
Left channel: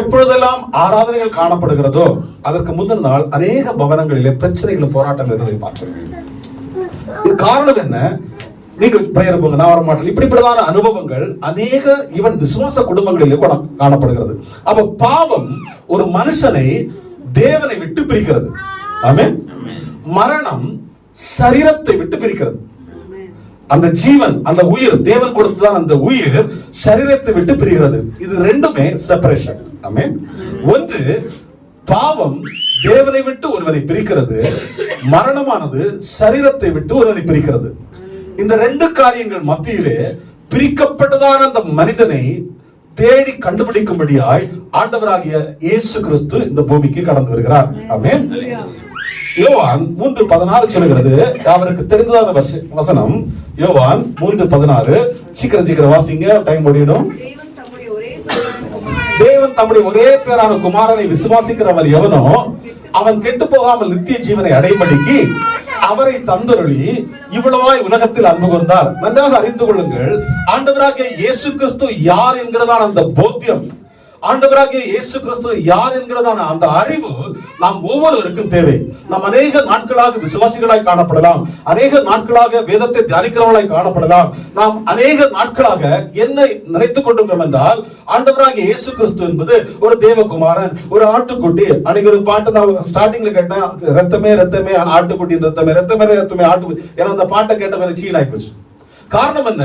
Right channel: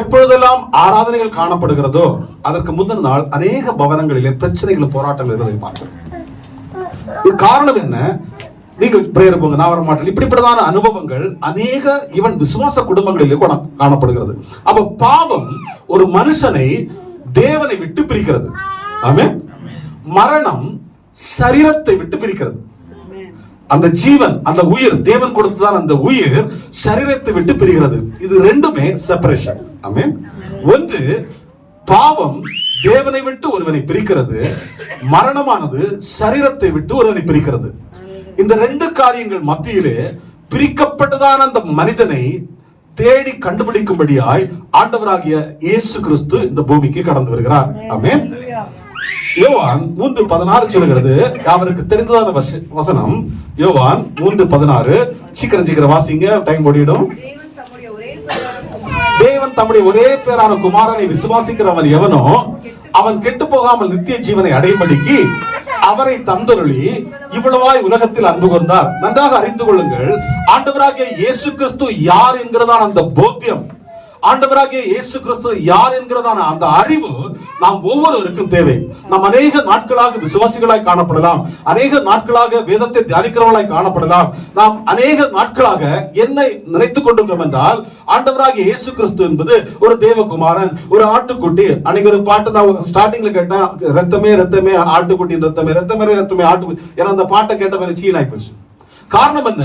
எப்பொழுதெல்லாம் ஆராதனைகள் காணப்படுகிறதோ அதற்கு முந்தின நாள் அநேக பவனங்களிலே பிரச்சனைகளும் போராட்டங்கள் இருந்ததை பார்க்கிறோம். இது காரணம் என்ன, நீங்க பிரேயர் போங்க நான் வர மாட்டேன், இப்படிப்பட்டதான அனுபவங்கள் அநேக ஈவன் விசுவாச குடும்பங்களிலே காணப்படுகிறது. அப்ப பாவம் ஒரு மனுஷனை தேவனை விட்டு பிரிக்கிறது. ஆமென். மரணம் சரீரத்தை விட்டு பிரிக்கிறது. அந்த ஜீவன், அந்த உயிர், தேவன் கொடுத்ததான் அந்த உயிர் சரீரத்தை விட்டு பிரிகிறது. இது ரெண்டுமே செப்பரேஷன். ஆமென். ஒன்று பாவம் தேவனை விட்டு ஒருவனை பிரிக்கிறது, மரணமானது சரீரத்தை விட்டு ஒருவனை பிரிக்கிறது. இந்த 2 காரியங்கள் மத்தியிலே பிரிக்கப்பட்டதான அந்த மனிதனை தேடி கண்டுபிடிக்கும்படியாய் ஆண்டவராகிய இயேசு கிறிஸ்து இந்த பூமிக்கு கடந்து வருகிறார். ஆமென். யோவான் 3:16 சொல்லுகிறது, அவருக்கு தெரிந்ததான வசனம். யோவான் 3:16. சீக்கிரம் வாசிங்க, டைம் ஓடிடும். தேவன் தம்முடைய ஒரே பேரான குமாரனை விசுவாசிக்கிறவன் எவனோ அவன் கெட்டு போகாமல் நித்திய ஜீவனை அடைபடிக்கு அவரை தந்தருளி இவ்வளவாய் உலகத்தில் அன்பு கொண்டார். நன்றாக அறிந்து கொள்ளுங்கள், ஆண்டவராகிய இயேசு கிறிஸ்து யார் என்கிறதான அந்த போத்தியம், ஆண்டவராகிய இயேசு கிறிஸ்து யார் என்கிறதான அந்த அறிவு நாம் ஒவ்வொருவருக்கும் தேவை. நாம் அநேக நாட்களாக விசுவாசிகளாய் காணப்படலாம், அநேக நாட்களாக வேதத்தை தியானிக்கிறவர்களாய் காணப்படலாம். நாம் அநேக நாட்களாக என்ன நினைத்துக் கொண்டிருக்கிறோம் என்றால், ஆண்டவராகிய இயேசு கிறிஸ்து என்பது ஒரு தேவகுமாரன், ஒரு ஆட்டுக்குட்டி. அன்னைக்கு ஒரு பாட்டு நான் ஸ்டார்டிங்ல கேட்டேன், ரத்தமே ரத்தமே ஆட்டுக்குட்டி ரத்தமே ரத்தமே ரத்தமே ஆட்டுக்குட்டி. ஏன்னா அந்த பாட்டை கேட்ட மாதிரி சீனாய் போச்சு. காரணம் என்ன?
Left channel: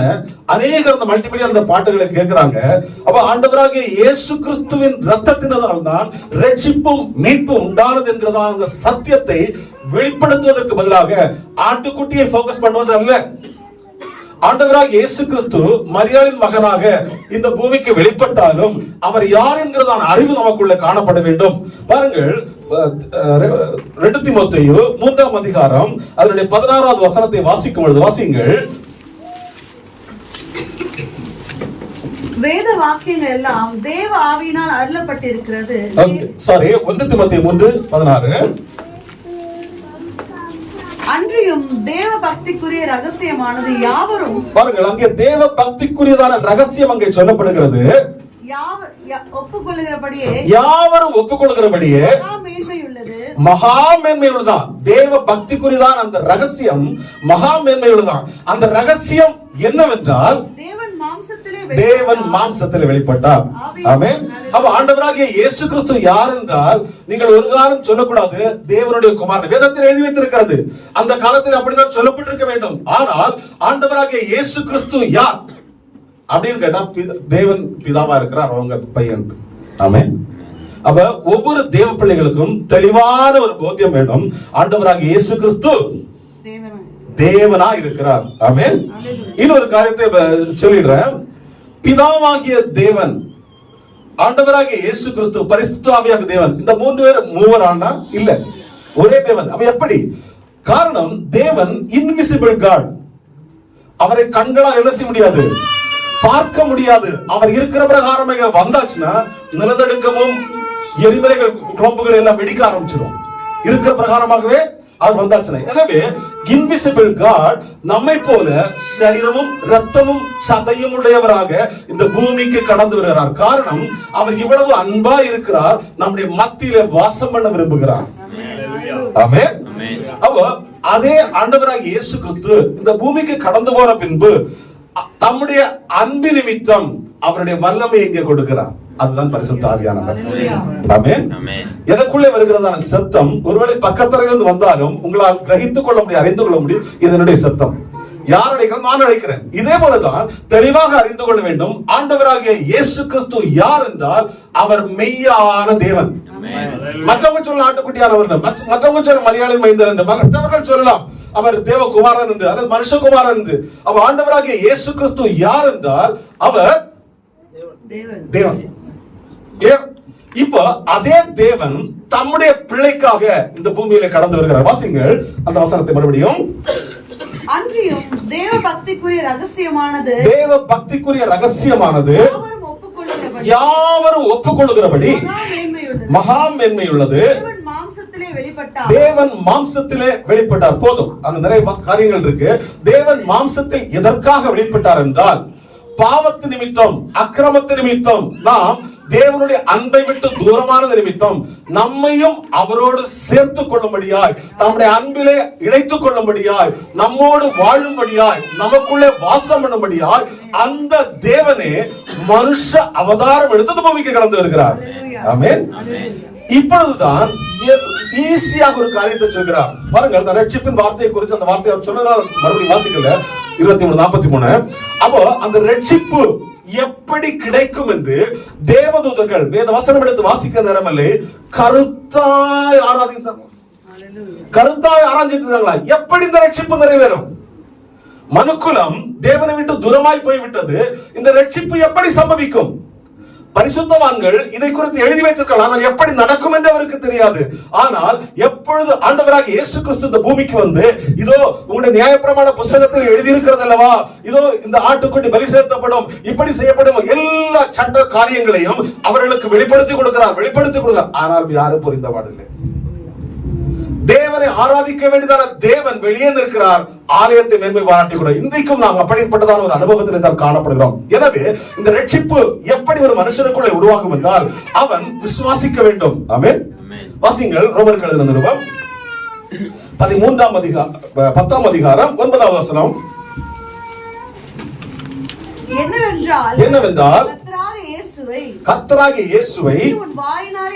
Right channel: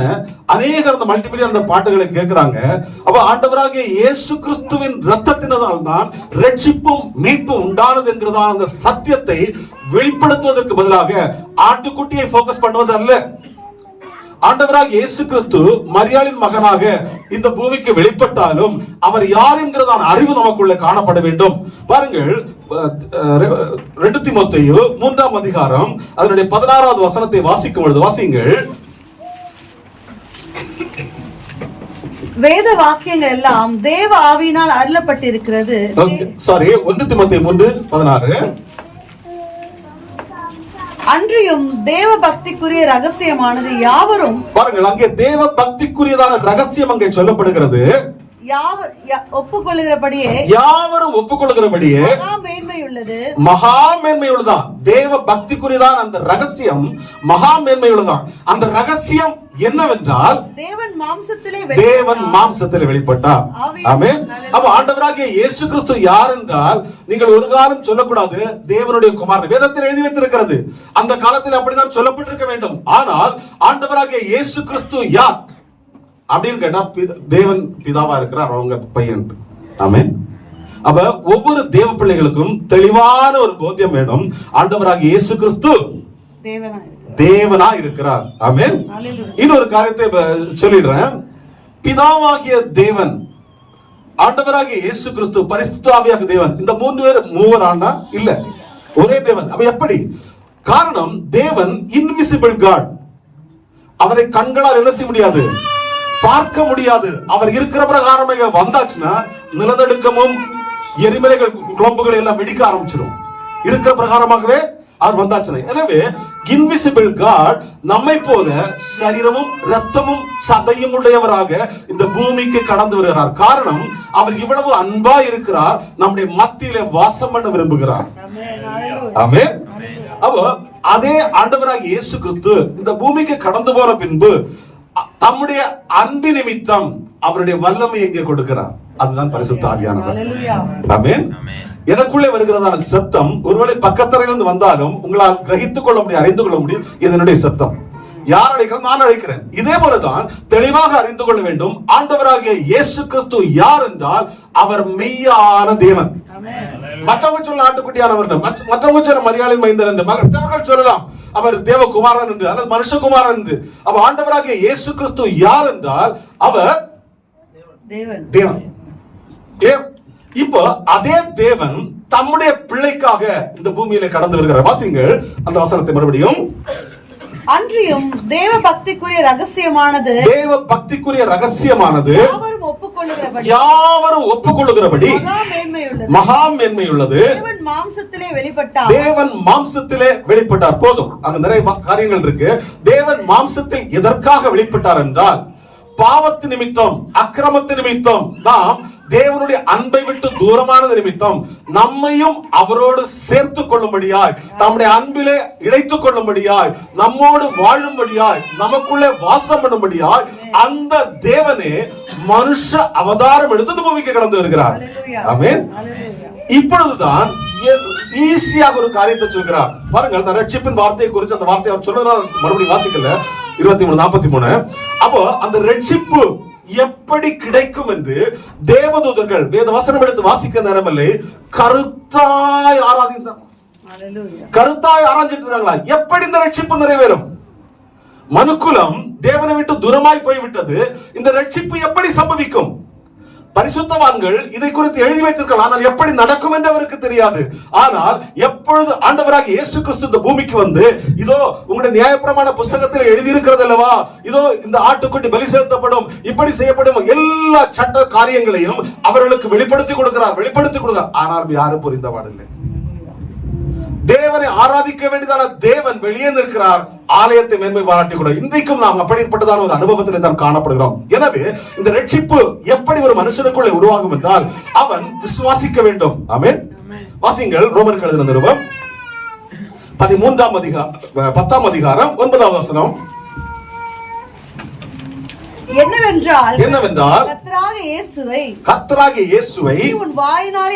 அநேகர் அந்த மல்டிமீடியா அந்த பாட்டுகளை கேட்கிறாங்க. அப்ப ஆண்டவராகிய இயேசு கிறிஸ்துவின் ரத்தத்தினால் தான் ரட்சிப்பும் மீட்பும் உண்டானது என்கிறதா அந்த சத்தியத்தை வெளிப்படுத்துவதற்கு பதிலாக ஆட்டுக்குட்டியை போக்கஸ் பண்ணுவது அல்ல. ஆண்டவராகிய இயேசு கிறிஸ்து மரியாளின் மகனாக இந்த பூமிக்கு வெளிப்பட்டாலும் அவர் யார் என்கிறதான அறிவு நமக்குள்ள காணப்பட வேண்டும். பாருங்கள், 2 தீமோத்தேயு 3ஆம் அதிகாரம் அதனுடைய 16வது வசனத்தை வாசிக்கும் பொழுது வாசிங்கள். வேத வாக்கியங்கள் எல்லாம் தேவ ஆவியினால் அருளப்பட்டிருக்கிறது. 1 தீமோத்தேயு 3:16. அன்றியும் தேவ பக்திக்குரிய ரகசியமானது யாவரும், பாருங்கள், அங்கே தேவ பக்திக்குரியதான ரகசியம் அங்கே சொல்லப்படுகிறது. ஒப்புக்கொள்கிறபடியே யாவரும் ஒப்புக்கொள்கிறபடியே மகா மேன்மை உள்ளதான். தேவ பக்திக்குரியதான் அந்த ரகசியம் மகா மேன்மை உள்ளதான். அந்த ரகசியம் என்னவென்றால் தேவன் மாம்சத்திலே வெளிப்பட்டார். ஆமென். அப்ப ஆண்டவராகிய இயேசு கிறிஸ்து யார் என்றால் நீங்கள் ஒரு காலம் சொல்லக்கூடாது தேவனுடைய குமாரன். வேதத்தில் எழுதி வைத்திருக்கிறது, அந்த காலத்தில் அப்படிதான் சொல்லப்பட்டிருக்க வேண்டும். ஆனால் ஆண்டவராகிய இயேசு கிறிஸ்து யார் அப்படின்னு கேட்டா, தேவன் பிதாவா இருக்கிறார், அவங்க பையன். ஆமென். அப்ப ஒவ்வொரு தேவ பிள்ளைகளுக்கும் தெளிவான ஒரு போத்தியம் வேண்டும். ஆண்டவராகிய இயேசு கிறிஸ்து தேவனா இருக்கிறார். ஆமென். இன்னொரு காரியத்தை சொல்லிடுறேன். பிதாவாகிய தேவன், ஆண்டவராகிய இயேசு கிறிஸ்து, பரிசுத்த ஆவியாகிய தேவன், இந்த 3 பேர் மூவரானா இல்ல, ஒரே தேவன். அப்ப எப்படி? காரணம், தேவன் இன்விசிபிள் காட். அவரை கண்களால் என்ன செய்ய முடியாது, பார்க்க முடியாது. அவர் இருக்கிற பிரகாரமே வந்தாச்சுன்னா நிலநடுக்கமும் எரிமலைகள் குழம்புகள் எல்லாம் வெடிக்க ஆரம்பிச்சிடும். இருக்கிற பிரகாரமாகவே அவர் வந்தாச்சுன்னா. எனவே இன்விசிபிள் காட் நம்மை போல சரீரமும் ரத்தமும் சதையும் உடையவராக இந்த பூமிக்கு கடந்து வருகிறார். காரணம், அவர் இவ்வளவு அன்பா இருக்கிறார், நம்முடைய மத்தியில வாசம் பண்ண விரும்புகிறார். ஆமென். அப்போ அதே ஆண்டவராகிய இயேசு கிறிஸ்து இந்த பூமிக்கு கடந்து போன பின்பு தம்முடைய அன்பு நிமித்தம் அவருடைய வல்லமையை இங்கே கொடுக்கிறார். அதுதான் பரிசுத்த ஆவியானவர். ஆமென். எனக்குள்ளே வருகிறதான சத்தம் ஒருவேளை பக்கத்தரையிலிருந்து வந்தாலும் உங்களால் கிரகித்துக் கொள்ள முடியும், அறிந்து கொள்ள முடியும், இது என்னுடைய சத்தம். யார் அழைக்கிறேன்? நான் அழைக்கிறேன். இதே போலதான் தெளிவாக அறிந்து கொள்ள வேண்டும், ஆண்டவராகிய இயேசு கிறிஸ்து யார் என்றால் அவர் மெய்யான தேவன். மற்றவங்க சொல்ல ஆட்டுக்குட்டியானவர், மற்றவங்க சொல்ல மரியாளின் மைந்தன் என்று, மற்றவர்கள் சொல்லலாம் அவர் தேவகுமாரன் என்று அல்லது மனுஷகுமாரன் என்று. அவ ஆண்டவராகிய இயேசு கிறிஸ்து யார் என்றால் அவர் தேவன். இப்போ அதே தேவன் தம்முடைய பிள்ளைக்காக இந்த பூமியில கடந்து வருகிறார். வாசிங்கள் அந்த வசனத்தை மறுபடியும். அன்றியும் தேவ பக்திக்குரிய ரகசியமானது, தேவ பக்திக்குரிய ரகசியமானது யாவரும் ஒப்புக்கொள்ளுகிறபடி மகா மேன்மை உள்ளது. தேவன் மாம்சத்திலே வெளிப்பட்டார். போதும், அங்க நிறைய காரியங்கள் இருக்கு. தேவன் மாம்சத்தில் எதற்காக வெளிப்பட்டார் என்றால், பாவத்து நிமித்தம், அக்கிரமத்து நிமித்தம், நாம் தேவனுடைய அன்பை விட்டு தூரமானது நிமித்தம் நம்மையும் அவரோடு சேர்த்துக் கொள்ளும்படியாய், நம்முடைய அன்பிலே இணைத்துக் கொள்ளும்படியாய், நம்மோடு வாழும்படியாய், நமக்குள்ளே வாசம் பண்ணும்படியாய் அந்த தேவனே மனுஷ அவதாரம் எடுத்து பூமிக்கு கடந்து வருகிறார். ஆமென். இப்பொழுதுதான் ஈஸியாக ஒரு காரியத்தை சொல்கிறார். பாருங்கள், அந்த ரட்சிப்பின் வார்த்தையை குறித்து அந்த வார்த்தையை அவர் சொன்னதால் மறுபடியும் வாசிக்கல. 23:43. அப்போ அந்த ரட்சிப்பு எப்படி கிடைக்கும் என்று தேவதூதர்கள் வேத வசனம் எடுத்து வாசிக்க நேரமில்லை, கருத்தாய் ஆராதித்தார். கருத்தாய் ஆராய்ச்சிட்டார்களா எப்படி இந்த ரட்சிப்பு நிறைவேறும்? மனுக்குலம் தேவனை விட்டு தூரமாய் போய்விட்டது. இந்த ரட்சிப்பு எப்படி சம்பவிக்கும்? பரிசுத்தவான்கள் இதை குறித்து எழுதி வைத்திருக்கலாம், ஆனால் எப்படி நடக்கும் என்று அவருக்கு தெரியாது. ஆனால் எப்பொழுது ஆண்டவராக இயேசு கிறிஸ்து இந்த பூமிக்கு வந்து, இதோ உங்களுடைய நியாயப்பிரமாண புஸ்தகத்தில் எழுதியிருக்கிறது அல்லவா, இதோ இந்த ஆட்டுக்குட்டி பலி செலுத்தப்படும், இப்படி செய்யப்படும், எல்லா சட்ட காரியங்களையும் அவர்களுக்கு வெளிப்படுத்தி கொடுக்கிறார். ஆனால் யாரும் புரிந்தவாடில்லை. தேவனை ஆராதிக்க வேண்டியதான தேவன் வெளியே நிற்கிறார், ஆலயத்தை மேன்மை பாராட்டி கூட. இன்றைக்கும் நாம் அப்படிப்பட்டதான ஒரு அனுபவத்தில் தான் காணப்படுகிறோம். எனவே இந்த ரட்சிப்பு எப்படி ஒரு மனுஷனுக்குள்ளே உருவாகும் என்றால் அவன் விசுவாசிக்க வேண்டும். ஆமென். வாசிங்கள் ரோமருக்கு எழுதின நிருபம் 13ஆம் அதிகாரம் 10ஆம் அதிகாரம் 9ஆம் வசனம். என்னவென்றால் கர்த்தராகிய இயேசுவை உன் வாயினால்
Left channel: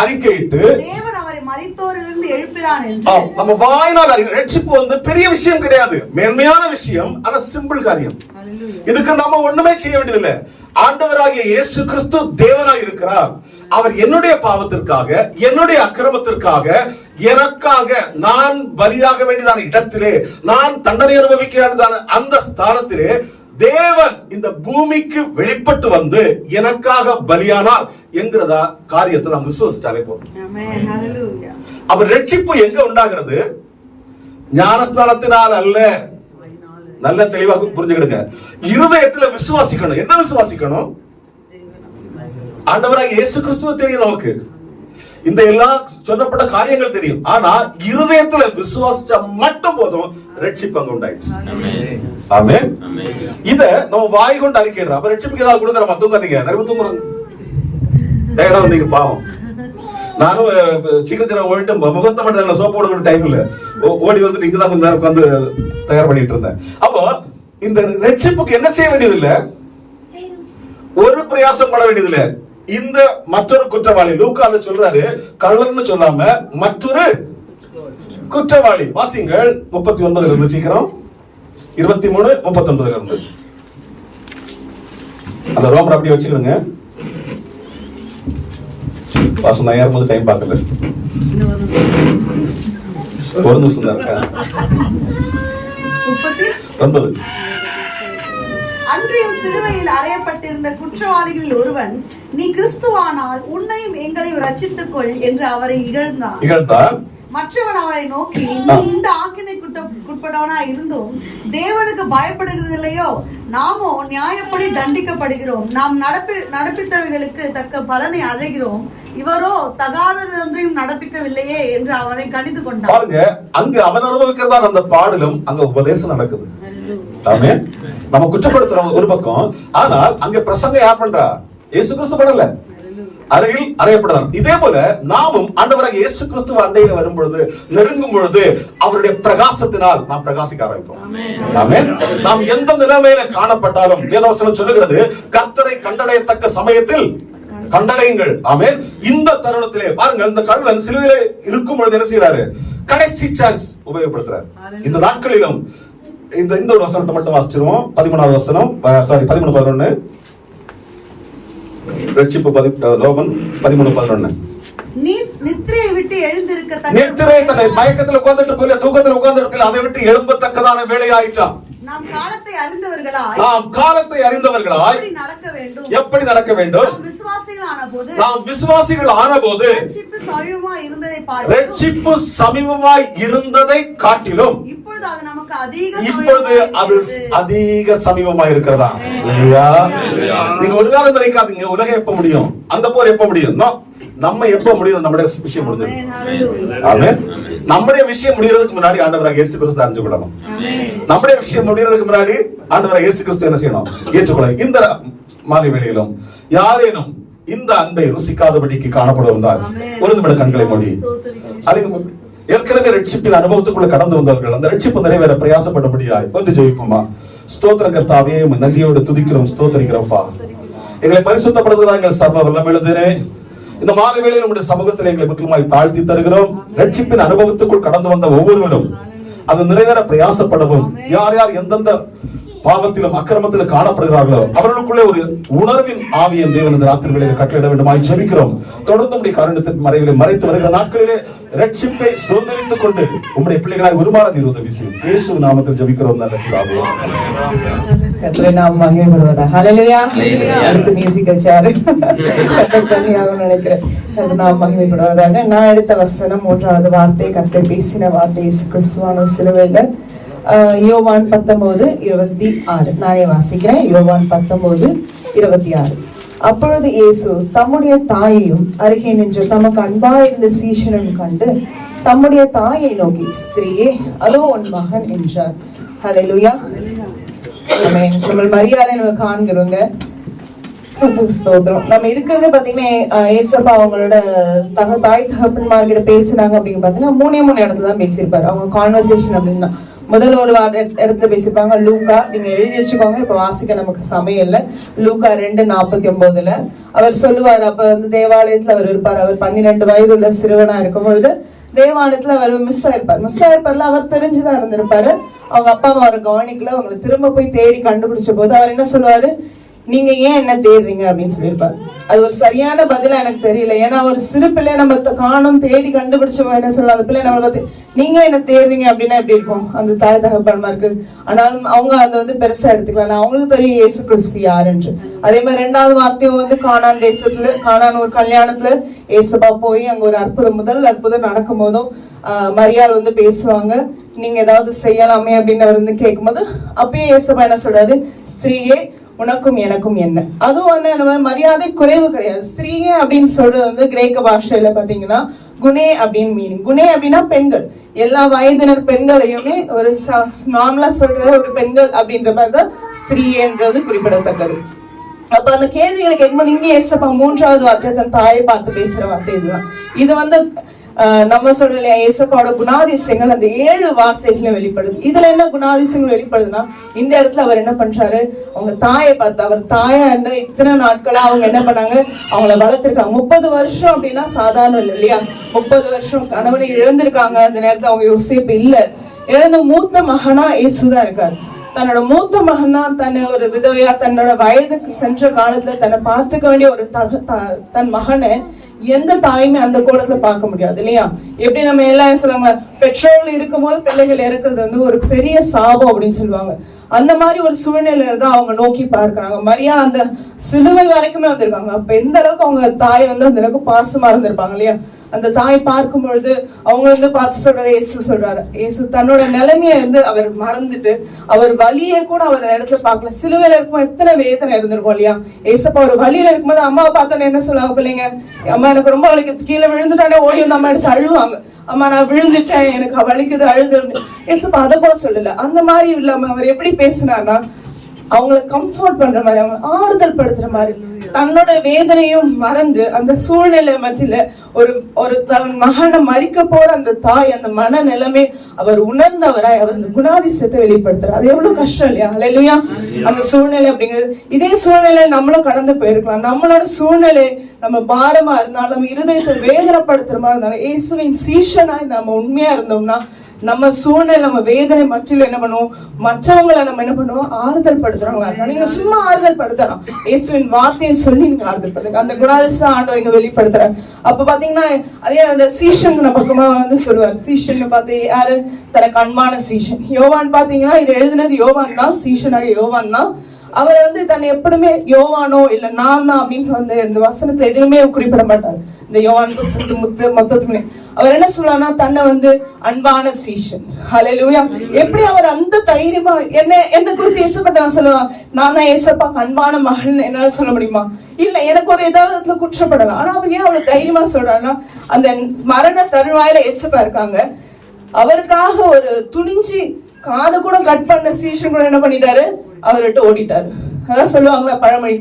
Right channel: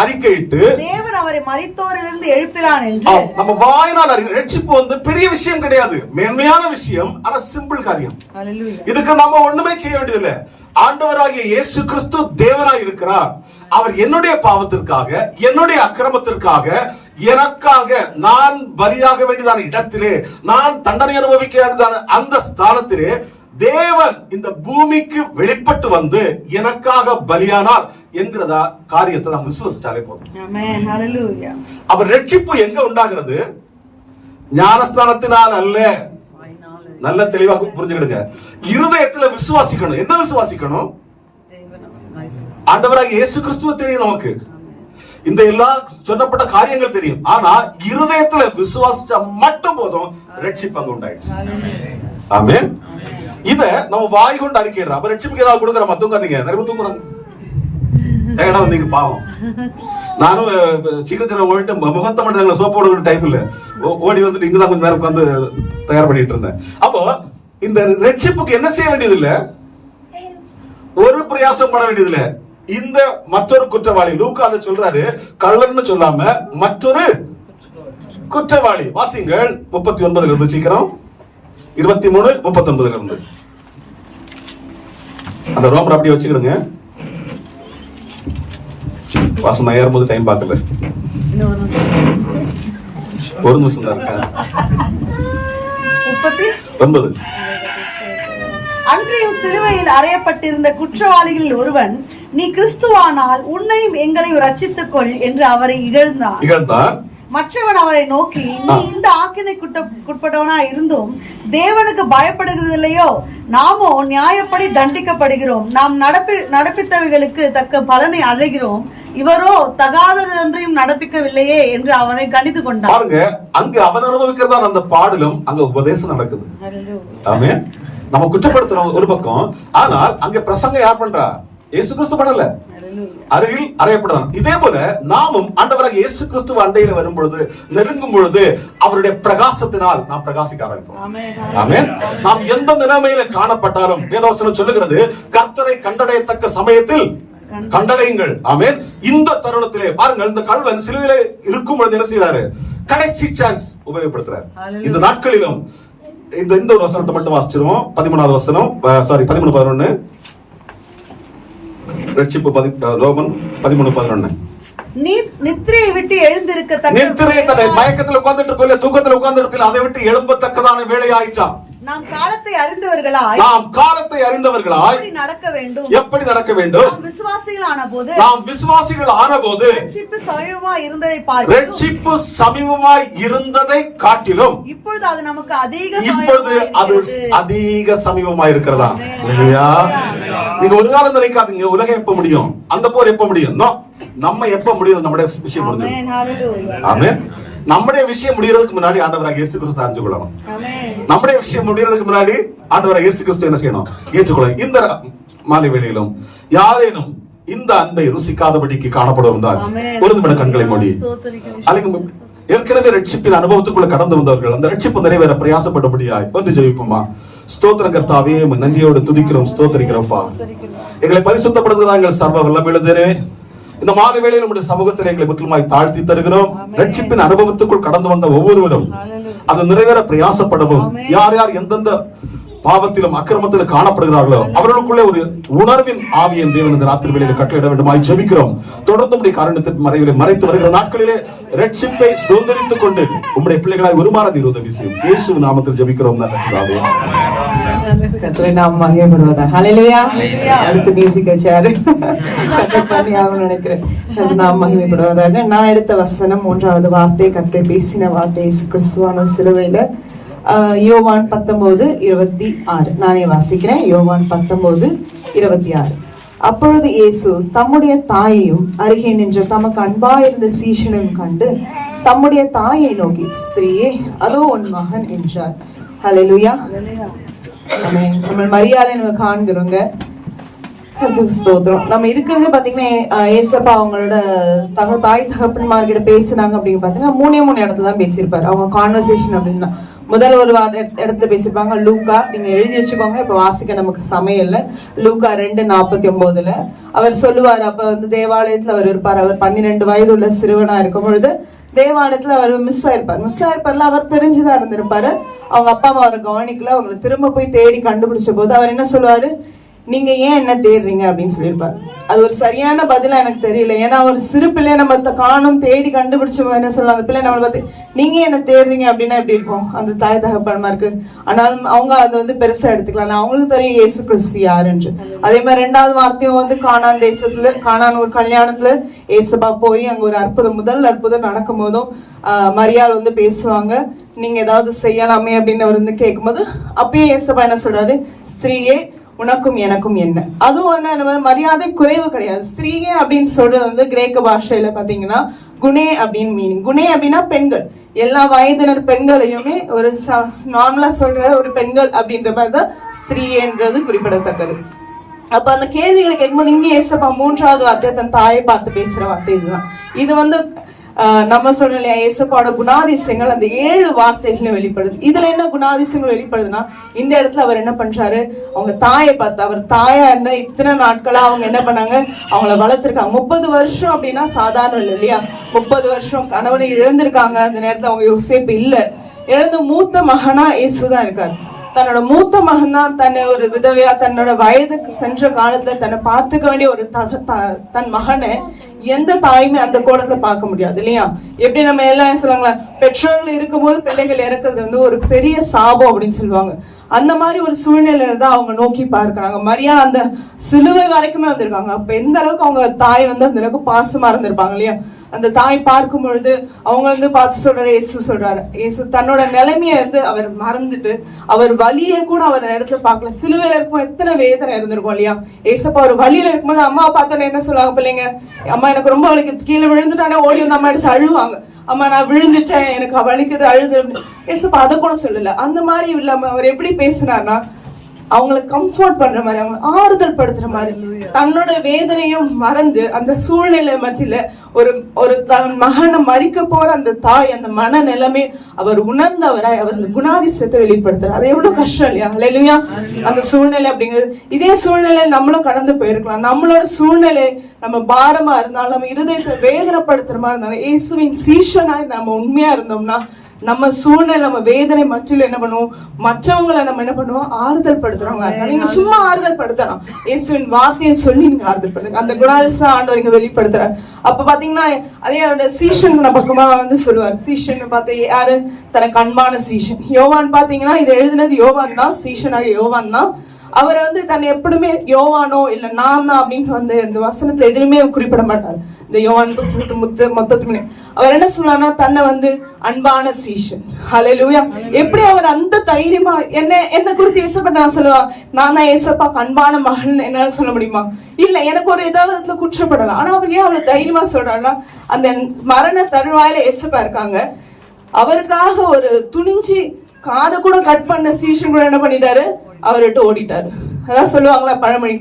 அறிக்கையிட்டு தேவன் அவரை மரித்தோரிலிருந்து எழுப்பினான் என்று. நம்ம வாயினால் ரட்சிப்பு வந்து பெரிய விஷயம் கிடையாது, மேன்மையான விஷயம், ஆனா சிம்பிள் காரியம். இதுக்கு நம்ம ஒண்ணுமே செய்ய வேண்டியதில்லை. ஆண்டவராகிய இயேசு கிறிஸ்து தேவனாய் இருக்கிறார். அவர் என்னுடைய பாவத்திற்காக, என்னுடைய அக்கிரமத்திற்காக, எனக்காக நான் பலியாக வேண்டியதான இடத்திலே, நான் தண்டனை அனுபவிக்க வேண்டியதான அந்த ஸ்தானத்திலே தேவன் இந்த பூமிக்கு வெளிப்பட்டு வந்து எனக்காக பலியானார் என்கிறதா காரியத்தை நாம் விசுவாசிச்சாலே போதும். அவர் ரட்சிப்பு எங்க உண்டாகிறது? ஞானஸ்தானத்தினால் அல்ல. நல்ல தெளிவாக புரிஞ்சுக்கிடுங்க. இருதயத்துல விசுவாசிக்கணும். என்ன விசுவாசிக்கணும்? ஆண்டவராக இயேசு கிறிஸ்துவ தெரியும், நமக்கு இந்த எல்லா சொல்லப்பட்ட காரியங்கள் தெரியும். ஆனா இருதயத்துல விசுவாசிச்சா மட்டும் போதும், ரட்சிப்பு அங்க உண்டாயிடுச்சு. ஆமென். இத நம்ம வாய் கொண்டு அறிக்கையிடுறோம். அப்ப ரட்சிப்புக்கு ஏதாவது கொடுக்குறோமா? தூங்காதீங்க, நிறைய தூங்குறாங்க. டயர்டா வந்தீங்க பாவம். நானும் சீக்கிரம் ஓடிட்டு முகத்தை மட்டும் சோப்பு போடுற டைம் இல்ல, ஓடி வந்துட்டு இங்கதான் கொஞ்ச நேரம் உட்காந்து தயார் பண்ணிட்டு இருந்தேன். அப்போ இந்த ரட்சிப்புக்கு என்ன செய்ய வேண்டியது இல்ல, ஒரு பிரயாசம் பண்ண வேண்டியது இல்ல. இந்த மற்றொரு குற்றவாளி லூக்கால சொல்றாரு, கள்ளன்னு சொல்லாம மற்றொரு குற்றவாளி. வாசிங்கள் 39 இருந்து சீக்கிரம் 23:39 இருந்து. அந்த ரோமர் அப்படி வச்சுக்கிடுங்க. வாசம் நான் ஏறும்போது டைம் பார்க்கல, ஒரு நிமிஷம் தான் இருக்கேன். 9. அன்றையும் சிலுவையில் அறையப்பட்டிருந்த குற்றவாளிகளில் ஒருவன், நீ கிறிஸ்துவானால் உன்னையும் எங்களையும் ரட்சித்துக் கொள் என்று அவரை இகழ்ந்தான். மற்றவன் அவரை நோக்கி, நீ இந்த ஆக்கினைக்குட்பட்டவனா இருந்தும் தேவனுக்கு பயப்படுகிறதில்லையோ? நாமோ நியாயப்படி தண்டிக்கப்படுகிறோம், நாம் நடப்பித்தவைகளுக்கு தக்க பலனை அடைகிறோம், இவரோ தகாததொன்றையும் நடப்பிக்கவில்லையே என்று அவனை கணித்து கொண்டான். பாருங்க, அங்கு அவன் அனுபவிக்கிறதா அந்த பாடலும் அங்க உபதேசம் நடக்குது. ஆமென். நம்ம குற்றப்படுத்துறோம் ஒரு பக்கம், ஆனால் அங்க பிரசங்க யார் பண்றா? இயேசு கிறிஸ்து பண்ணல, அருகில் அறையப்படுறார். இதே போல நாமும் ஆண்டவராக இயேசு கிறிஸ்துவ அண்டையில வரும் பொழுது, நெருங்கும் பொழுது அவருடைய பிரகாசத்தினால் நாம் பிரகாசிக்க ஆரம்பிப்போம். ஆமென். நாம் எந்த நிலைமையில காணப்பட்டாலும் வேதவசனம் சொல்லுகிறது, கர்த்தரை கண்டடையத்தக்க சமயத்தில் கண்டடையுங்கள். ஆமென். இந்த தருணத்திலே பாருங்கள், இந்த கள்வன் சிலுவையிலே இருக்கும் பொழுது என்ன செய்யறாரு? கடைசி சான்ஸ் உபயோகப்படுத்துறாரு. இந்த நாட்களிலும் இந்த ஒரு வசனத்தை மட்டும் வாசிச்சிருவோம். 13வது வசனம், 13:11. ரட்சிப்பு ரோமன் 13:11. நித்திரையை விட்டு எழுந்திருக்க, நித்திரை தன்னை மயக்கத்துல உட்கார்ந்துட்டு இருக்கல, தூக்கத்துல உட்கார்ந்துட்டு இருக்கல, அதை விட்டு எழும்பத்தக்கதான வேலை ஆயிட்டான். நாம் காலத்தை அறிந்தவர்களாய் நடக்க வேண்டும். எப்படி நடக்க வேண்டும்? நாம் விசுவாசிகள் ஆனபோது ரட்சிப்பு சமீபமாய் இருந்ததை காட்டிலும் இப்பொழுது அது நமக்கு அதிக சமீபமாய் இருக்கிறதா? நீங்க ஒரு காலம் நினைக்காதீங்க, உலகம் எப்ப முடியும், அந்த போர் எப்ப முடியும், நம்ம எப்ப முடியும், நம்முடைய விஷயம் முடியும். ஆமென். நம்முடைய விஷயம் முடியறதுக்கு முன்னாடி ஆண்டவராக இயேசு கிறிஸ்து அறிஞ்சு கொள்ளணும். நம்முடைய விஷயம் முடியறதுக்கு முன்னாடி ஆண்டவராக இயேசு கிறிஸ்து என்ன செய்யணும்? ஏற்றுக்கொள்ளணும். இந்த மாலை வேளையிலும் யாரேனும் இந்த அன்பை ருசிக்காதபடிக்கு காணப்படுவதால் ஒரு நிமிட கண்களை மூடி, ஏற்கனவே ரட்சிப்பின் அனுபவத்துக்குள்ள கடந்து வந்தவர்கள் அந்த ரட்சிப்பு நிறைவேற பிரயாசப்படபடியாய் ஒன்று ஜெயிப்போமா? ஸ்தோத்திரம் கர்த்தாவே, நன்றியோடு துதிக்கிறோம், ஸ்தோத்திரிக்கிறோம்ப்பா. எங்களை பரிசுத்தப்படுத்துவதா எங்கள் சர்வ வல்லமையுள்ளதே. இந்த மாலை வேளையில் நம்முடைய சமூகத்தில் எங்களை முற்றிலுமாய் தாழ்த்தி தருகிறோம். ரட்சிப்பின் அனுபவத்துக்குள் கடந்து வந்த ஒவ்வொருவரும் அது நிறைவேற பிரயாசப்படவும், யார் யார் எந்தெந்த பாவத்திலும் அக்கிரமத்திலும் காணப்படுகிறார்களோ அவர்களுக்குள்ளே ஒரு உணர்வின் ஆவியின் தேவன் இந்த ராத்திரி வேளையில் கட்டளையிட வேண்டுமாய் ஜெபிக்கிறோம். தொடர்ந்து உடைய காரணத்தின் மறைவிலே மறைத்து வருகிற நாட்களிலே ரட்சிப்பை சுதந்திரித்துக் கொண்டு உம்முடைய பிள்ளைகளாய் உருமாற நீர் உதவி செய்யும். இயேசு நாமத்தில் ஜெபிக்கிறோம். கர்த்தரை நாம் மகிமைப்படுவதாக. ஹல்லேலூயா. அடுத்து மியூசிக் வச்சாரு கர்த்தர் பண்ணி ஆகணும்னு நினைக்கிறேன். கர்த்தர் நாம் மகிமைப்படுவதாக. நான் எடுத்த வசனம் 3வது வார்த்தை, கர்த்தர் பேசின வார்த்தை இயேசு கிறிஸ்துவான சிலுவையில யோவான் 19:26. நானே வாசிக்கிறேன். யோவான் 19:26. அப்பொழுது இயேசு தம்முடைய தாயையும் அருகே நின்ற தமக்கு அன்பாயிருந்த சீஷனையும் கண்டு தம்முடைய தாயை நோக்கி, ஸ்திரீயே அதோ உன் மகன் என்றார். ஹல்லேலூயா. ஆமென். நம்ம மரியாதை நம்ம காண்கிறோங்க. ஸ்தோத்திரம். நம்ம இருக்கிறது பாத்தீங்கன்னா ஏசப்பா அவங்களோட தாய் தகப்பன்மார்கிட்ட பேசினாங்க அப்படின்னு பாத்தீங்கன்னா 3 இடத்துல தான் பேசியிருப்பாரு. அவங்க கான்வர்சேஷன் அப்படின்னா முதல் ஒரு இடத்துல பேசியிருப்பாங்க. லூக்கா, நீங்க எழுதி வச்சுக்கோங்க, இப்ப வாசிக்க நமக்கு சமயம் இல்ல. லூக்கா 2:49 அவர் சொல்லுவார். அப்ப வந்து தேவாலயத்துல அவர் இருப்பார். அவர் 12 வயது உள்ள சிறுவனா இருக்கும் பொழுது தேவாலயத்துல அவர் மிஸ் ஆயிருப்பார்ல. அவர் தெரிஞ்சுதான் இருந்திருப்பாரு. அவங்க அப்பா அம்மா அவர் கவனிக்கல. அவங்களை திரும்ப போய் தேடி கண்டுபிடிச்ச போது அவர் என்ன சொல்லுவாரு, நீங்க ஏன் என்ன தேடுறீங்க அப்படின்னு சொல்லியிருப்பாரு. அது ஒரு சரியான பதிலா எனக்கு தெரியல. ஏன்னா ஒரு சிறு பிள்ளைய நம்ம காணும் தேடி கண்டுபிடிச்ச என்ன சொல்லலாம், அந்த பிள்ளை நம்மளை பார்த்து நீங்க என்ன தேடுறீங்க அப்படின்னா எப்படி இருக்கும் அந்த தாய் தகப்பன்மாருக்கு. ஆனால் அவங்க அதை வந்து பெருசா எடுத்துக்கலாம். அவங்களுக்கு தெரியும் இயேசு கிறிஸ்து யாருன்று. அதே மாதிரி 2வது வார்த்தையும் வந்து கானான் தேசத்துல கானான் ஒரு கல்யாணத்துல ஏசப்பா போய் அங்க ஒரு முதல் அற்புதம் நடக்கும் போதும் மரியாள் வந்து பேசுவாங்க, நீங்க ஏதாவது செய்யலாமே அப்படின்னு அவர் வந்து கேட்கும்போது அப்பயே ஏசப்பா என்ன சொல்றாரு, ஸ்திரீயே உனக்கும் எனக்கும் என்ன. அதுவும் வந்து மரியாதை குறைவு கிடையாது. ஸ்திரீயே அப்படின்னு சொல்றது வந்து கிரேக்க பாஷையில பாத்தீங்கன்னா குணே அப்படின்னு மீனிங். குணே அப்படின்னா பெண்கள், எல்லா வயதினர் பெண்களையுமே ஒரு நார்மலா சொல்ற ஒரு பெண்கள் அப்படின்ற மாதிரிதான் ஸ்திரீன்றது குறிப்பிடத்தக்கது. அப்ப அந்த கேள்விகளை கேட்கும்போது இங்கே ஏசப்பா 3வது வார்த்தை தன் தாயை பார்த்து பேசுற வார்த்தை இதுதான். இது வந்து நம்ம சொல்ற இல்லையா, ஏசப்பாவோட குணாதிசயங்கள் அந்த 7 வார்த்தைகளும் வெளிப்படுது. இதுல என்ன குணாதிசயங்கள் வெளிப்படுதுன்னா, இந்த இடத்துல அவர் என்ன பண்றாரு, அவங்க தாயை பார்த்து, அவர் தாயா என்ன இத்தனை நாட்களா அவங்க என்ன பண்ணாங்க, அவங்கள வளர்த்திருக்காங்க. 30 வருஷம் அப்படின்னா சாதாரண இல்லை இல்லையா. 30 வருஷம் கணவனை இழந்திருக்காங்க. அந்த நேரத்துல அவங்க யோசேப்பு இல்ல, இழந்த மூத்த மகனா இயேசுதான் இருக்காரு. தன்னோட மூத்த மகன் தான் தன்னை ஒரு விதவையா தன்னோட வயதுக்கு சென்ற காலத்துல தன்னை பார்த்துக்க வேண்டிய ஒரு தன் மகனை எந்த தாயுமே அந்த கோலத்துல பார்க்க முடியாது இல்லையா. எப்படி நம்ம எல்லாம் சொல்லுவாங்களா, பெற்றோர்கள் இருக்கும்போது பிள்ளைகள் இறக்குறது வந்து ஒரு பெரிய சாபம் அப்படின்னு சொல்லுவாங்க. அந்த மாதிரி ஒரு சூழ்நிலையில தான் அவங்க நோக்கி பார்க்கிறாங்க. மரியா அந்த சிலுவை வரைக்குமே வந்திருக்காங்க. அப்ப எந்த அளவுக்கு அவங்க தாய் வந்து அந்த அளவுக்கு பாசமா இருந்திருப்பாங்க இல்லையா. அந்த தாய் பார்க்கும் பொழுது அவங்க வந்து பார்த்து சொல்றாரு, இயேசு சொல்றாரு, இயேசு தன்னோட நிலைமைய வந்து அவர் மறந்துட்டு அவர் வலியை கூட அவர் இடத்துல பார்க்கல. சிலுவையில இருக்கும் எத்தனை வேதனை இருந்திருக்கும் இல்லையா. ஏசப்பா ஒரு வழியில இருக்கும்போது அம்மா பார்த்தோன்னே என்ன சொல்லுவாங்க பிள்ளைங்க, அம்மா எனக்கு ரொம்ப வலிக்கு, கீழே விழுந்துட்டானே ஓடி வந்து அம்மா அடிச்சு அழுவாங்க, அம்மா நான் விழுந்துட்டேன் எனக்கு வலிக்குது அழுது. ஏசப்பா அதை கூட சொல்லல. அந்த மாதிரி இல்லாம அவர் எப்படி பேசினார்னா அவங்களை கம்ஃபர்ட் பண்ற மாதிரி, அவங்க ஆறுதல் படுத்துற மாதிரி, தன்னோட வேதனையும் மறந்து அந்த சூழ்நிலை மத்தியில ஒரு தன் மகனை மறிக்க போற அந்த தாய் அந்த மன நிலைமை அவர் உணர்ந்தவராய் அவர் குணாதிசயத்தை வெளிப்படுத்துறாரு. அது எவ்வளவு கஷ்டம் இல்லையா. ஹல்லேலூயா. அந்த சூழ்நிலை அப்படிங்கிறது இதே சூழ்நிலை நம்மளும் கடந்து போயிருக்கலாம். நம்மளோட சூழ்நிலை நம்ம பாரமா இருந்தாலும் நம்ம இருதயத்தை வேதனைப்படுத்துற மாதிரி இருந்தாலும் இயேசுவின் சீஷனாய் நம்ம உண்மையா இருந்தோம்னா நம்ம சூழ்நிலை நம்ம வேதனை மற்றில என்ன பண்ணுவோம், மற்றவங்களை நம்ம என்ன பண்ணுவோம், ஆறுதல் படுத்துறோம். நீங்க சும்மா ஆறுதல் படுத்தலாம், இயேசுவின் வார்த்தையை சொல்லி நீங்க ஆறுதல் படுத்துங்க. அந்த குணாதிசயம் ஆண்டவர் இங்க வெளிப்படுத்துறாரு. அப்ப பாத்தீங்கன்னா அதே அவரோட சீஷன் பக்கமா வந்து சொல்லுவார். சீஷன் பார்த்து யாரு, தனக்கு அன்பான சீஷன். யோவான் பாத்தீங்கன்னா இது எழுதினது யோவான் தான், சீஷனாக யோவான் தான். அவரை வந்து தன்னை எப்படியுமே யோவானோ இல்ல நான் தான் அப்படின்னு வந்து இந்த வசனத்துல எதுவுமே குறிப்பிட மாட்டார். இந்த யோவான் மொத்தத்துக்கு அவர் என்ன சொல்றாருன்னா தன்னை வந்து அன்பான சீஷன். ஹல்லேலூயா. எப்படி அவர் அந்த தைரியமா என்ன குறித்து ஏசப்பா நான் சொல்லுவா, நான் தான் ஏசப்பாக்கு அன்பான மகன் என்னால சொல்ல முடியுமா? இல்ல, எனக்கு ஒரு ஏதாவது குற்றப்படலாம். ஆனா அவர் ஏன் அவ்வளவு தைரியமா சொல்றாருன்னா அந்த மரண தருவாயில ஏசப்பா இருக்காங்க, அவருக்காக ஒரு துணிஞ்சு காதை கூட கட் பண்ண சீஷன் கூட என்ன பண்ணிட்டாரு, அவர்கிட்ட ஓடிட்டாரு. அதான் சொல்லுவாங்களா பழமொழி,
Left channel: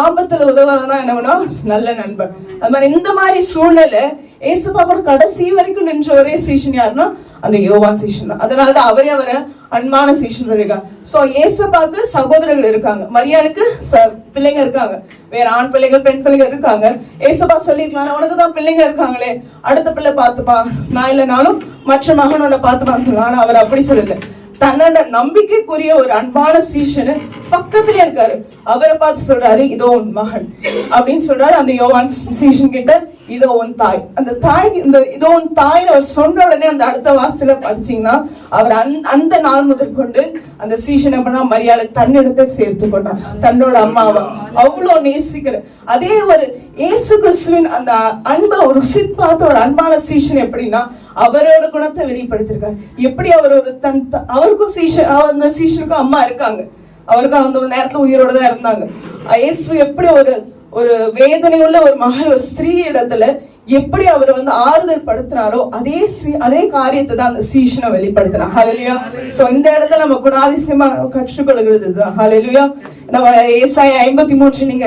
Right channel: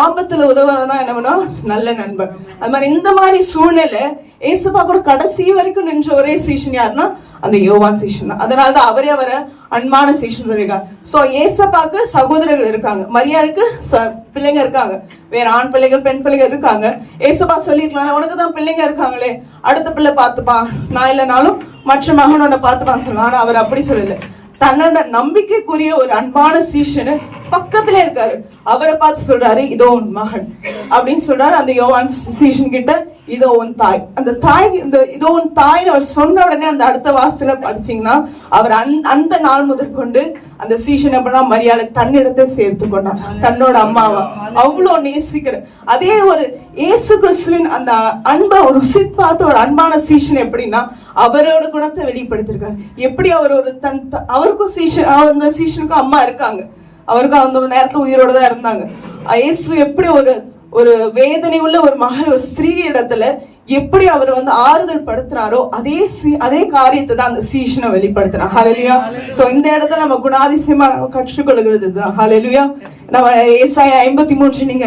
ஆபத்துல உதவுறதான் என்ன பண்ணா நல்ல நண்பன். அது மாதிரி இந்த மாதிரி சூழ்நிலை ஏசப்பா கூட கடைசி வரைக்கும் நின்ற ஒரே சீஷன் யாருன்னா அந்த யோவான் சீஷன் தான். அதனாலதான் அவரே அவரை அன்பான சீஷன் இருக்காங்க. சோ ஏசப்பாக்கு சகோதரர்கள் இருக்காங்க, மரியாளுக்கு பிள்ளைங்க இருக்காங்க, வேற ஆண் பிள்ளைகள் பெண் பிள்ளைகள் இருக்காங்க. ஏசப்பா சொல்லிருக்கலாம், உனக்குதான் பிள்ளைங்க இருக்காங்களே, அடுத்த பிள்ளை பார்த்துப்பா, நான் இல்லைனாலும் மற்ற மகனோட பார்த்துப்பான்னு சொல்லுவாங்க. ஆனா அவர் அப்படி சொல்லல. தன்னோட நம்பிக்கைக்குரிய ஒரு அன்பான சீஷனு பக்கத்துல இருக்காரு. அவரை பார்த்து சொல்றாரு, இதோ உன் மகன் அப்படின்னு சொல்றாரு. அந்த யோவான் சீஷன் கிட்ட, இதோ உன் தாய். அந்த தாய், இந்த இதோ உன் தாய் அவர் சொன்ன உடனே அந்த அடுத்த வாசத்துல படிச்சீங்கன்னா, அவர் அந்த நாள் முதற்கொண்டு அந்த சீஷன் எப்படின்னா மரியாதை தன்னிடத்தை சேர்த்து கொண்டான், தன்னோட அம்மாவா அவ்வளவு நேசிக்கிற. அதே ஒரு இயேசு கிறிஸ்துவின் அந்த அன்பை ஒரு பார்த்த ஒரு அன்பான சீஷன் எப்படின்னா அவரோட குணத்தை வெளிப்படுத்திருக்காரு. எப்படி அவர் ஒரு அவருக்கும் சீஷன், அந்த சீஷனுக்கும் அம்மா இருக்காங்க, அவருக்கும் அந்த நேரத்துல உயிரோட தான் இருந்தாங்க. இயேசு எப்படி ஒரு வேதனையுள்ள ஒரு மகள், ஒரு ஸ்திரீ இடத்துல எப்படி அவர் ஆறுதல் படுத்தினாரோ அதே காரியத்தை தான் அந்த சீஷனை வெளிப்படுத்தினார். ஹல்லேலூயா. சோ இந்த இடத்துல நம்ம குணாதிசயமா கற்றுக்கொள்கிறது தான். ஹல்லேலூயா. நம்ம ஏசாயா 53 நீங்க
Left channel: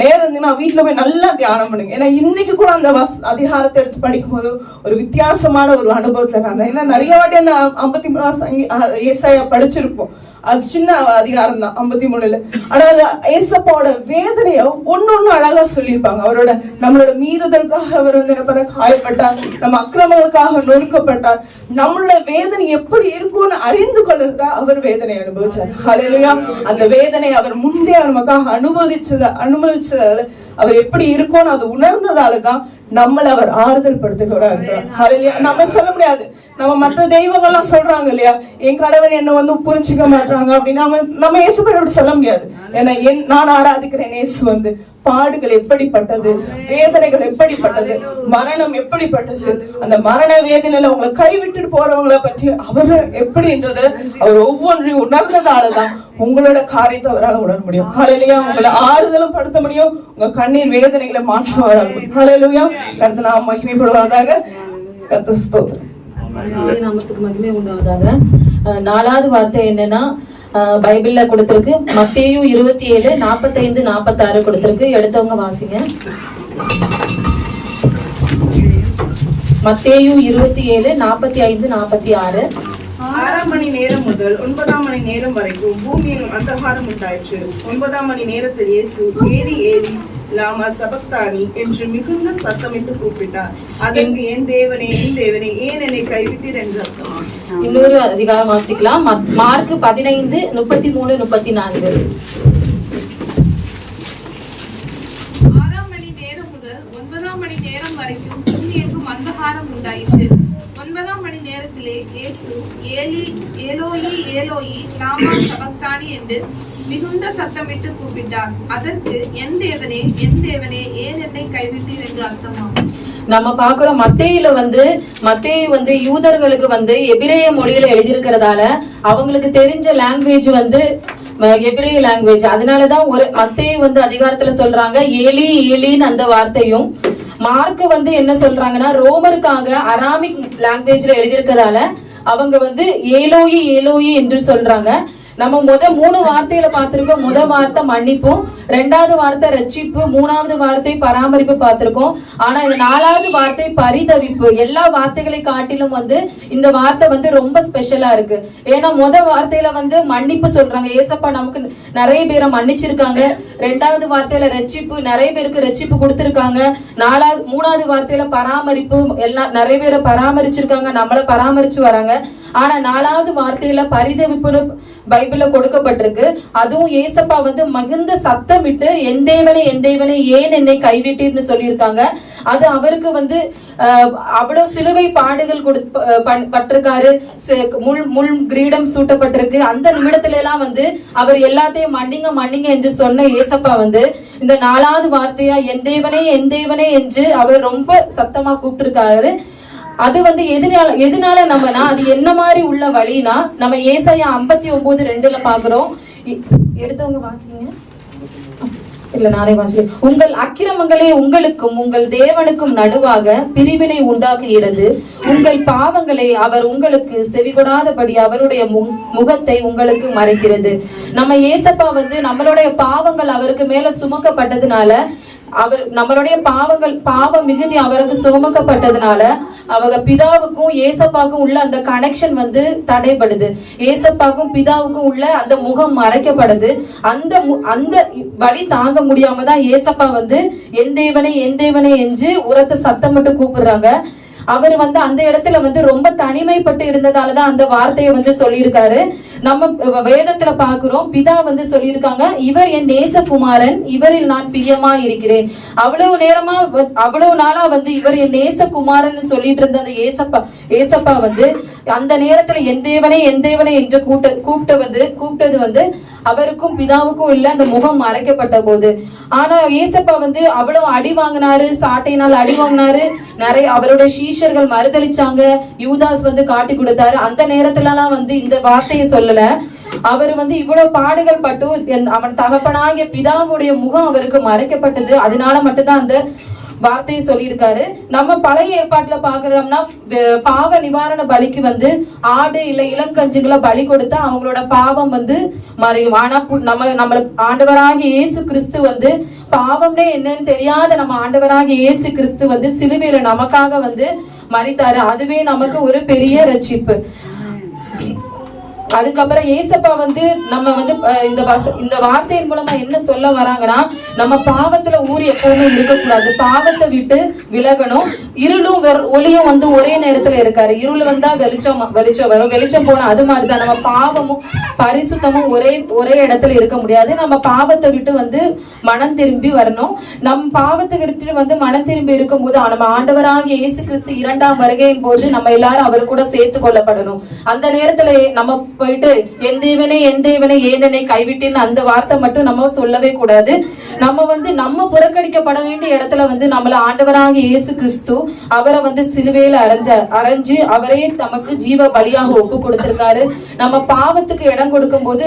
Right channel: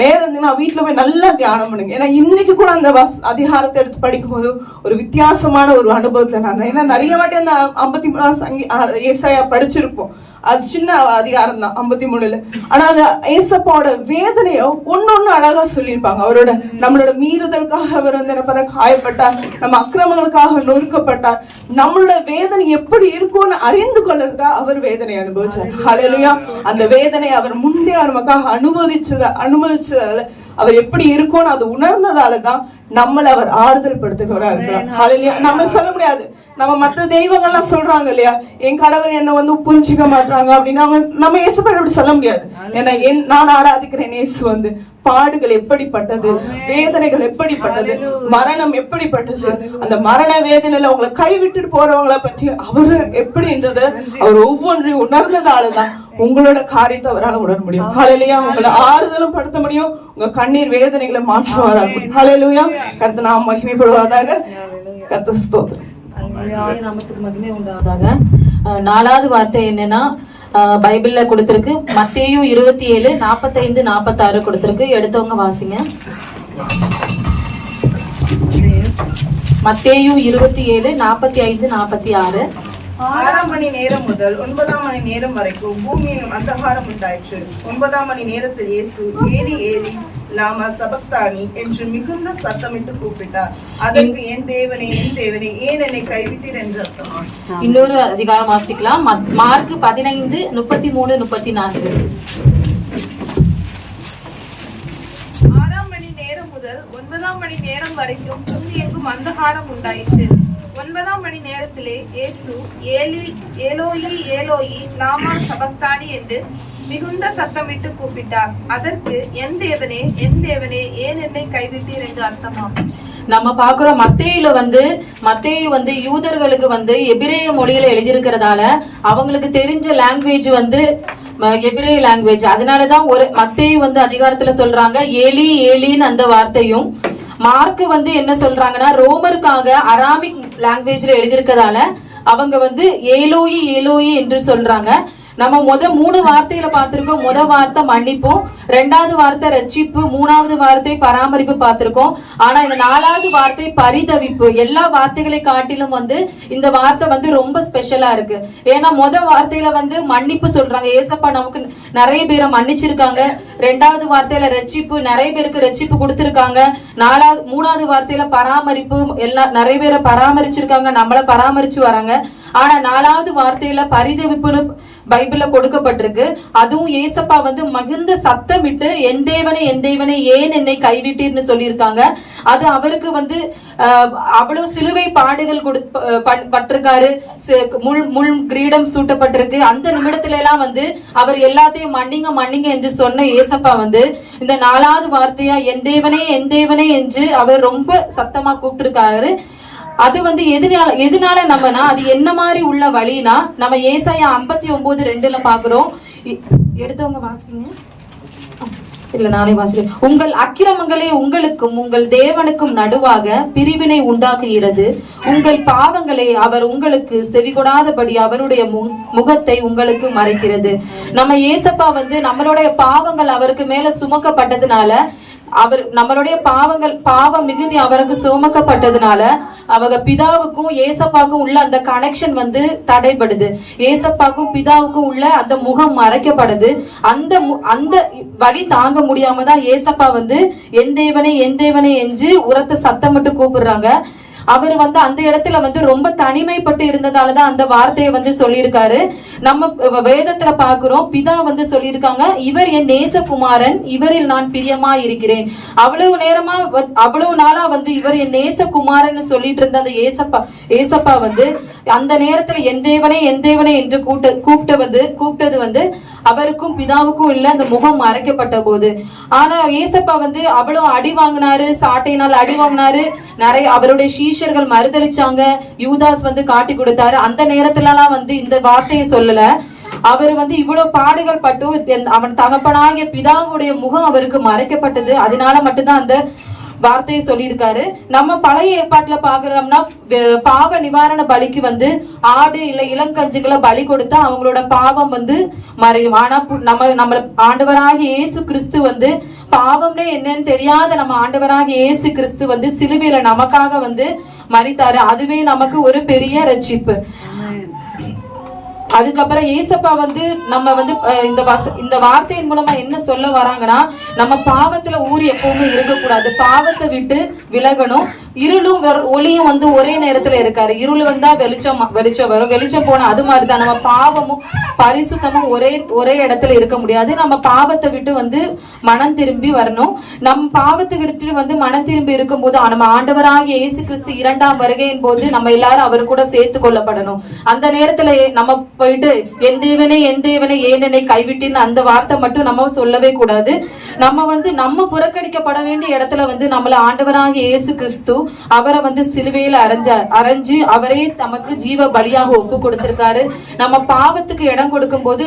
நேரம் இருந்தீங்கன்னா வீட்டுல போய் நல்லா தியானம் பண்ணுங்க. ஏன்னா இன்னைக்கு கூட அந்த அதிகாரத்தை எடுத்து படிக்கும் போது ஒரு வித்தியாசமான ஒரு அனுபவத்துல நான், ஏன்னா நிறைய வாட்டி அந்த 53 ஏசாயா படிச்சிருப்போம். அது சின்ன அதிகாரம் தான் 53. ஆனா அது ஏசப்பாவோட வேதனையோ ஒன்னொன்னு அழகா சொல்லியிருப்பாங்க. அவரோட நம்மளோட மீறுதலுக்காக அவர் என்ன காயப்பட்டார், நம்ம அக்கிரமங்களுக்காக நொறுக்கப்பட்டார், நம்மளோட வேதனை எப்படி இருக்கும்னு அறிந்து கொள்றதுக்காக அவர் வேதனை அனுபவிச்சார். ஹல்லேலூயா. அந்த வேதனை அவர் முந்தைய நமக்காக அனுபவிச்சதால அவர் எப்படி இருக்கும்னு அது உணர்ந்ததாலதான் நம்மள அவர் ஆறுதல் படுத்துகிறார். நம்ம சொல்ல முடியாது, நம்ம மற்ற தெய்வங்கள்லாம் சொல்றாங்க இல்லையா, என் கடவுள் என்ன புரிஞ்சுக்க மாட்டாங்க அப்படின்னு நம்ம இயேசுவை சொல்ல முடியாது. ஏன்னா நான் ஆராதிக்கிறேன் இயேசு பாடுகள் எப்படிப்பட்டது, வேதனைகள் எப்படிப்பட்டது, மரணம் எப்படிப்பட்டது, அந்த மரண வேதனையில உங்களை கைவிட்டு போறவங்களை பற்றி அவரு எப்படின்றது அவர் ஒவ்வொன்றையும் உணர்ந்ததாலதான் உங்களோட காரியத்தை அவரால் உணர முடியும். ஹல்லேலூயா. உங்களை ஆறுதலும் படுத்த முடியும், உங்க கண்ணீர் வேதனைகளை மாற்றுவார். ஹல்லேலூயா. கர்த்தர் நாம மகிமைப்படுவதாக. கர்த்தர் ஸ்தோத்திரம். நாமத்துக்கு மகிமை உண்டாவதாக. 4வது வார்த்தை என்னன்னா பைபிள்ல கொடுத்திருக்கு, மத்தேயு 27:45-46 கொடுத்திருக்கு. எடுத்தவங்க வாசிங்க. மத்தேயு 27:45-46. 6 மணி நேரம் முதல் 9 மணி நேரம் வரைக்கும் பூமியிலும் அந்தகாரம் உண்டாயிற்று. 9 மணி நேரத்தில் இயேசு ஏலி ஏலி லாமா சபக்தானி என்று மிகுந்த சத்தமிட்டு கூப்பிட்டார். அதற்கு என் தேவனே என் தேவனே ஏன் என்னை கைவிட்டீர் என்று அர்த்தமா. இன்னொரு அதிகாரம் வாசிக்கலாம். மார்க் 15:33-34. 6 மணி நேரம் முதல் 9 மணி நேரம் வரைக்கும் பூமியெங்கும் அந்தகாரம் உண்டாயிற்று. 9 மணி நேரத்திலே இயேசு ஏலோயி ஏலோயி லாமா சபக்தானி என்று மிகுந்த சத்தமிட்டு கூப்பிட்டார். அதற்கு என் தேவனே ஏன் என்னை கைவிட்டீர் என்று அர்த்தமாகும். நம்ம பாக்குறோம் மத்தேயு யூதர்களுக்கு எபிரேய மொழியில எழுதியிருக்கிறதால அவங்களுக்கு தெரிஞ்ச லாங்குவேஜ் எபிரேய லாங்குவேஜ். அதனாலதான் மத்தேயு அதிகாரத்துல சொல்றாங்க ஏலி ஏலின்னு அந்த வார்த்தையும். மார்க் என்ன சொல்றாங்கன்னா ரோமருக்காக அராமிக் லாங்குவேஜ்ல எழுதியிருக்கதால அவங்க ஏலோயி ஏலோயி என்று சொல்றாங்க. நம்ம 3 வார்த்தையில பார்த்திருக்கோம். வார்த்தை மன்னிப்பும், 2வது வார்த்தை ரட்சிப்பு, 3வது வார்த்தை பராமரிப்பு பார்த்திருக்கோம். ஆனா இந்த 4வது வார்த்தை பரிதவிப்பு. எல்லா வார்த்தைகளை காட்டிலும் இந்த வார்த்தை ரொம்ப ஸ்பெஷலா இருக்கு. ஏன்னா வார்த்தையில மன்னிப்பு சொல்றாங்க, ஏசப்பா நமக்கு நிறைய பேரை மன்னிச்சிருக்காங்க. 2வது வார்த்தையில ரட்சிப்பு, நிறைய பேருக்கு ரட்சிப்பு கொடுத்திருக்காங்க. 3வது வார்த்தையில பராமரிப்பு, நிறைய பேரை பராமரிச்சிருக்காங்க, நம்மள பராமரிச்சு வராங்க. ஆனா 4வது வார்த்தையில பரிதவிப்புன்னு பைபிள்ல கொடுக்கப்பட்டிருக்கு. அதுவும் ஏசப்பா மிகுந்த சத்தமிட்டு என் தேவனே ஏன் என்னை கைவிட்டீர்னு சொல்லியிருக்காங்க. அது அவருக்கு அவ்வளவு சிலுவை பாடுகள் பட்டிருக்காரு, முள் கிரீடம் சூட்டப்பட்டிருக்கு. அந்த நிமிடத்துல எல்லாம் அவர் எல்லாத்தையும் மன்னிங்க என்று சொன்ன ஏசப்பா இந்த 4வது வார்த்தையா என் தேவனே என்று அவர் ரொம்ப சத்தமா கூப்பிட்டிருக்காரு. அது எதனால நம்மனா அது என்ன மாதிரி உள்ள வழினா நம்ம ஏசாயா 59:2 பாக்குறோம். எடுத்தவங்க வாசிங்க. இல்ல நானே வாசிக்கிறேன். உங்கள் அக்கிரமங்களே உங்களுக்கும் உங்கள் தேவனுக்கும் நடுவாக பிரிவினை உண்டாக்குகிறது. உங்கள் பாவங்களே அவர் உங்களுக்கு செவிகொடாதபடி அவருடைய முகத்தை உங்களுக்கு மறைக்கிறது. நம்ம ஏசப்பா நம்மளுடைய பாவங்கள் அவருக்கு மேல சுமக்கப்பட்டதுனால, அவர் நம்மளுடைய பாவ மிகுதி அவருக்கு சுமக்கப்பட்டதுனால அவங்க பிதாவுக்கும் ஏசப்பாவுக்கும் உள்ள அந்த கனெக்ஷன் தடைபடுது. ஏசப்பாவுக்கும் பிதாவுக்கும் உள்ள அந்த முகம் மறைக்கப்படுது. அந்த வழி தாங்க முடியாம தான் ஏசப்பா என் தேவனே என்று உரத்த சத்தம் மட்டும் கூப்பிடுறாங்க. அவர் வந்து அந்த இடத்துல வந்து ரொம்ப தனிமைப்பட்டு இருந்ததாலதான் அந்த வார்த்தையை வந்து சொல்லியிருக்காரு. நம்ம வேதத்துல பாக்குறோம், பிதா வந்து சொல்லியிருக்காங்க, இவர் என் நேசகுமாரன், இவரில் நான் பிரியமா இருக்கிறேன். அவ்வளவு நாளா வந்து இவர் என் நேசகுமாரன் சொல்லிட்டு இருந்த அந்த ஏசப்பா வந்து அந்த நேரத்துல என் தேவனே என்று கூப்பிட்டது வந்து அவருக்கும் பிதாவுக்கும் இல்ல, அந்த முகம் மறைக்கப்பட்ட போது. ஆனா ஏசப்பா வந்து அவ்வளவு அடி வாங்கினாரு, சாட்டையினால் அடி வாங்கினாரு, நிறைய அவருடைய சீஷர்கள் மறுதளிச்சாங்க, யூதாஸ் வந்து காட்டி கொடுத்தாரு. அந்த நேரத்துல எல்லாம் வந்து இந்த வார்த்தையை சொல்லல. அவர் வந்து இவ்வளவு பாடுகள் பட்டு அவன் தகப்பனாகிய பிதாவுடைய முகம் அவருக்கு மறைக்கப்பட்டது. அதனால மட்டும்தான் அந்த வார்த்தையை சொல்லியிருக்காரு. நம்ம பழைய ஏற்பாட்டுல பாக்குறோம்னா பாவ நிவாரண பலிக்கு வந்து ஆடு இல்ல இளங்கஞ்சுகளை பலி கொடுத்தா அவங்களோட பாவம் வந்து மறையும். ஆனா நம்ம ஆண்டவராகிய இயேசு கிறிஸ்து வந்து பாவம்னே என்னன்னு தெரியாத நம்ம ஆண்டவராகிய இயேசு கிறிஸ்து வந்து சிலுவையில நமக்காக வந்து மரித்தாரு. அதுவே நமக்கு ஒரு பெரிய ரட்சிப்பு. அதுக்கப்புறம் ஏசப்பா வந்து நம்ம வந்து இந்த வார்த்தையின் மூலமா என்ன சொல்ல வராங்கன்னா, நம்ம பாவத்துல ஊறி எப்பவுமே இருக்கக்கூடாது, பாவத்தை விட்டு விலகணும். இருளும் ஒளியும் வந்து ஒரே நேரத்துல இருக்காரு. இருள் வந்தா வெளிச்சம் வரும், வெளிச்சம் போனா அது மாதிரிதான் நம்ம பாவமும் பரிசுத்தமும் ஒரே இடத்துல இருக்க முடியாது. நம்ம பாவத்தை விட்டு வந்து மனம் திரும்பி வரணும். நம் பாவத்தை விட்டு வந்து மனம் திரும்பி இருக்கும் போது நம்ம ஆண்டவராகிய இயேசு கிறிஸ்து 2ஆம் வருகையின் போது நம்ம எல்லாரும் அவர் கூட சேர்த்து கொள்ளப்படணும். அந்த நேரத்துல நம்ம போயிட்டு என் தேவனே ஏன் என்னை கைவிட்டின்னு அந்த வார்த்தை மட்டும் நம்ம சொல்லவே கூடாது. நம்ம வந்து நம்ம புறக்கணிக்கப்பட வேண்டிய இடத்துல வந்து நம்மள ஆண்டவராகிய இயேசு கிறிஸ்து அவரை வந்து சிலுவையில அரைஞ்சு அவரே நமக்கு ஜீவ பலியாக ஒப்பு கொடுத்திருக்காரு. நம்ம பாவத்துக்கு இடம் கொடுக்கும் போது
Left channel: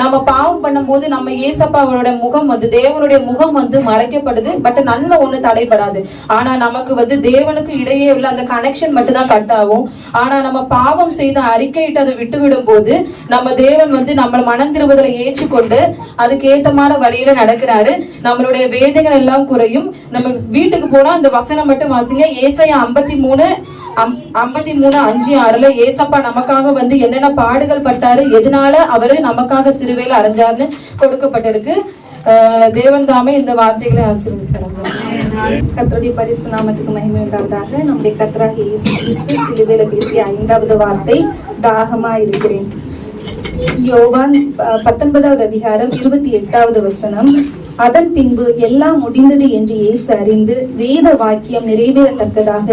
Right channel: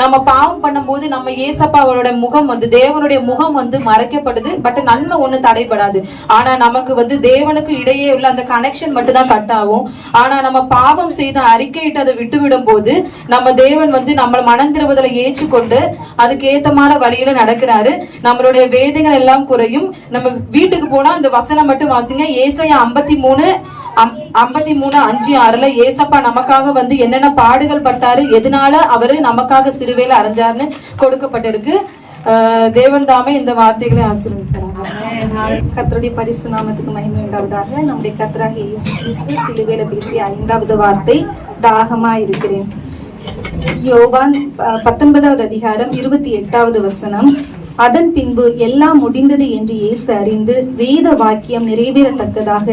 நம்ம பாவம் பண்ணும் போது நம்ம ஏசப்பாவோட முகம் வந்து தேவனுடைய முகம் வந்து மறைக்கப்படுது. பட் நன்மை ஒண்ணு தடைபடாது. ஆனா நமக்கு வந்து தேவனுக்கு இடையே உள்ள அந்த கனெக்ஷன் மட்டும் தான் கட் ஆகும். ஆனா நம்ம பாவம் செய்து அறிக்கையிட்டு அதை விட்டுவிடும் போது நம்ம தேவன் வந்து நம்மள மனம் திரும்புதலை ஏற்றுக்கொண்டு அதுக்கு ஏத்தமான வழியில நடக்கிறாரு. நம்மளுடைய வேதங்கள் எல்லாம் குறையும். நம்ம வீட்டுக்கு போனா இந்த வசனம் மட்டும் வாசிங்க. ஏசாயா 53:5-6 ஏசப்பா நமக்காக வந்து என்னென்ன பாடுகள் பட்டாரு, எதனால அவரு நமக்காக சிலுவையில அறைஞ்சாருன்னு கொடுக்கப்பட்டிருக்கு. தேவன் தாமே இந்த வார்த்தைகளை ஆசீர்வதிக்கிறாங்க. கர்த்தருடைய பரிசுத்த நாமத்துக்கு மகிமை உண்டாவதாக. நம்முடைய கர்த்தராகிய இயேசு கிறிஸ்து சிலுவையில பேசிய 5வது வார்த்தை தாகமா இருக்கிறேன். யோவான் 19வது அதிகாரம் 28வது வசனம். அதன் பின்பு எல்லாம் முடிந்தது என்று இயேசு அறிந்து வேத வாக்கியம் நிறைவேறத்தக்கதாக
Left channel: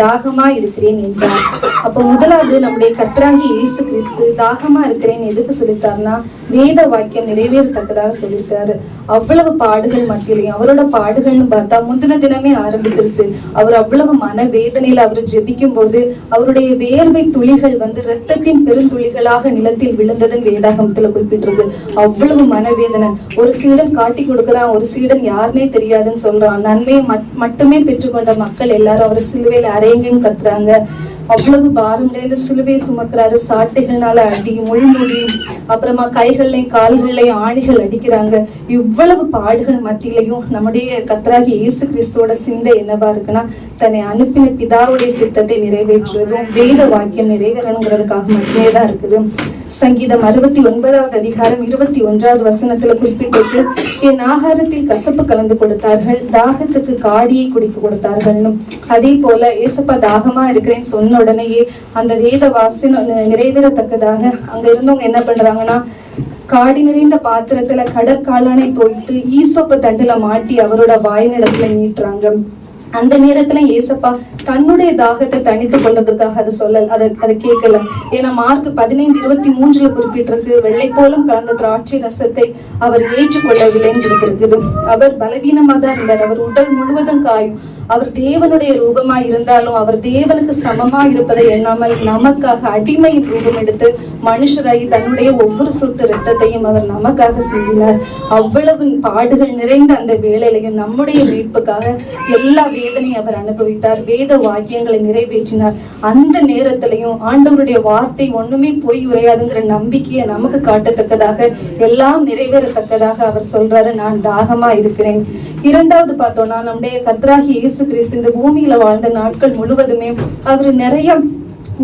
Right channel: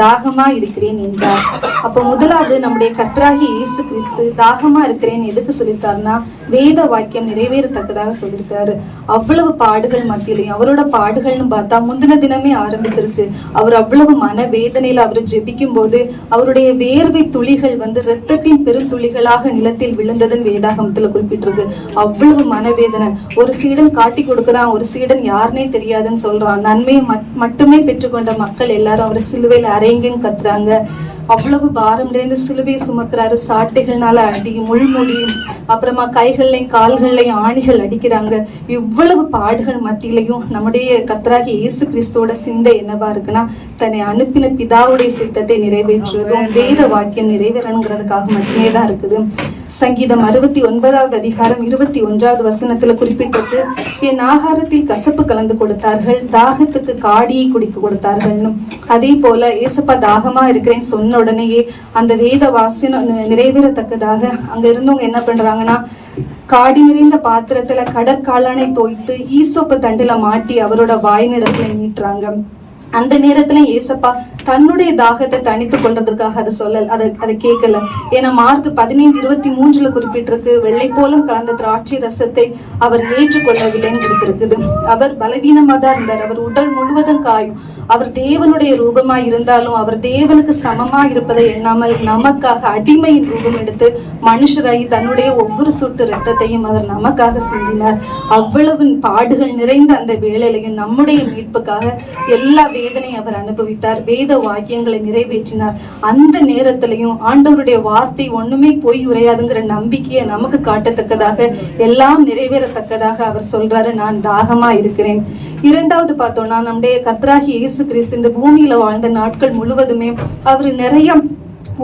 தாகமா இருக்கிறேன் என்றார். அப்போ முதலாவது நம்முடைய கர்த்தராகிய இயேசு கிறிஸ்து தாகமா இருக்கிறேன் எதுக்கு சொல்லிருக்காருன்னா, வேத வாக்கியம் நிறைவேறத்தக்கதாக சொல்லியிருக்காரு. அவ்வளவு பாடுகள் மத்தியிலையும் அவரோட பாடுகள்னு பார்த்தா முந்தின தினமே ஆரம்பிச்சிருச்சு. அவர் அவ்வளவு மன வேதனையில அவர் ஜெபிக்கும் போது அவருடைய வேர்வை துளிகள் வந்து இரத்தத்தின் பெருந்துளிகளாக நிலத்தில் விழுந்ததுன்னு வேதாகமத்துல குறிப்பிட்டிருக்கு. அவ்வளவு மனவேதனை. ஒரு சீடன் காட்டி கொடுக்கிறான், ஒரு சீடன் யாருன்னே தெரியாதுன்னு சொல்றான். நன்மையை மட்டுமே பெற்றுக்கொண்ட மக்கள் எல்லாரும் அவரை சிலுவையில அறையுங்கன்னு கத்துறாங்க. அவ்வளவு பாரம் நிறைந்த சிலுவை சுமக்கிறாரு. சாட்டைகள்னால அடி, முள்முடி, அப்புறமா கைகள்லையும் கால்கள்லையும் ஆணிகள் அடிக்கிறாங்க. இவ்வளவு பாடுகள் மத்தியிலையும் நம்முடைய கர்த்தராகிய இயேசு கிறிஸ்துவோட சிந்தை என்னவா இருக்குன்னா, தன்னை அனுப்பின பிதாவுடைய சித்தத்தை நிறைவேற்றுவதும் வேத வாக்கியம் நிறைவேறணுங்கிறதுக்காக மட்டுமே தான் இருக்குது. சங்கீதம் 69வது அதிகாரம் 21வது வசனத்துல குறிப்பிட்டிருக்கு, என் ஆகாரத்தில் கசப்பு கலந்து கொடுத்தார்கள், தாகத்துக்கு காடியை குடிக்க கொடுத்தார்கள்னு. அதே போல ஏசப்பா தாகமா இருக்கிறேன்னு சொன்ன உடனேயே அந்த வேத வாசனம் நிறைவேறத்தக்கதாக அங்க இருந்தவங்க என்ன பண்றாங்கன்னா, காடி நிறைந்த பாத்திரத்துல கடற்காளானை தோய்த்து ஈசோப்பு தண்டுல மாட்டி அவரோட வாயினிடத்துல நீட்டுறாங்க. அந்த நேரத்துல ஏசப்பா தன்னுடைய தாகத்தை தணித்து கொள்றதுக்காக அதை சொல்லல, அதை கேட்கல. ஏன்னா மார்க் 15:23 குறிப்பிட்டிருக்கு, வெள்ளை போலும் கலந்த திராட்சை ரசத்தை அவர் ஏற்றுக்கொள்ளவில்லைன்னு கொடுத்திருக்குது. அவர் பலவீனமா தான் இருந்தார். அவர் உடல் முழுவதும் காயும். அவர் தேவனுடைய ரூபமாய் இருந்தாலும் அவர் தேவனுக்கு சமமா இருப்பதை எண்ணாமல் நமக்காக அடிமையின் ரூபம் எடுத்து மனுஷராகி தன்னுடைய ஒவ்வொரு சொட்டு ரத்தத்தையும் அவர் நமக்காக சிந்தினார். அவ்வளவு பாடுகள் நிறைந்த அந்த வேளையிலையும் நம்முடைய மீட்புக்காக எல்லா வேதனையும் அவர் அனுபவித்தார். வேத வாக்கியங்களை நிறைவேற்றினார். அந்த நேரத்திலையும் ஆண்டவருடைய வார்த்தை ஒண்ணுமே பொய் உரையாதுங்கிற நம்பிக்கையை நமக்கு காட்டத்தக்கதாக எல்லாம் நிறைவேறத்தக்கதாக அவர் சொல்றாரு, நான் தாகமா இருக்கிறேன். இரண்டாவது பார்த்தோம்னா, நம்முடைய கர்த்தராகிய இயேசு கிறிஸ்து இந்த பூமியில வாழ்ந்த நாட்கள் முழுவதுமே அவர் நிறைய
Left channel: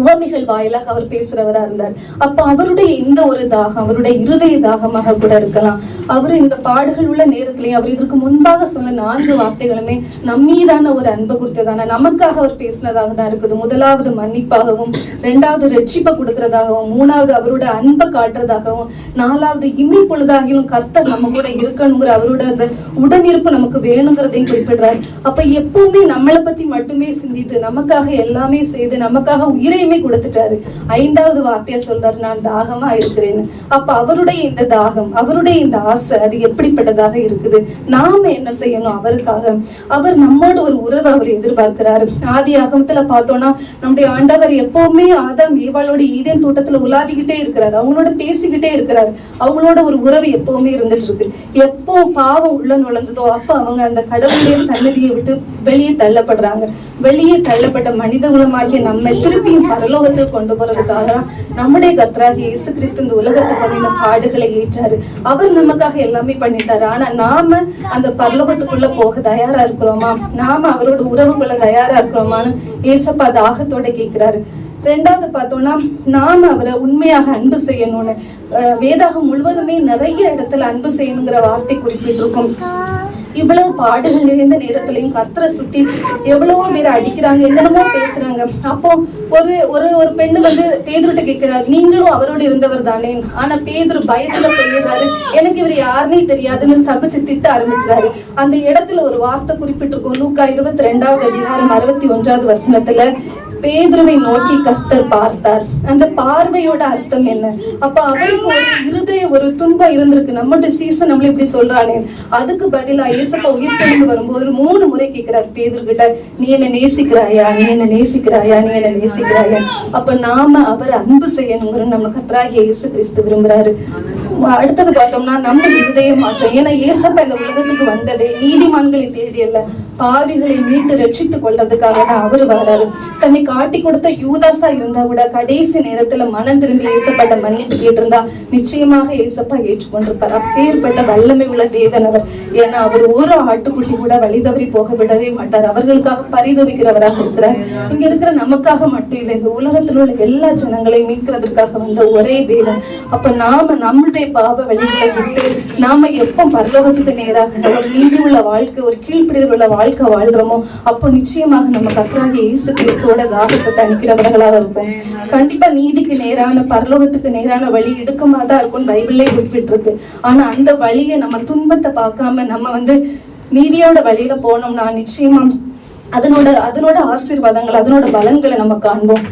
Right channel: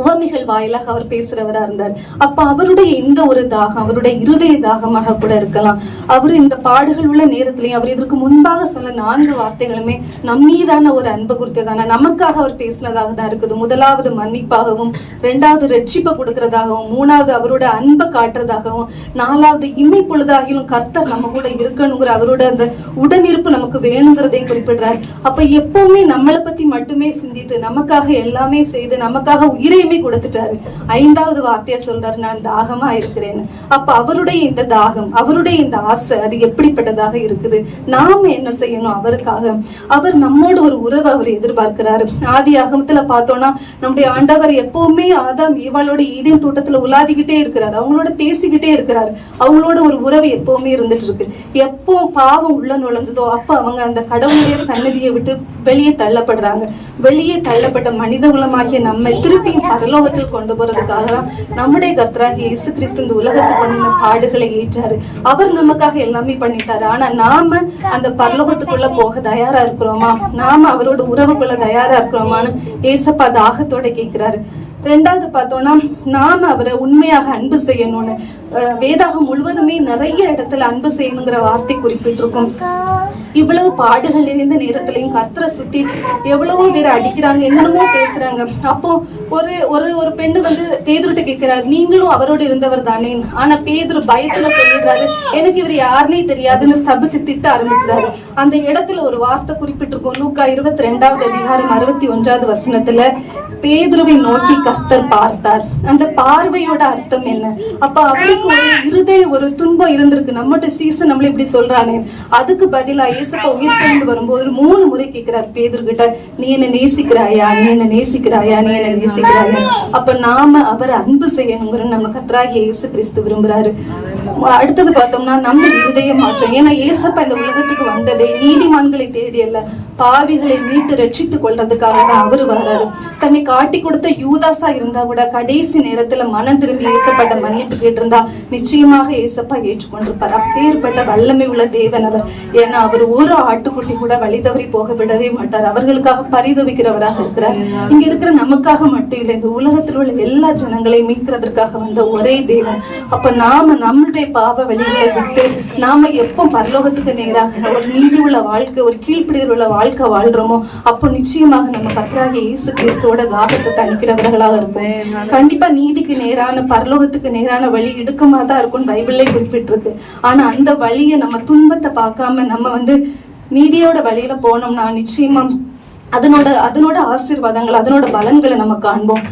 உவமைகள் வாயிலாக அவர் பேசுறவரா இருந்தார். அப்ப அவருடைய இந்த ஒரு தாகம் அவருடைய இருதய தாகமாக கூட இருக்கலாம். அவர் இந்த பாடுகள் உள்ள நேரத்திலேயே அவர் இதற்கு முன்பாக சொன்ன 4 வார்த்தைகளுமே நம்மீதான ஒரு அன்பு குறித்ததான நமக்காக அவர் பேசினதாக தான் இருக்குது. முதலாவது மன்னிப்பாகவும், 2வது ரட்சிப்பை கொடுக்கறதாகவும், 3வது அவரோட அன்பை காட்டுறதாகவும், 4வது இமை பொழுதாகிலும் கர்த்தர் நம்ம கூட இருக்கணுங்கிற அவரோட அந்த உடனிருப்பு நமக்கு வேணுங்கிறதையும் குறிப்பிடுறார். அப்ப எப்பவுமே நம்மளை பத்தி மட்டுமே சிந்தித்து நமக்காக எல்லாமே செய்து நமக்காக உயிரை கொடுத்துட்டாரு. 5வது வார்த்தையை சொல்றாரு, நான் தாகமா இருக்கிறேன்னு. அப்ப அவருடைய இந்த தாகம், அவருடைய இந்த ஆசை அது எப்படிப்பட்டதாக இருக்குது? நாம என்ன செய்யணும் அவருக்காக? அவர் நம்மோட ஒரு உறவை அவர் எதிர்பார்க்கிறாரு. ஆதி ஆகமத்துல பார்த்தோம்னா நம்முடைய ஆண்டவர் எப்பவுமே ஆதாம் ஏவாளோட ஈதேன் தோட்டத்துல உலாவிக்கிட்டே இருக்கிறாரு, அவங்களோட பேசிக்கிட்டே இருக்கிறாரு. அவங்களோட ஒரு உறவு எப்பவுமே இருந்துட்டு இருக்கு. எப்போ பாவம் உள்ள நுழைஞ்சதோ அப்ப அவங்க அந்த கடவுளுடைய சன்னதியை விட்டு வெளியே தள்ளப்படுறாங்க. வெளியே தள்ளப்பட்ட மனித குலமாகிய நம்ம திருப்பியும் பரலோகத்துக்கு கொண்டு போறதுக்காக நம்முடைய கர்த்தராகிய இயேசு கிறிஸ்து இந்த உலகத்துக்கு வந்து இந்த பாடுகளை ஏற்றாரு. அவர் நமக்காக எல்லாமே பண்ணிட்டாரு. ஆனா நாம அந்த பரலோகத்துக்குள்ள போக தயாரா இருக்கிறோமா? நாம அவரோட உறவுக்குள்ள தயாரா இருக்கிறோமான்னு ஏசப்பா தாகத்தோட கேட்கிறாரு. 2வது பார்த்தோம்னா நாம அவரை உண்மையாக அன்பு செய்யணும்னு வேதாகம் முழுவதுமே நிறைய இடத்துல அன்பு செய்யணுங்கிற வார்த்தை குறிப்பிட்டிருக்கும். இவ்வளவு பாடுகள் நிறைந்த நேரத்திலையும் கர்த்தரை சுத்தி எவ்வளவோ பேர் அடிக்கிறாங்க, என்னென்னமோ பேசுறாங்க. அப்போ ஒரு பெண்ணு வந்து பேதுருட்ட கேட்கிறாரு, நீங்களும் அவரோடு இருந்தவர் தானே? ஆனா பேதுரு பயத்துல சொல்லிடுறாரு, எனக்கு இவர் யாருன்னே தெரியாதுன்னு சபிச்சு திட்ட ஆரம்பிச்சாரு. அந்த இடத்துல ஒரு வார்த்தை குறிப்பிட்டிருக்கோம். லூக்கா 22வது அதிகாரம் 61வது வசனத்துல பேதுருவை நோக்கி கர்த்தர் பார்த்தார். அந்த பார்வையோட அர்த்தம் என்ன? அப்ப அவருக்கு ஒரு இருதய ஒரு துன்பம் இருந்திருக்கு. நம்மகிட்ட சீசன் நம்மள இப்படி சொல்றானே, அதுக்கு பதிலா ஏசப்பா உயிர்த்தெழுந்து வரும்போது 3 முறை கேட்கிறார் பேதுரு கிட்ட, நீ என்ன நேசிக்கிறாயா, நீ என்ன நேசிக்கிறாயா, நீ என்ன நேசிக்கிறாயா? அப்ப நாம அவரை அன்பு செய்யணுங்கிற நம்ம கர்த்தராகிய இயேசு கிறிஸ்து விரும்புறாரு. அடுத்தது பார்த்தோம்னா நம்ம இருதய மாற்றம். ஏன்னா ஏசப்பா இந்த உலகத்துக்கு வந்ததே நீதிமான்களை தேடி அல்ல, பாவிகளை மீட்டு ரட்சித்துக் கொள்றதுக்காக தான் அவரு வராரு. தன்னை காட்டி கொடுத்த யூதாசா இருந்தா கூட கடைசி நேரத்துல மனம் திரும்பி ஏசப்பாட்ட மன்னிப்பு கேட்டிருந்தா நிச்சயமாக ஏசப்பா ஏற்றுக்கொண்டிருப்பார். அப்பேற்பட்ட வல்லமை உள்ள தேவன் அவர். ஏன்னா அவர் ஒரு ஆட்டுக்குட்டி கூட வழி தவறி போக விடவே மாட்டார். அவர்களுக்காக பரிதவிக்கிறவராக இருக்கிறார். இங்க இருக்கிற நமக்காக மட்டும் இல்லை, இந்த உலகத்தில் உள்ள எல்லா ஜனங்களையும் மீட்கிறதுக்காக வந்த ஒரே தேவன். அப்ப நாம நம்மளுடைய பாவ வழிகளை விட்டு நாம எப்ப பரலோகத்துக்கு நேராக ஒரு நீதி உள்ள வாழ்க்கை, ஒரு கீழ்ப்பிடிதல் உள்ள வாழ்க்கை வாழ்றோமோ அப்போ நிச்சயமாக நம்ம கர்த்தராகிய இயேசு கிறிஸ்துவோட தாகத்தை தணிக்கிறவர்களாக இருப்போம். கண்டிப்பா நீதிக்கு நேரான பரலோகத்துக்கு நேரான வழி இடுக்கமா தான் இருக்கும்னு பைபிள்லே குறிப்பிட்டிருக்கு. ஆனா அந்த வழியை நம்ம துன்பத்தை பார்க்காம நம்ம வந்து நீதியோட வழியில போனோம்னா நிச்சயமா அதனோட ஆசீர்வாதங்கள், அதனோட பலன்களை நம்ம காண்போம்.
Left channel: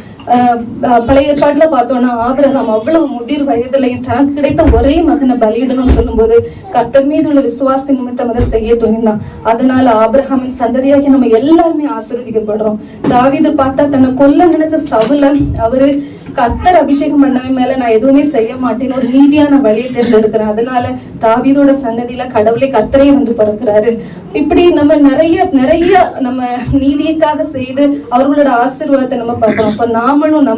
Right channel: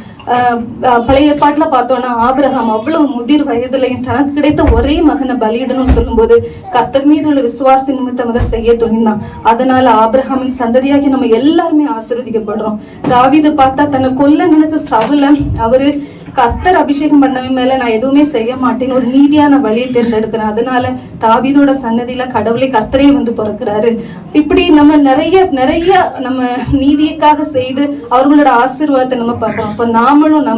பழைய ஏற்பாட்டுல பார்த்தோம்னா ஆபிரகாம் அவ்வளவு முதிர் வயதுலையும் தனக்கு கிடைத்த ஒரே மகனை பலியிடணும்னு சொல்லும் போது கர்த்தர் மீது உள்ள விசுவாசத்தின் நிமித்தம் அதை செய்ய துணிந்தான். அதனால ஆபிரகாமின் சந்ததியாகி நம்ம எல்லாருமே ஆசீர்வதிக்கப்படுறோம். தாவீது பார்த்தா தன்னை கொல்ல நினைச்ச சவுல அவரு கர்த்தர் அபிஷேகம் பண்ணவன் மேல நான் எதுவுமே செய்ய மாட்டேன்னு ஒரு நீதியான வழியை தேர்ந்தெடுக்கிறேன். அதனால தாவீதோட சன்னதியில கடவுளை கர்த்தரே வந்து பிறக்கிறாரு. இப்படி நம்ம நிறைய நம்ம நீதிக்காக செய்து அவர்களோட ஆசீர்வாதத்தை நம்ம பார்க்கணும். அப்ப நாமளும்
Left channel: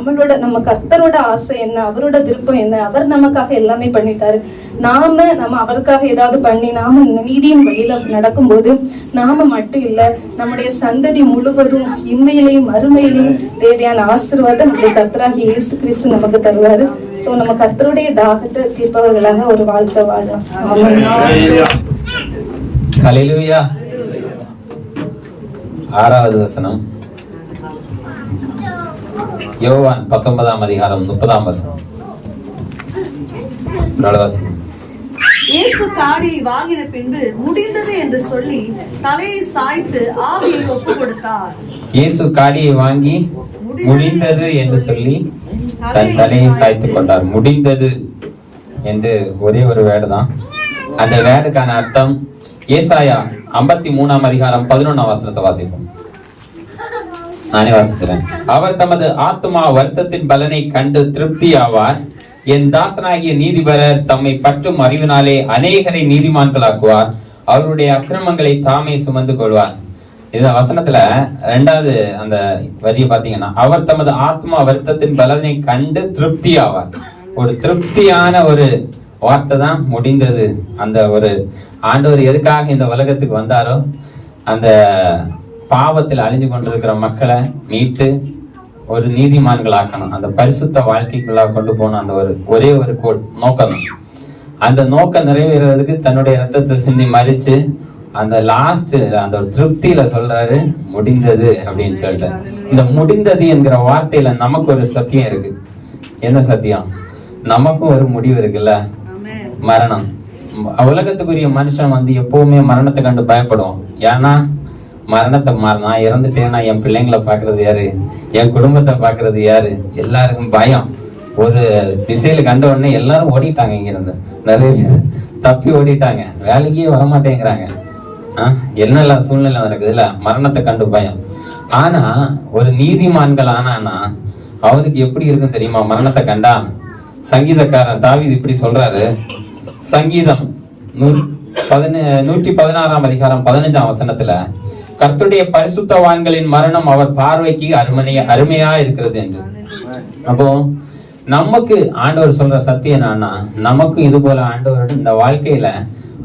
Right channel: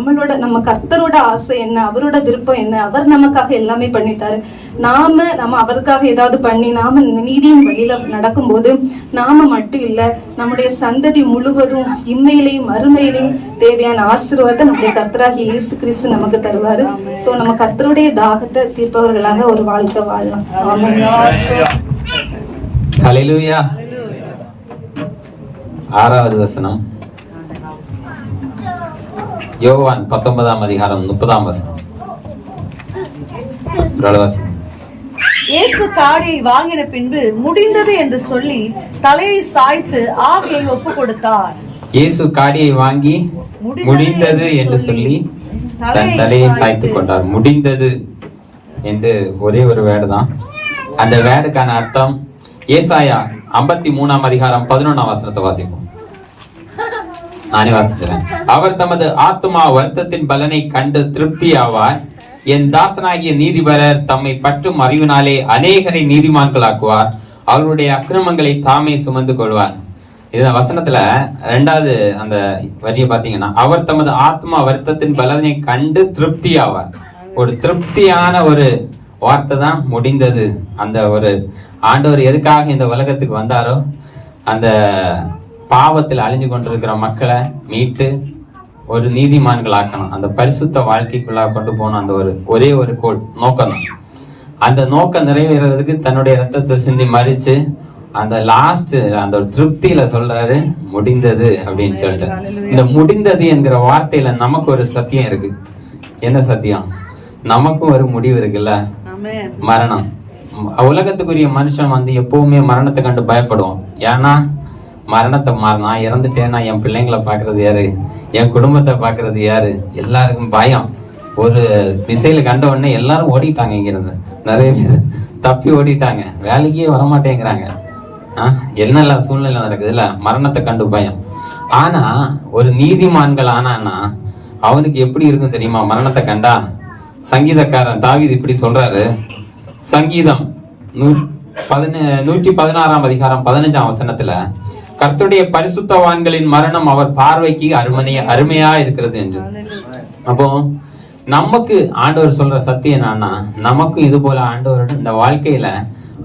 நம்ம கர்த்தரோட ஆசை என்ன, அவரோட விருப்பம் என்ன, அவர் நமக்காக எல்லாமே பண்ணிட்டாரு. நம்ம அவருக்காக ஏதாவது பண்ணி நாம நீதியின் வழியில நடக்கும் போது நாம மட்டும் இல்ல, நம்முடைய சந்ததி முழுவதும் இம்மையிலையும் மறுமையிலையும் தேவையான ஆசீர்வாதம் நம்முடைய கர்த்தராகிய இயேசு கிறிஸ்து நமக்கு தருவாரு. சோ நம்ம கர்த்தருடைய தாகத்தை தீர்ப்பவர்களாக ஒரு வாழ்க்கை வாழலாம். ஆமென். ஹல்லேலூயா. 6வது வசனம், யோவான் 19ஆம் அதிகாரம் 30ஆம் வசனம். இயேசு காடியை வாங்கின பின்பு முடிந்தது என்று சொல்லி தலையை சாய்த்து ஆவியை ஒப்பு கொடுத்தார். இயேசு காடியை வாங்கி முடிந்தது என்று சொல்லி தன் தலையை சாய்த்து கொண்டார். முடிந்தது என்று ஒரே ஒரு வேர்டு தான். அந்த வேர்டுக்கான அர்த்தம் ஏசாயா 53ஆம் அதிகாரம் 11ஆம் வசனத்தை வாசிப்போம். நானே வாசிக்கிறேன். அவர் தமது ஆத்மா வருத்தத்தின் பலனை கண்டு திருப்தி ஆவார். என் தாசனாகிய நீதிபரர் தம்மை பற்றும் அறிவினாலே அநேகரை நீதிமான்களாக்குவார். அவருடைய அக்கிரமங்களை தாமே சுமந்து கொள்வார். இந்த வசனத்துல 2வது அந்த வரியை பாத்தீங்கன்னா, அவர் தமது ஆத்மா வருத்தத்தின் பலனை கண்டு திருப்தி ஆவார். ஒரு திருப்தியான ஒரு வார்த்தை தான் முடிந்தது. அந்த ஒரு ஆண்டவர் எதுக்காக இந்த உலகத்துக்கு வந்தாரோ, அந்த பாவத்தில் அழிஞ்சு கொண்டிருக்கிற மக்களை மீட்டு ஒரு நீதிமான்கள் ஆக்கணும், அந்த பரிசுத்த வாழ்க்கைக்குள்ளா கொண்டு போகணும். அந்த ஒரே ஒரு நோக்கம் தான். அந்த நோக்கம் நிறைவேறதுக்கு தன்னுடைய ரத்தத்தை சிந்தி மறிச்சு அந்த லாஸ்ட் அந்த ஒரு திருப்தியில சொல்றாரு முடிந்தது அப்படின்னு சொல்லிட்டு. இந்த முடிந்தது என்கிற வார்த்தையில நமக்கு ஒரு சத்தியம் இருக்கு. என்ன சத்தியம்? நமக்கும் ஒரு முடிவு இருக்குல்ல, மரணம். உலகத்துக்குரிய மனுஷன் வந்து எப்பவுமே மரணத்தை கண்டு பயப்படுவோம். ஏன்னா மரணத்தை நான் இறந்துட்டேன்னா என் பிள்ளைங்களை பாக்குறது யாரு, என் குடும்பத்தை பாக்குறது யாரு, எல்லாருக்கும் பயம். ஒரு திசையில கண்ட உடனே எல்லாரும் ஓடிட்டாங்க, இங்க இருந்து நிறைய பேர் தப்பி ஓடிட்டாங்க, வேலைக்கே வரமாட்டேங்கிறாங்க. என்னெல்லாம் சூழ்நிலை நடக்குது இல்ல, மரணத்தை கண்டு பயம். ஆனா ஒரு நீதிமான்கள் ஆனானா அவனுக்கு எப்படி இருக்கும் தெரியுமா மரணத்தை கண்டா? சங்கீதக்காரன் தாவீது இப்படி சொல்றாரு, சங்கீதம் 116 அதிகாரம் 15 வசனத்துல, கர்த்தருடைய பரிசுத்தவான்களின் மரணம் அவர் பார்வைக்கு அருமையா இருக்கிறது என்று. அப்போ நமக்கு ஆண்டவர் சொல்ற சத்தியம் என்னன்னா, நமக்கும் இது போல ஆண்டவரோட இந்த வாழ்க்கையில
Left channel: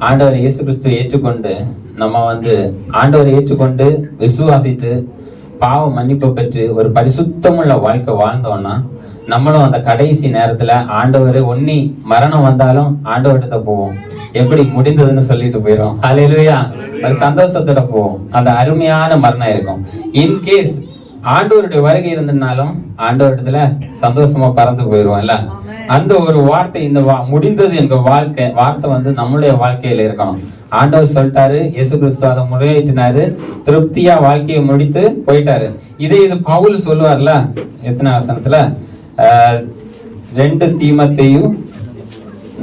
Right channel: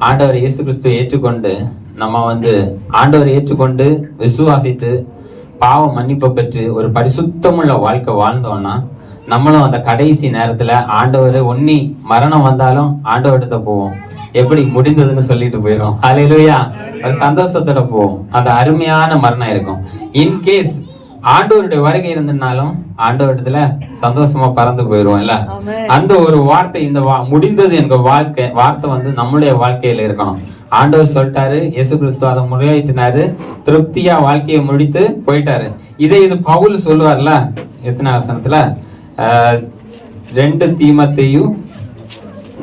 ஆண்டவர் இயேசு கிறிஸ்துவை ஏற்றுக்கொண்டு நம்ம வந்து ஆண்டவரை ஏற்றுக்கொண்டு விசுவாசித்து பாவ மன்னிப்பு பெற்று ஒரு பரிசுத்தமுள்ள வாழ்க்கை வாழ்ந்தோம்னா நம்மளும் அந்த கடைசி நேரத்துல ஆண்டவரை ஒன்னி மரணம் வந்தாலும் ஆண்டவர்கிட்ட போவோம். எப்படி முடிந்ததுன்னு சொல்லிட்டு போயிடும். ஹல்லேலூயா. ஒரு சந்தோஷத்தோட போவோம். அந்த அருமையான மரணம் இருக்கும். இன்கேஸ் ஆண்டவருடைய வருகை இருந்ததுனாலும் ஆண்டவரிடத்துல சந்தோஷமா பறந்து போயிருவோம் இல்ல. அந்த ஒரு வார்த்தை, இந்த முடிந்தது என்ற வார்த்தை வந்து நம்மளுடைய வாழ்க்கையில இருக்கணும். ஆண்டவர் சொல்லிட்டாரு, இயேசு கிறிஸ்து அதை முறையிட்டினாரு, திருப்தியா வாழ்க்கையை முடித்து போயிட்டாரு. இது பவுல் சொல்லுவார்ல, எத்தனை வசனத்துல 2 தீமோத்தேயு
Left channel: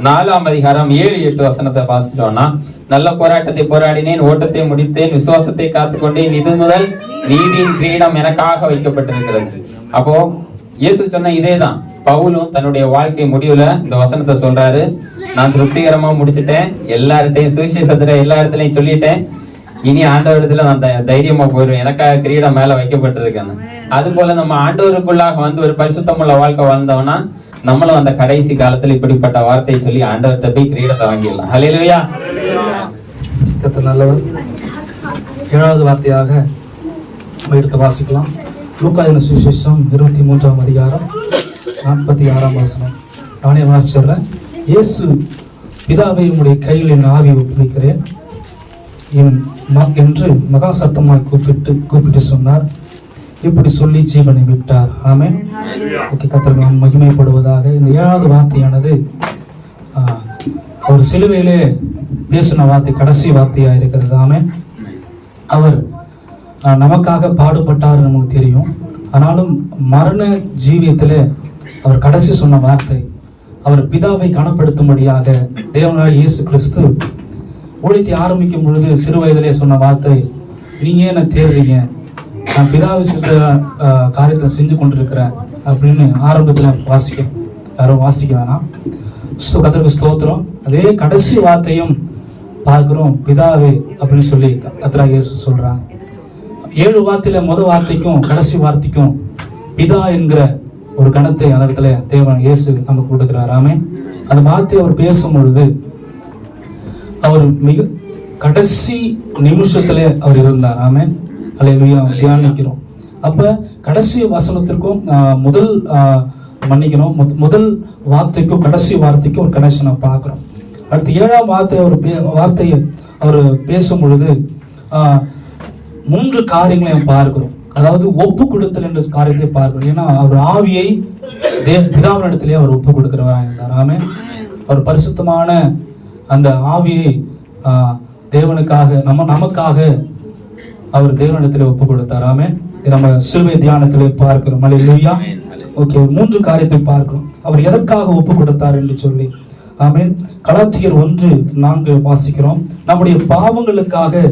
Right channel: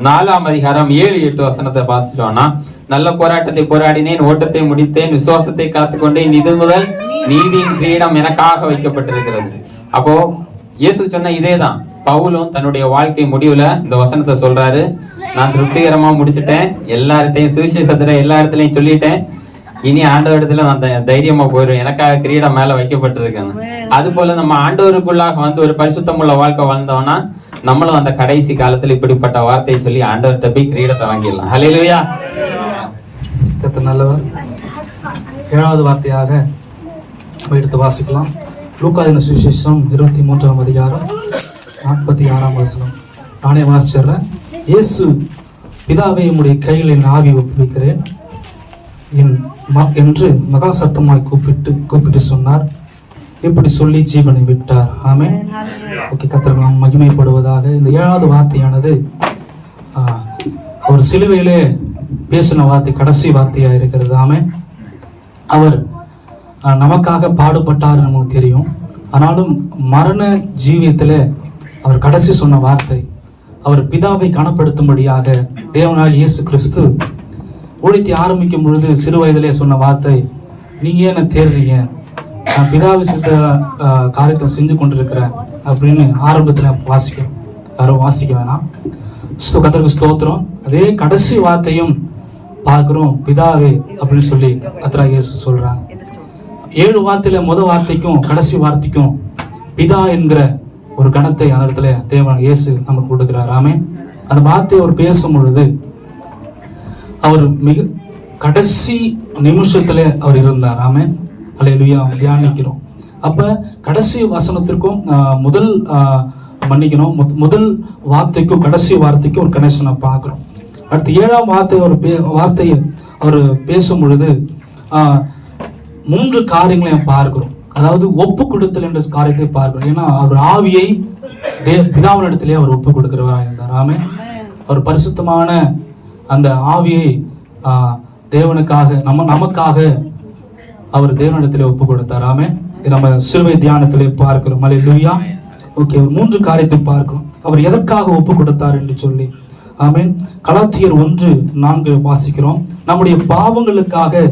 4 அதிகாரம் 7-8 வசனத்தை வாசிச்சோம்னா, நல்ல போராட்டத்தை போராடினேன், ஓட்டத்தை முடித்தேன், விசுவாசத்தை காத்துக்கொண்டேன், இது முதல் நீதியின் கிரீடம் எனக்காக வைக்கப்பட்டிருக்கிறது. அப்போ இயேசு சொன்ன இதேதான் பவுலும் தன்னுடைய வாழ்க்கை முடிவுல இந்த வசனத்தை சொல்றாரு, நான் திருப்திகரமா முடிச்சுட்டேன், எல்லார்ட்டையும் சுவிசேஷத்துல எல்லா இடத்துலயும் சொல்லிட்டேன், இனி ஆண்டவரிடத்துல நான் தைரியமா போயிடும், எனக்காக கிரீடம் மேல வைக்கப்பட்டிருக்கேன். அது போல நம்ம ஆண்டவருக்குள்ளாக வந்து ஒரு பரிசுத்தமுள்ள வாழ்க்கை வாழ்ந்தோம்னா நம்மளும் அந்த கடைசி காலத்துல இப்படிப்பட்ட வார்த்தையை சொல்லி ஆண்டவர்கிட்ட போய் கிரீடத்தை வாங்கிடலாம். ஹல்லேலூயா. கர்த்தர் நல்லவர். 7வது வார்த்தையாக எடுத்து வாசிக்கலாம். லூக்கா என்ற சுவிசேஷம் 23 அதிகாரம் 46 வசனம். நானே வாசிச்சிடுறேன். இயேசு, பிதாவை உம்முடைய கையில் என் ஆவி ஒப்புவிக்கிறேன் என்று மகா சத்தமாய் கூப்பிட்டு சொன்னார். இப்படி சொல்லி ஜீவனை விட்டார். ஆமென். கர்த்தர் நாம் மகிமைப்படுவதாக. இந்த 7வது வார்த்தையானது ஒரு சிலுவையிலே பேசின வார்த்தை கடைசி வார்த்தையா இருக்கிறது. ஆமென். அவர் நமக்காக பாடுபட்டார் நமக்கு தெரியும். ஆனாலும் மரண ஜீவியத்துல அவர் கடைசி சொன்ன வார்த்தை, அவர் பிதாவை கனப்படுத்தும்படியாக தேவனாகிய இயேசு கிறிஸ்து ஊழியத்தை ஆரம்பிக்கும் பொழுது சிறு வயதிலே சொன்ன வார்த்தை, நீங்க என்ன தேடுறீங்க, நான் பிதாவை சித்த காரியத்தை செஞ்சு கொண்டிருக்கிறேன் அப்படின்னு ஆரம்பத்துல யாரும் வாசிக்க வேணாம். கர்த்தருக்கு ஸ்தோத்திரம். அதே கடைசி வார்த்தையும் பார்க்கிறோம், பிதாவே அப்படின்னு சொல்லி கர்த்தராகிய இயேசு சொல்றாங்க. 7 வார்த்தையில முதல் வார்த்தைக்கும் கடைசி வார்த்தைக்கும் பிதா என்கிற ஒரு கணத்தை அந்த இடத்துல தேவன் இயேசு நமக்கு கொடுக்கிறார். ஆமென். அந்த வார்த்தையை அவர் பேசும் பொழுது அவர் மிக கடைசி நிமிஷத்துல அவர் இருந்தார். ஆமென். அல்லேலூயா. தியானிக்கிறோம். அப்ப கடைசி வசனத்திற்கும் முதல் வார்த்தைக்கும் கடைசி வார்த்தைக்கும் ஒரு கனெக்ஷனை பார்க்கிறோம். அடுத்து 7ஆம் வார்த்தையை அவர் பேசும் பொழுது 3 காரியங்களை பார்க்கிறோம். அதாவது ஒப்பு கொடுத்தல் என்ற காரியத்தை பார்க்கிறோம். ஏன்னா அவர் ஆவியை பிதாவினிடத்திலே அவர் ஒப்பு கொடுக்கிறவராக இருந்தார். ஆமென். அவர் பரிசுத்தமான அந்த ஆவியை தேவனுக்காக நமக்காக அவர் தேவனிடத்திலே ஒப்பு கொடுத்தார். ஆமென். நம்ம சிலுவை தியானத்திலே பார்க்கிறோம். அல்லேலூயா. ஓகே, 3 காரியத்தை பார்க்கிறோம். அவர் எதற்காக ஒப்பு கொடுத்தார் என்று சொல்லி. ஆமென். கலாத்தியர் 1:4 வாசிக்கிறோம். நம்முடைய பாவங்களுக்காக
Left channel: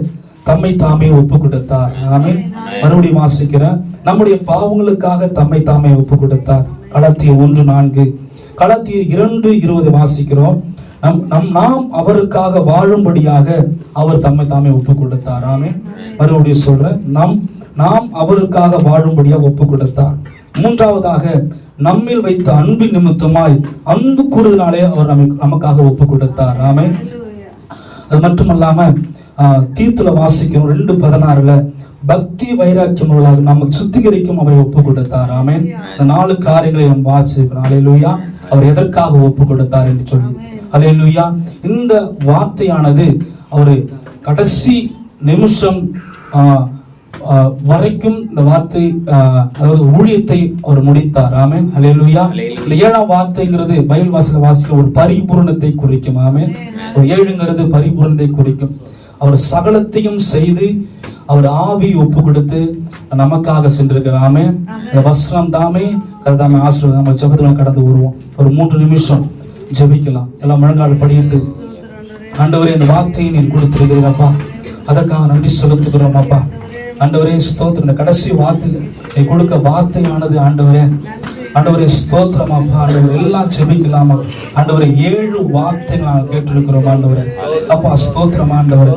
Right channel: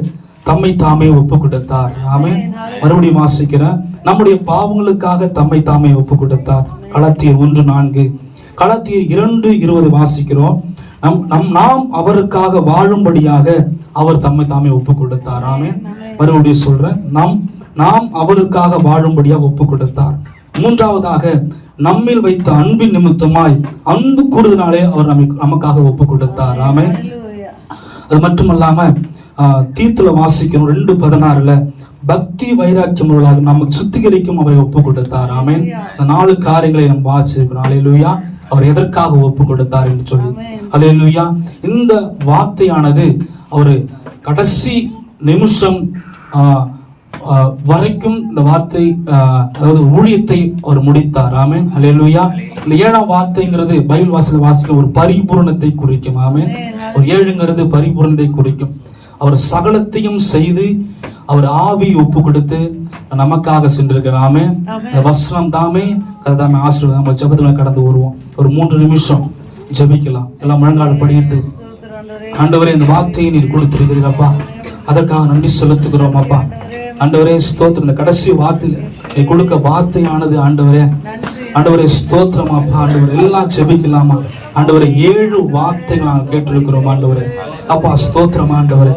தம்மை தாமே ஒப்பு கொடுத்தார். ஆமென். மறுபடியும் வாசிக்கிறேன். நம்முடைய பாவங்களுக்காக தம்மை தாமே ஒப்பு கொடுத்தார். கலாத்தியர் 1:4. கலாத்தியர் 2:20 வாசிக்கிறோம். நாம் அவருக்காக வாழும்படியாக அவர் தம்மை தாமே ஒப்பு கொடுத்தார். ஆமென். மறுபடியும் சொல்றேன், நாம் அவருக்காக வாழும்படியாக ஒப்பு கொடுத்தார். 3வதாக நம்மில் வைத்த அன்பின் நிமித்தமாய் அன்பு கூறுதலாலே அவர் நமக்காக ஒப்பு கொடுத்தார். ஆமென். அது மட்டுமல்லாம தீத்துல வாசிக்கிறோம் 2:16 பக்தி வைராக்கியம் உள்ளவர்களாக நமக்கு சுத்திகரிக்கும் அவரை ஒப்பு கொடுத்தார். ஆமென். இந்த 4 காரியங்களை நாம் வாசிக்கிறோம். ஹல்லேலூயா. அவர் எதற்காக ஒப்பு கொடுத்தார் என்று சொல்லி, ஹல்லேலூயா. இந்த வார்த்தையானது அவர் கடைசி நிமிஷம் வரைக்கும் இந்த வார்த்தை அதாவது ஊழியத்தை அவர் முடித்தார். ஆமென். ஹல்லேலூயா. இந்த 7ஆம் வார்த்தைங்கிறது பைபிள் வாசிக்க ஒரு பரிபூரணத்தை குறிக்கும். ஆமென். ஒரு 7ங்கிறது பரிபூரணத்தை குறிக்கும். அவர் சகலத்தையும் செய்து அவர் ஆவி ஒப்பு கொடுத்து நமக்காக சென்றிருக்கிறார். ஆமென். இந்த வசனம் தாமே கர்த்தாவே ஆசீர்வாதம். நம்ம ஜெபத்துல கடந்து வருவோம். ஒரு 3 நிமிஷம் ஜெபிக்கலாம். எல்லாம் முழங்கால் படியிட்டு, ஆண்டவரே இந்த வார்த்தையை நீர் கொடுத்திருக்கிறீரப்பா, அதற்காக நன்றி செலுத்துகிறோம் அப்பா. ஆண்டவரே ஸ்தோத்திரம். இந்த கடைசி வார்த்தை கொடுக்க வார்த்தையானது ஆண்டவரே ஸ்தோத்திரம் அப்பா. ஆண்டவரே எல்லாம் ஜெபிக்கலாமா ஆண்டவரே. 7 வார்த்தைகள் நாங்கள் கேட்டிருக்கிறோம் ஆண்டவரே. அப்பா ஸ்தோத்திரம் ஆண்டவரே.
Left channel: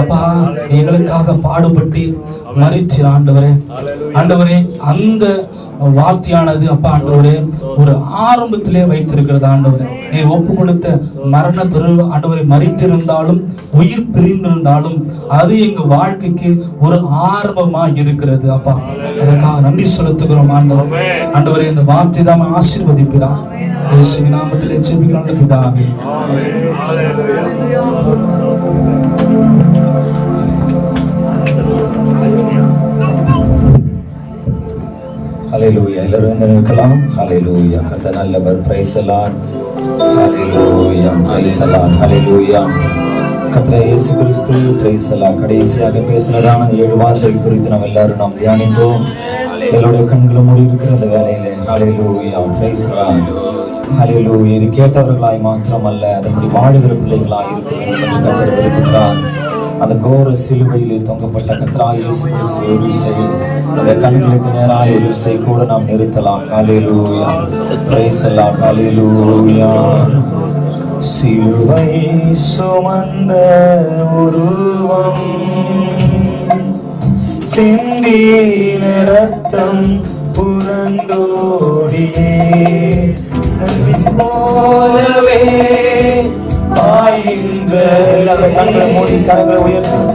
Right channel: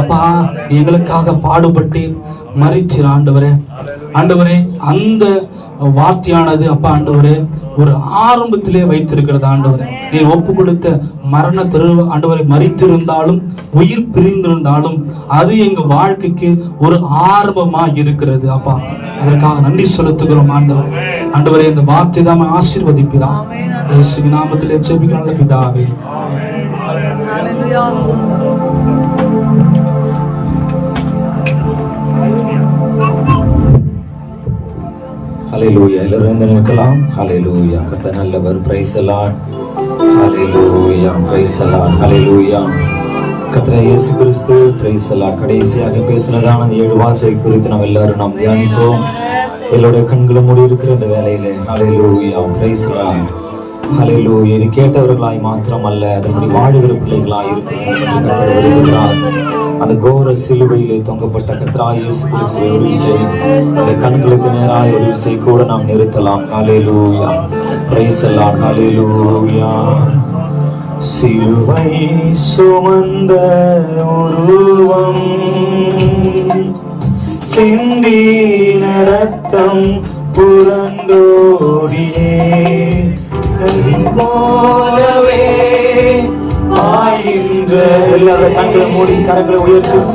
அப்பா எங்களுக்காக பாடுபட்டு மரித்தீர் ஆண்டவரே. அந்த வார்த்தையானது அப்பா ஆண்டவரே ஒரு ஆரம்பத்திலே வைத்திருக்கிறது ஆண்டவரே. நீர் ஒப்பு கொடுத்த மரண ஆண்டவரை மரித்திருந்தாலும் உயிர் பிரிந்திருந்தாலும் அது எங்க வாழ்க்கைக்கு ஒரு ஆரம்பமா இருக்கிறது அப்பா. அதற்காக நன்றி செலுத்துகிறோம் ஆண்டவரே. இந்த வார்த்தை தான் ஆசீர்வதிக்கிறார். இயேசுவின் நாமத்திலே ஜெபிக்கிறோம் பிதாவே. ஹல்லேலூயா. எல்லாரும் வந்து நிற்கலாம். ஹல்லேலூயா. கர்த்தர் நல்லவர். Praise the Lord. ஹல்லேலூயா. Praise the Lord. ஹல்லேலூயா. கர்த்தர் இயேசு கிறிஸ்து பிரைஸ் தி லார்ட் கடைசியாக பேசினதான 7 வார்த்தை குறித்து நாம் எல்லாரும் தியானித்தோம். எங்களுடைய கண்களை மூடி இருக்கிற அந்த வேளையிலே ஹல்லேலூயா. Praise the Lord. ஹல்லேலூயா. இது கேட்டவர்களாய் மாத்திரமல்ல, அதன்படி வாழுகிற பிள்ளைகளாய் இருக்க வேண்டும் என்று கர்த்தர் விரும்புகிறார். அந்த கோர சிலுவையிலே தொங்கப்பட்ட கர்த்தராகிய இயேசு கிறிஸ்து ஒரு விசை அந்த கண்களுக்கு நேராக ஒரு விசை கூட நாம் நிறுத்தலாம். ஹல்லேலூயா. Praise the Lord. ஹல்லேலூயா. சிலுவை சுமந்த ஒருவன் சிந்தின ரத்தம் புரண்டோடியே போலவே கண்களை மூடி கரங்களை உயர்த்தும்.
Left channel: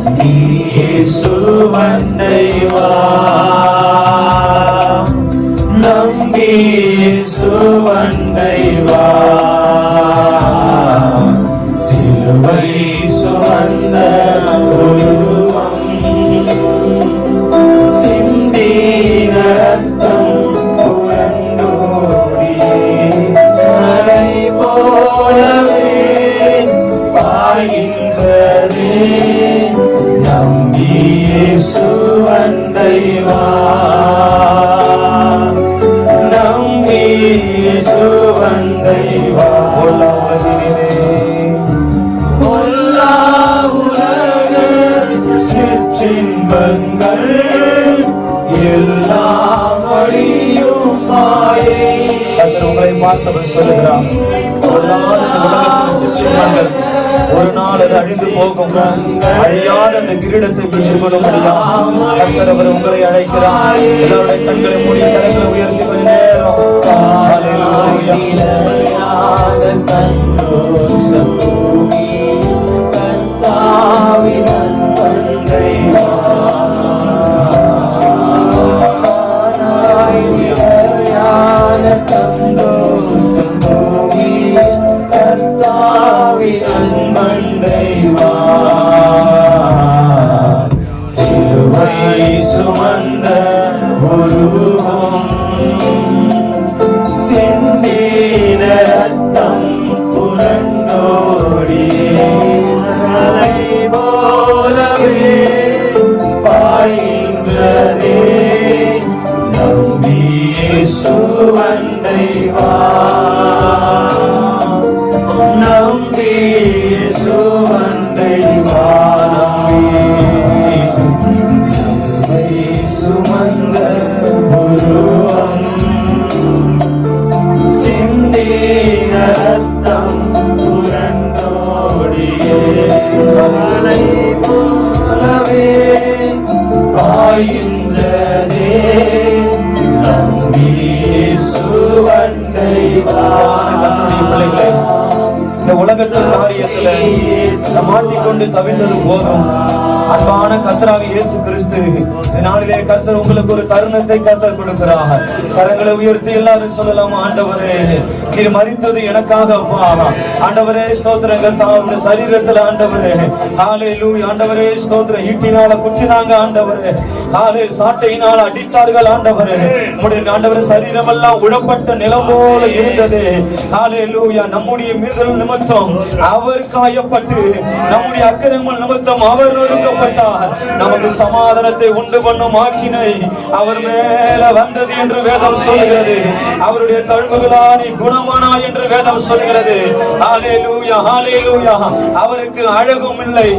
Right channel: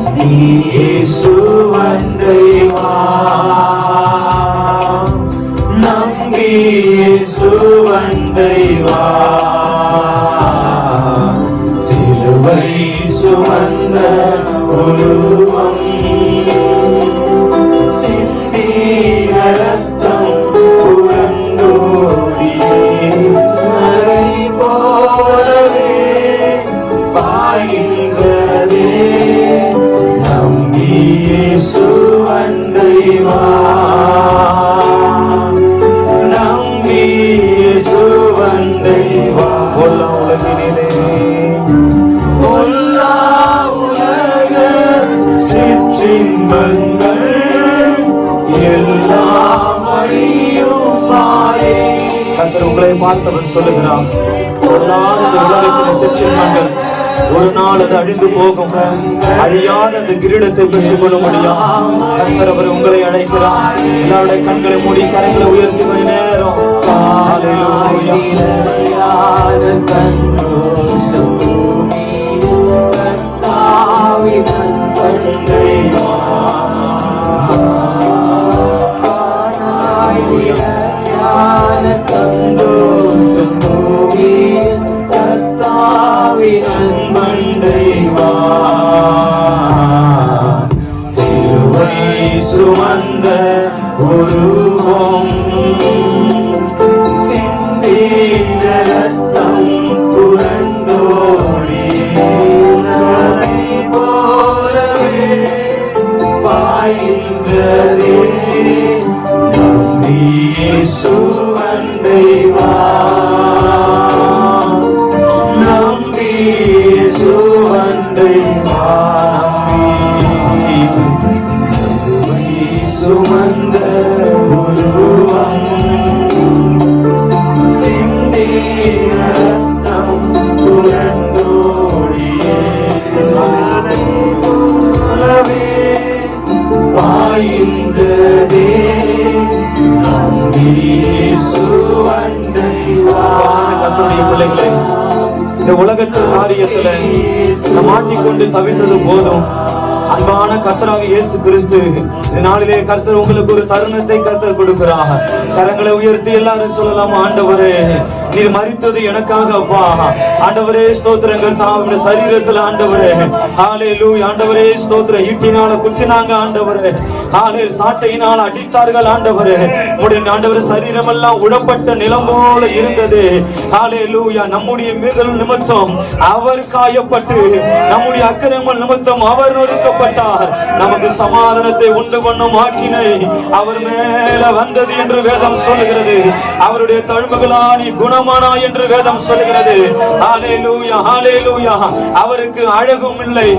இயேசுவண்டை வா, நம்பி இயேசுவண்டை வா. சிலுவை சுமந்த உருவம் சிந்தின ரத்தம் புரண்டோடியே கரை போலவே பாய்கின்றதே. நம்பி இயேசுவண்டை வா, நம்பி இயேசுவண்டை வா. உலக சிற்றின்பங்கள் எல்லாம் அழியும் மாயை. உங்களை பார்த்தவர் சொல்லுகிறான், பொல்லாத உலகத்தின் சிற்றின்பங்கள் ஒரு நாள் அது அழிந்து போகும், அழியாத அந்த கிரீடத்தை பெற்றுக் கொள்ள முடியும். கர்த்தர் அவர் உங்களை அழைக்கிறார். எல்லாருடைய கண்களை மூடி கரங்களை உயர்த்தி ஒரு நேரம் சந்தோஷம் பூமி கர்த்தாவின் அன்பை சந்தோஷம் பூமி கர்த்தாவின் அன்பை சிலுவை சுமந்த உருவம் சிந்தின ரத்தம் புரண்டோடியே போலவே பாய்கின்றதே. நம்பி இயேசுவண்டை வா, நம்பி இயேசுவண்டை வா. சிலுவை சுமந்த உருவம் சிந்தின ரத்தம் புரண்டோடியே போலவே பாய்கின்றதே. நம்பி இயேசுவண்டை வா. பிள்ளைகளே, இந்த உலகத்தின் காரியத்துல மாட்டிக்கொண்டு தவித்தது போதும். அன்பான கர்த்தராகிய இயேசு கிறிஸ்து இந்த நாளிலே கர்த்தர் உங்களுக்கு ஒரு தருணத்தை கர்த்தர் கொடுக்கிறார். கரங்களை உயர்த்தி எல்லாரும் சொல்லலாம், ஆண்டவரே நீர் மரித்தது எனக்காக அப்பா. ஆண்டவரே ஸ்தோத்திரங்கள் தாவுடைய சரீரத்துல ஆண்டவரே. ஹalleluya. ஆண்டவரே ஸ்தோத்திரம். ஈட்டினால குத்தினாங்க ஆண்டவரே. ஹalleluya. சாட்டையினால் அடித்தார்கள் ஆண்டவரே. உம்முடைய ஆண்டவரே சரீரம் எல்லாம் உழப்பட்ட நிலம் போல இருந்தது. ஹalleluya. நம்முடைய மீறுதல் நிமித்தம் அவர் காயப்பட்டு, நம்முடைய அக்கிரமங்கள் நிமித்தம் அவர் நொறுக்கப்பட்டார். நமக்கு சமாதானத்தை உண்டு பண்ணும் ஆக்கினை அவர் மேல வந்தது என்று வேதம் சொல்லுகிறது. அவருடைய தழும்புகளா நீ குணமானா என்று வேதம் சொல்லுகிறது. ஹalleluya, ஹalleluya. அவருக்கு அழகும் இல்லை,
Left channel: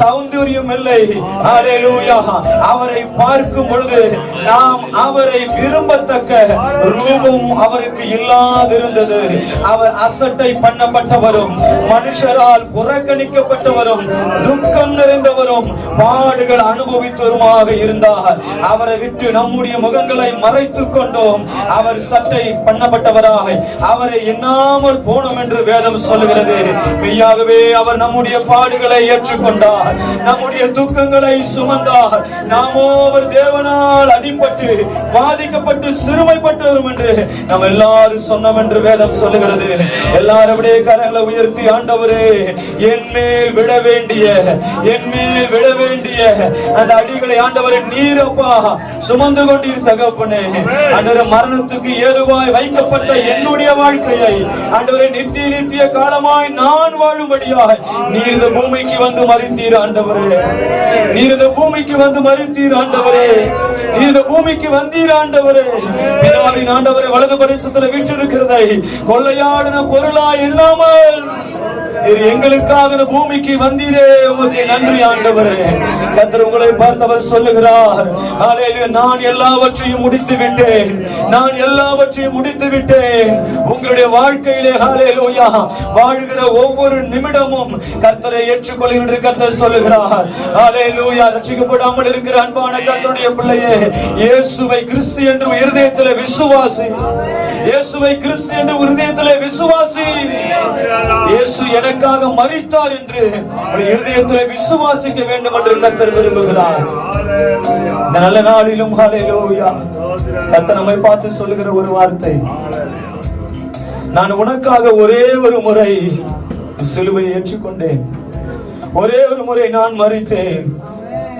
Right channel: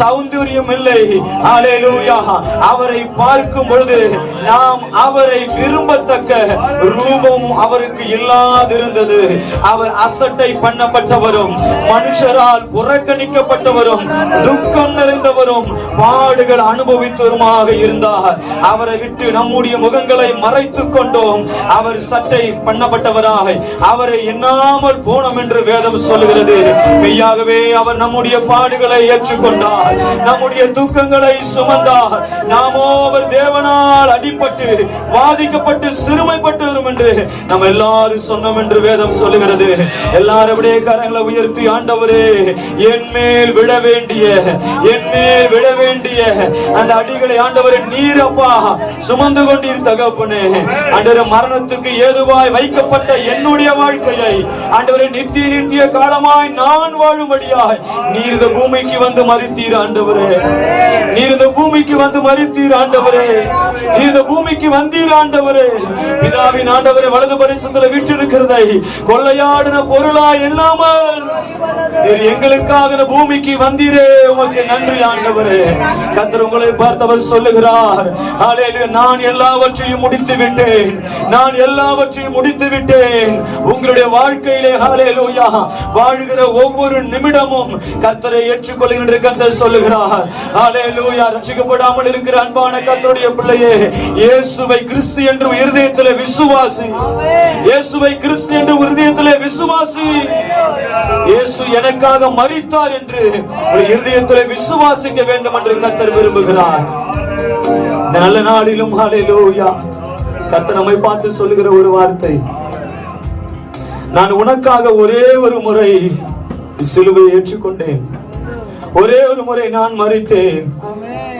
சௌந்தரியம் இல்லை. ஹalleluya. அவரை பார்க்கும் பொழுது நாம் அவரை விரும்பத்தக்க ரூபம் அவருக்கு இல்லாதிருந்தது. அவர் அசட்டை பண்ணப்பட்டவரும், மனுஷரால் புறக்கணிக்கப்பட்டவரும், துக்கம் நிறைந்தவரும், பாடுகள் அனுபவித்தவருமாக இருந்தார். அவரை விட்டு நம்முடைய முகங்களை மறைத்துக் கொண்டோம். அவர் சட்டை பண்ணப்பட்டவராக அவரை எண்ணாமல் போனோம் என்று வேதம் சொல்லுகிறது. மெய்யாகவே அவர் நம்முடைய பாடுகளை ஏற்றுக்கொண்டார், நம்முடைய துக்கங்களை சுமந்தார். நாமோ அவர் தேவனால் அடிபட்டு பாதிக்கப்பட்டு சிறுமைப்பட்டு வரும் என்று நம்ம எல்லாரும் சொன்னோம் என்று வேதம் சொல்லுகிறது. எல்லாரும் விட கரங்களை உயர்த்தி, ஆண்டவரே என் மேல் விட வேண்டிய அந்த அடிகளை ஆண்டவரே நீர் அப்பா சுமந்து கொண்டீர் தகப்பனே. ஆண்டவரே மரணத்துக்கு ஏதுவாய் வைக்கப்பட்ட என்னுடைய வாழ்க்கையை ஆண்டவரே நித்திய காலமாய் நான் வாழும்படியாய் நீர் இந்த பூமிக்கு வந்து மரித்தீர் ஆண்டவரே. நீர் இந்த பூமிக்கு வந்து மரித்தீர் ஆண்டவரே. நீர் இந்த பூமிக்கு வந்தீர் ஆண்டவரே. பிதாவின் ஆண்டவரே வலது பரிசுத்தல வீற்றிருக்கிறதை கொள்ளையாடின பொருளா இல்லாமல் நீர் எங்களுக்காக இந்த பூமிக்கு வந்தீரே, உமக்கு நன்றி ஆண்டவரே. கர்த்தர் உங்களை பார்த்தவர் சொல்லுகிறார், ஹalleluya, நான் எல்லாவற்றையும் முடித்து விட்டேன், நான் எல்லாவற்றையும் முடித்து விட்டேன். உங்களுடைய வாழ்க்கையிலே ஹalleluya வாழ்கிற ஒவ்வொரு நிமிடமும் கர்த்தரை ஏற்றுக்கொள்கின்ற கர்த்தர் சொல்லுகிறார். ஹalleluya. ரட்சிக்கப்படாமல் இருக்கிற அன்பான கர்த்தருடைய பிள்ளையே, இயேசுவை கிறிஸ்து என்று இருதயத்திலே விசுவாசி. இயேசுவை கிறிஸ்து என்று இருதயத்திலே விசுவாசி. இயேசு எனக்காக மரித்தார் என்று இருதயத்திலே விசுவாசிக்க வேண்டும் என்று கர்த்தர் விரும்புகிறார். இந்த நல்ல நாளிலும் ஹalleluya கர்த்தர் நம்மை பார்த்து சொல்லுகிற ஒரு வார்த்தை, நான் உனக்காக ஒரே ஒரு முறை சிலுவையை ஏற்றுக்கொண்டேன், ஒரே ஒரு முறை நான் மரித்தேன்.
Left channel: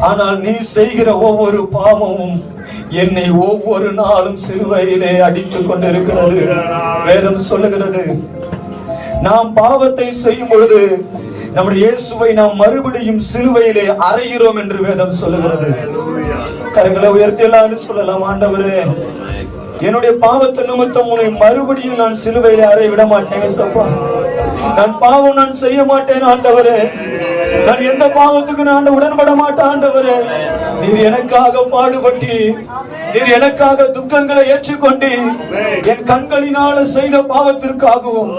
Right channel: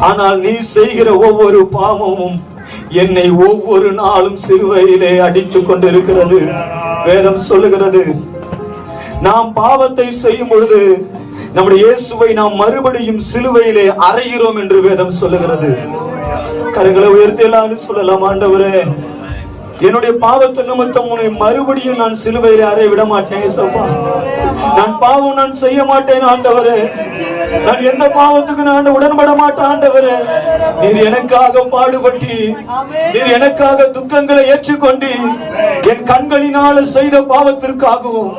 ஆனால் நீ செய்கிற ஒவ்வொரு பாவமும் என்னை ஒவ்வொரு நாளும் சிலுவையிலே அடித்துக் கொண்டிருக்கிறது. வேதம் சொல்லுகிறது, நாம் பாவத்தை செய்யும் பொழுது நம்முடைய இயேசுவை நாம் மறுபடியும் சிலுவையிலே அறைகிறோம் என்று வேதம் சொல்லுகிறது. கரங்களை உயர்த்தி எல்லாரும் சொல்லலாம், ஆண்டவரே என்னுடைய பாவத்தை நிமித்தம் உன்னை மறுபடியும் நான் சிலுவையிலே அறைய விட மாட்டேன் சப்பா. நான் பாவம் நான் செய்ய மாட்டேன் ஆண்டவரே. நான் எந்த பாவத்துக்கு நான் உடன்பட மாட்டேன் ஆண்டவரே. நீர் எனக்காக பாடுபட்டு, நீர் எனக்காக துக்கங்களை ஏற்றுக்கொண்டு, என் கண்களினால செய்த பாவத்திற்காகவும்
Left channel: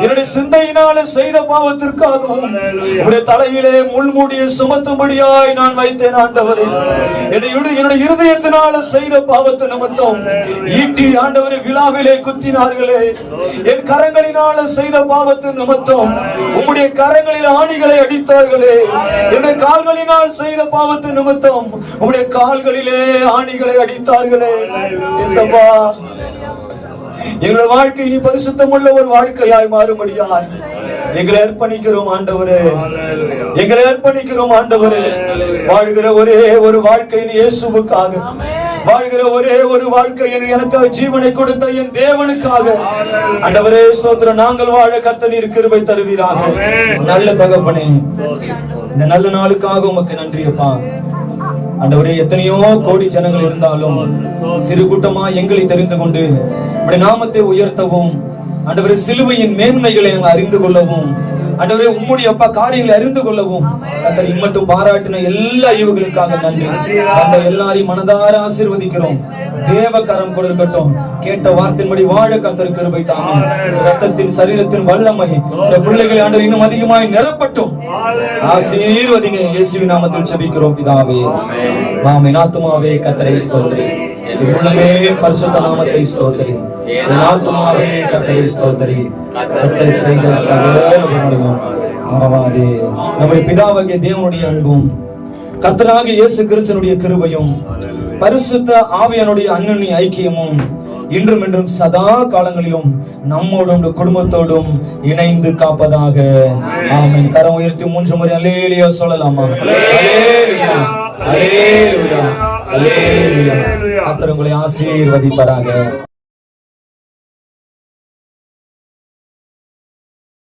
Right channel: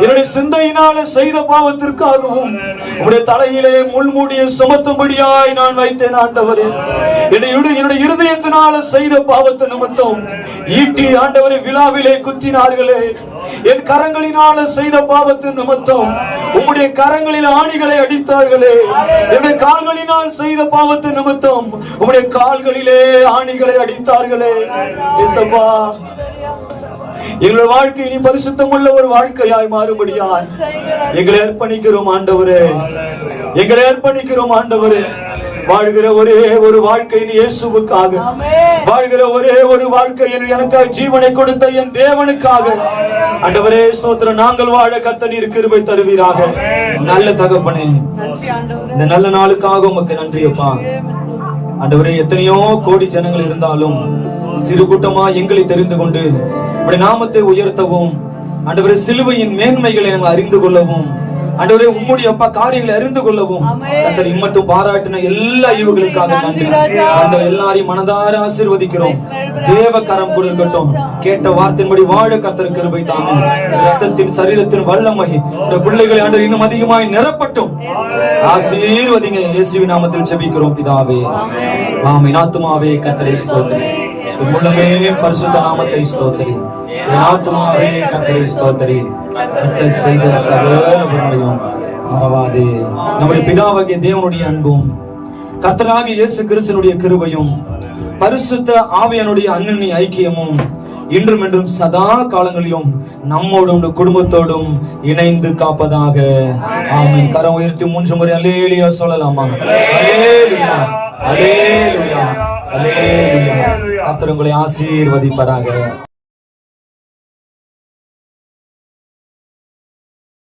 என்னுடைய சிந்தையினால செய்த பாவத்திற்காகவும் உடைய தலையிலே முள்மூடியை சுமத்தும்படியாய் நான் வைத்தேன் ஆண்டவரே. என்னுடைய இருதயத்தினால செய்த பாவத்தை நிமித்தம் ஈட்டி ஆண்டவரை விழாவிலே குத்தினார்களே. என் கரங்களினால செய்த பாவத்தின் நிமித்தம் உம்முடைய கரங்களில் ஆணிகளை அடித்தார்களே. என்னுடைய கால்களினால் செய்த பாவத்தின் நிமித்தம் உம்முடைய கால்களிலே ஆணிகளை அடித்தார்களே. இயேசுவா, எங்கள் வாழ்க்கை இனி பரிசுத்தம் உள்ள ஒரு வாழ்க்கையாய் மாறும்படியாய் எங்களை அர்ப்பணிக்கிறோம் ஆண்டவரே. எங்களை அர்ப்பணிக்கிறோம் ஆண்டவரே. வாழ்கிற ஒரே ஒரு வாழ்க்கை இயேசுவுக்காக, வாழ்கிற ஒரே ஒரு வாழ்க்கை எனக்காக ஜீவனை கொடுத்த என் தேவனுக்காக ஆண்டவரே ஸ்தோத்திரம். நாங்கள் வாழ கர்த்தர் நீர் கிருபை தருவீராக. நல்ல தகப்பனே, இந்த நல்ல நாளுக்காக உமக்கு நன்றி அப்பா. ஆண்டவரே, எத்தனையோ கோடி ஜனங்கள் இருந்தாலும் சிறு கூட்டமா எங்களை தெரிந்து கொண்டு உம்முடைய நாமத்தை உயர்த்தவும், ஆண்டவரே சிலுவையின் மேன்மைகளை நாங்கள் அறிந்து கொள்ளவும், ஆண்டவரே உம்முடைய அப்பா காரியங்களை அறிந்து கொள்ளவும் கர்த்தர் இம்மட்டும் பாராட்டின எல்லா ஈவுகளுக்காக நன்றி. அந்த எல்லாரையும் மனதார ஆசீர்வதிக்கிறோம். தேவ கரம் கூட இருக்கட்டும். கேட்ட வார்த்தையின்படி வாழ கர்த்தர் கிருபை தாரும். இரத்தத்தின் சரீரத்தின் வல்லமை இந்த பிள்ளைகளை ஆண்டவர் இன்னும் அதிகமாய் நிரப்பட்டும். ஆசீர்வதிங்க. இயேசுவின் நாமத்தில் ஜெபிக்கிறோம் பிதாவே, ஆமென். ஆத்துமாவே கர்த்தரை ஸ்தோத்திரி, உள்ளமே பரிசுத்த நாமத்தை ஸ்தோத்திரி. ஆத்துமாவே கர்த்தரை ஸ்தோத்திரி. கர்த்தர் செய்த சகல உபகாரங்களையும் மறவாதே. நம்முடைய பிதாவாகிய தேவனுடைய அன்பும் கர்த்தராகிய இயேசு கிறிஸ்துவினுடைய கிருபையும் பரிசுத்த ஆவியானுடைய அன்னிய ஐக்கியமும் இன்றும் என்றும் சதா காலங்களிலும் நம்மோடும் குடும்பத்தோடும் இணைந்து காப்பதாக. ஆமென். கரம் உயர்த்தி 3 முறை அல்லேலூயா சொல்லலாமா? அல்லேலூயா, அல்லேலூயா, அல்லேலூயா. கர்த்தர் உங்களை ஆசீர்வதிப்பாராக.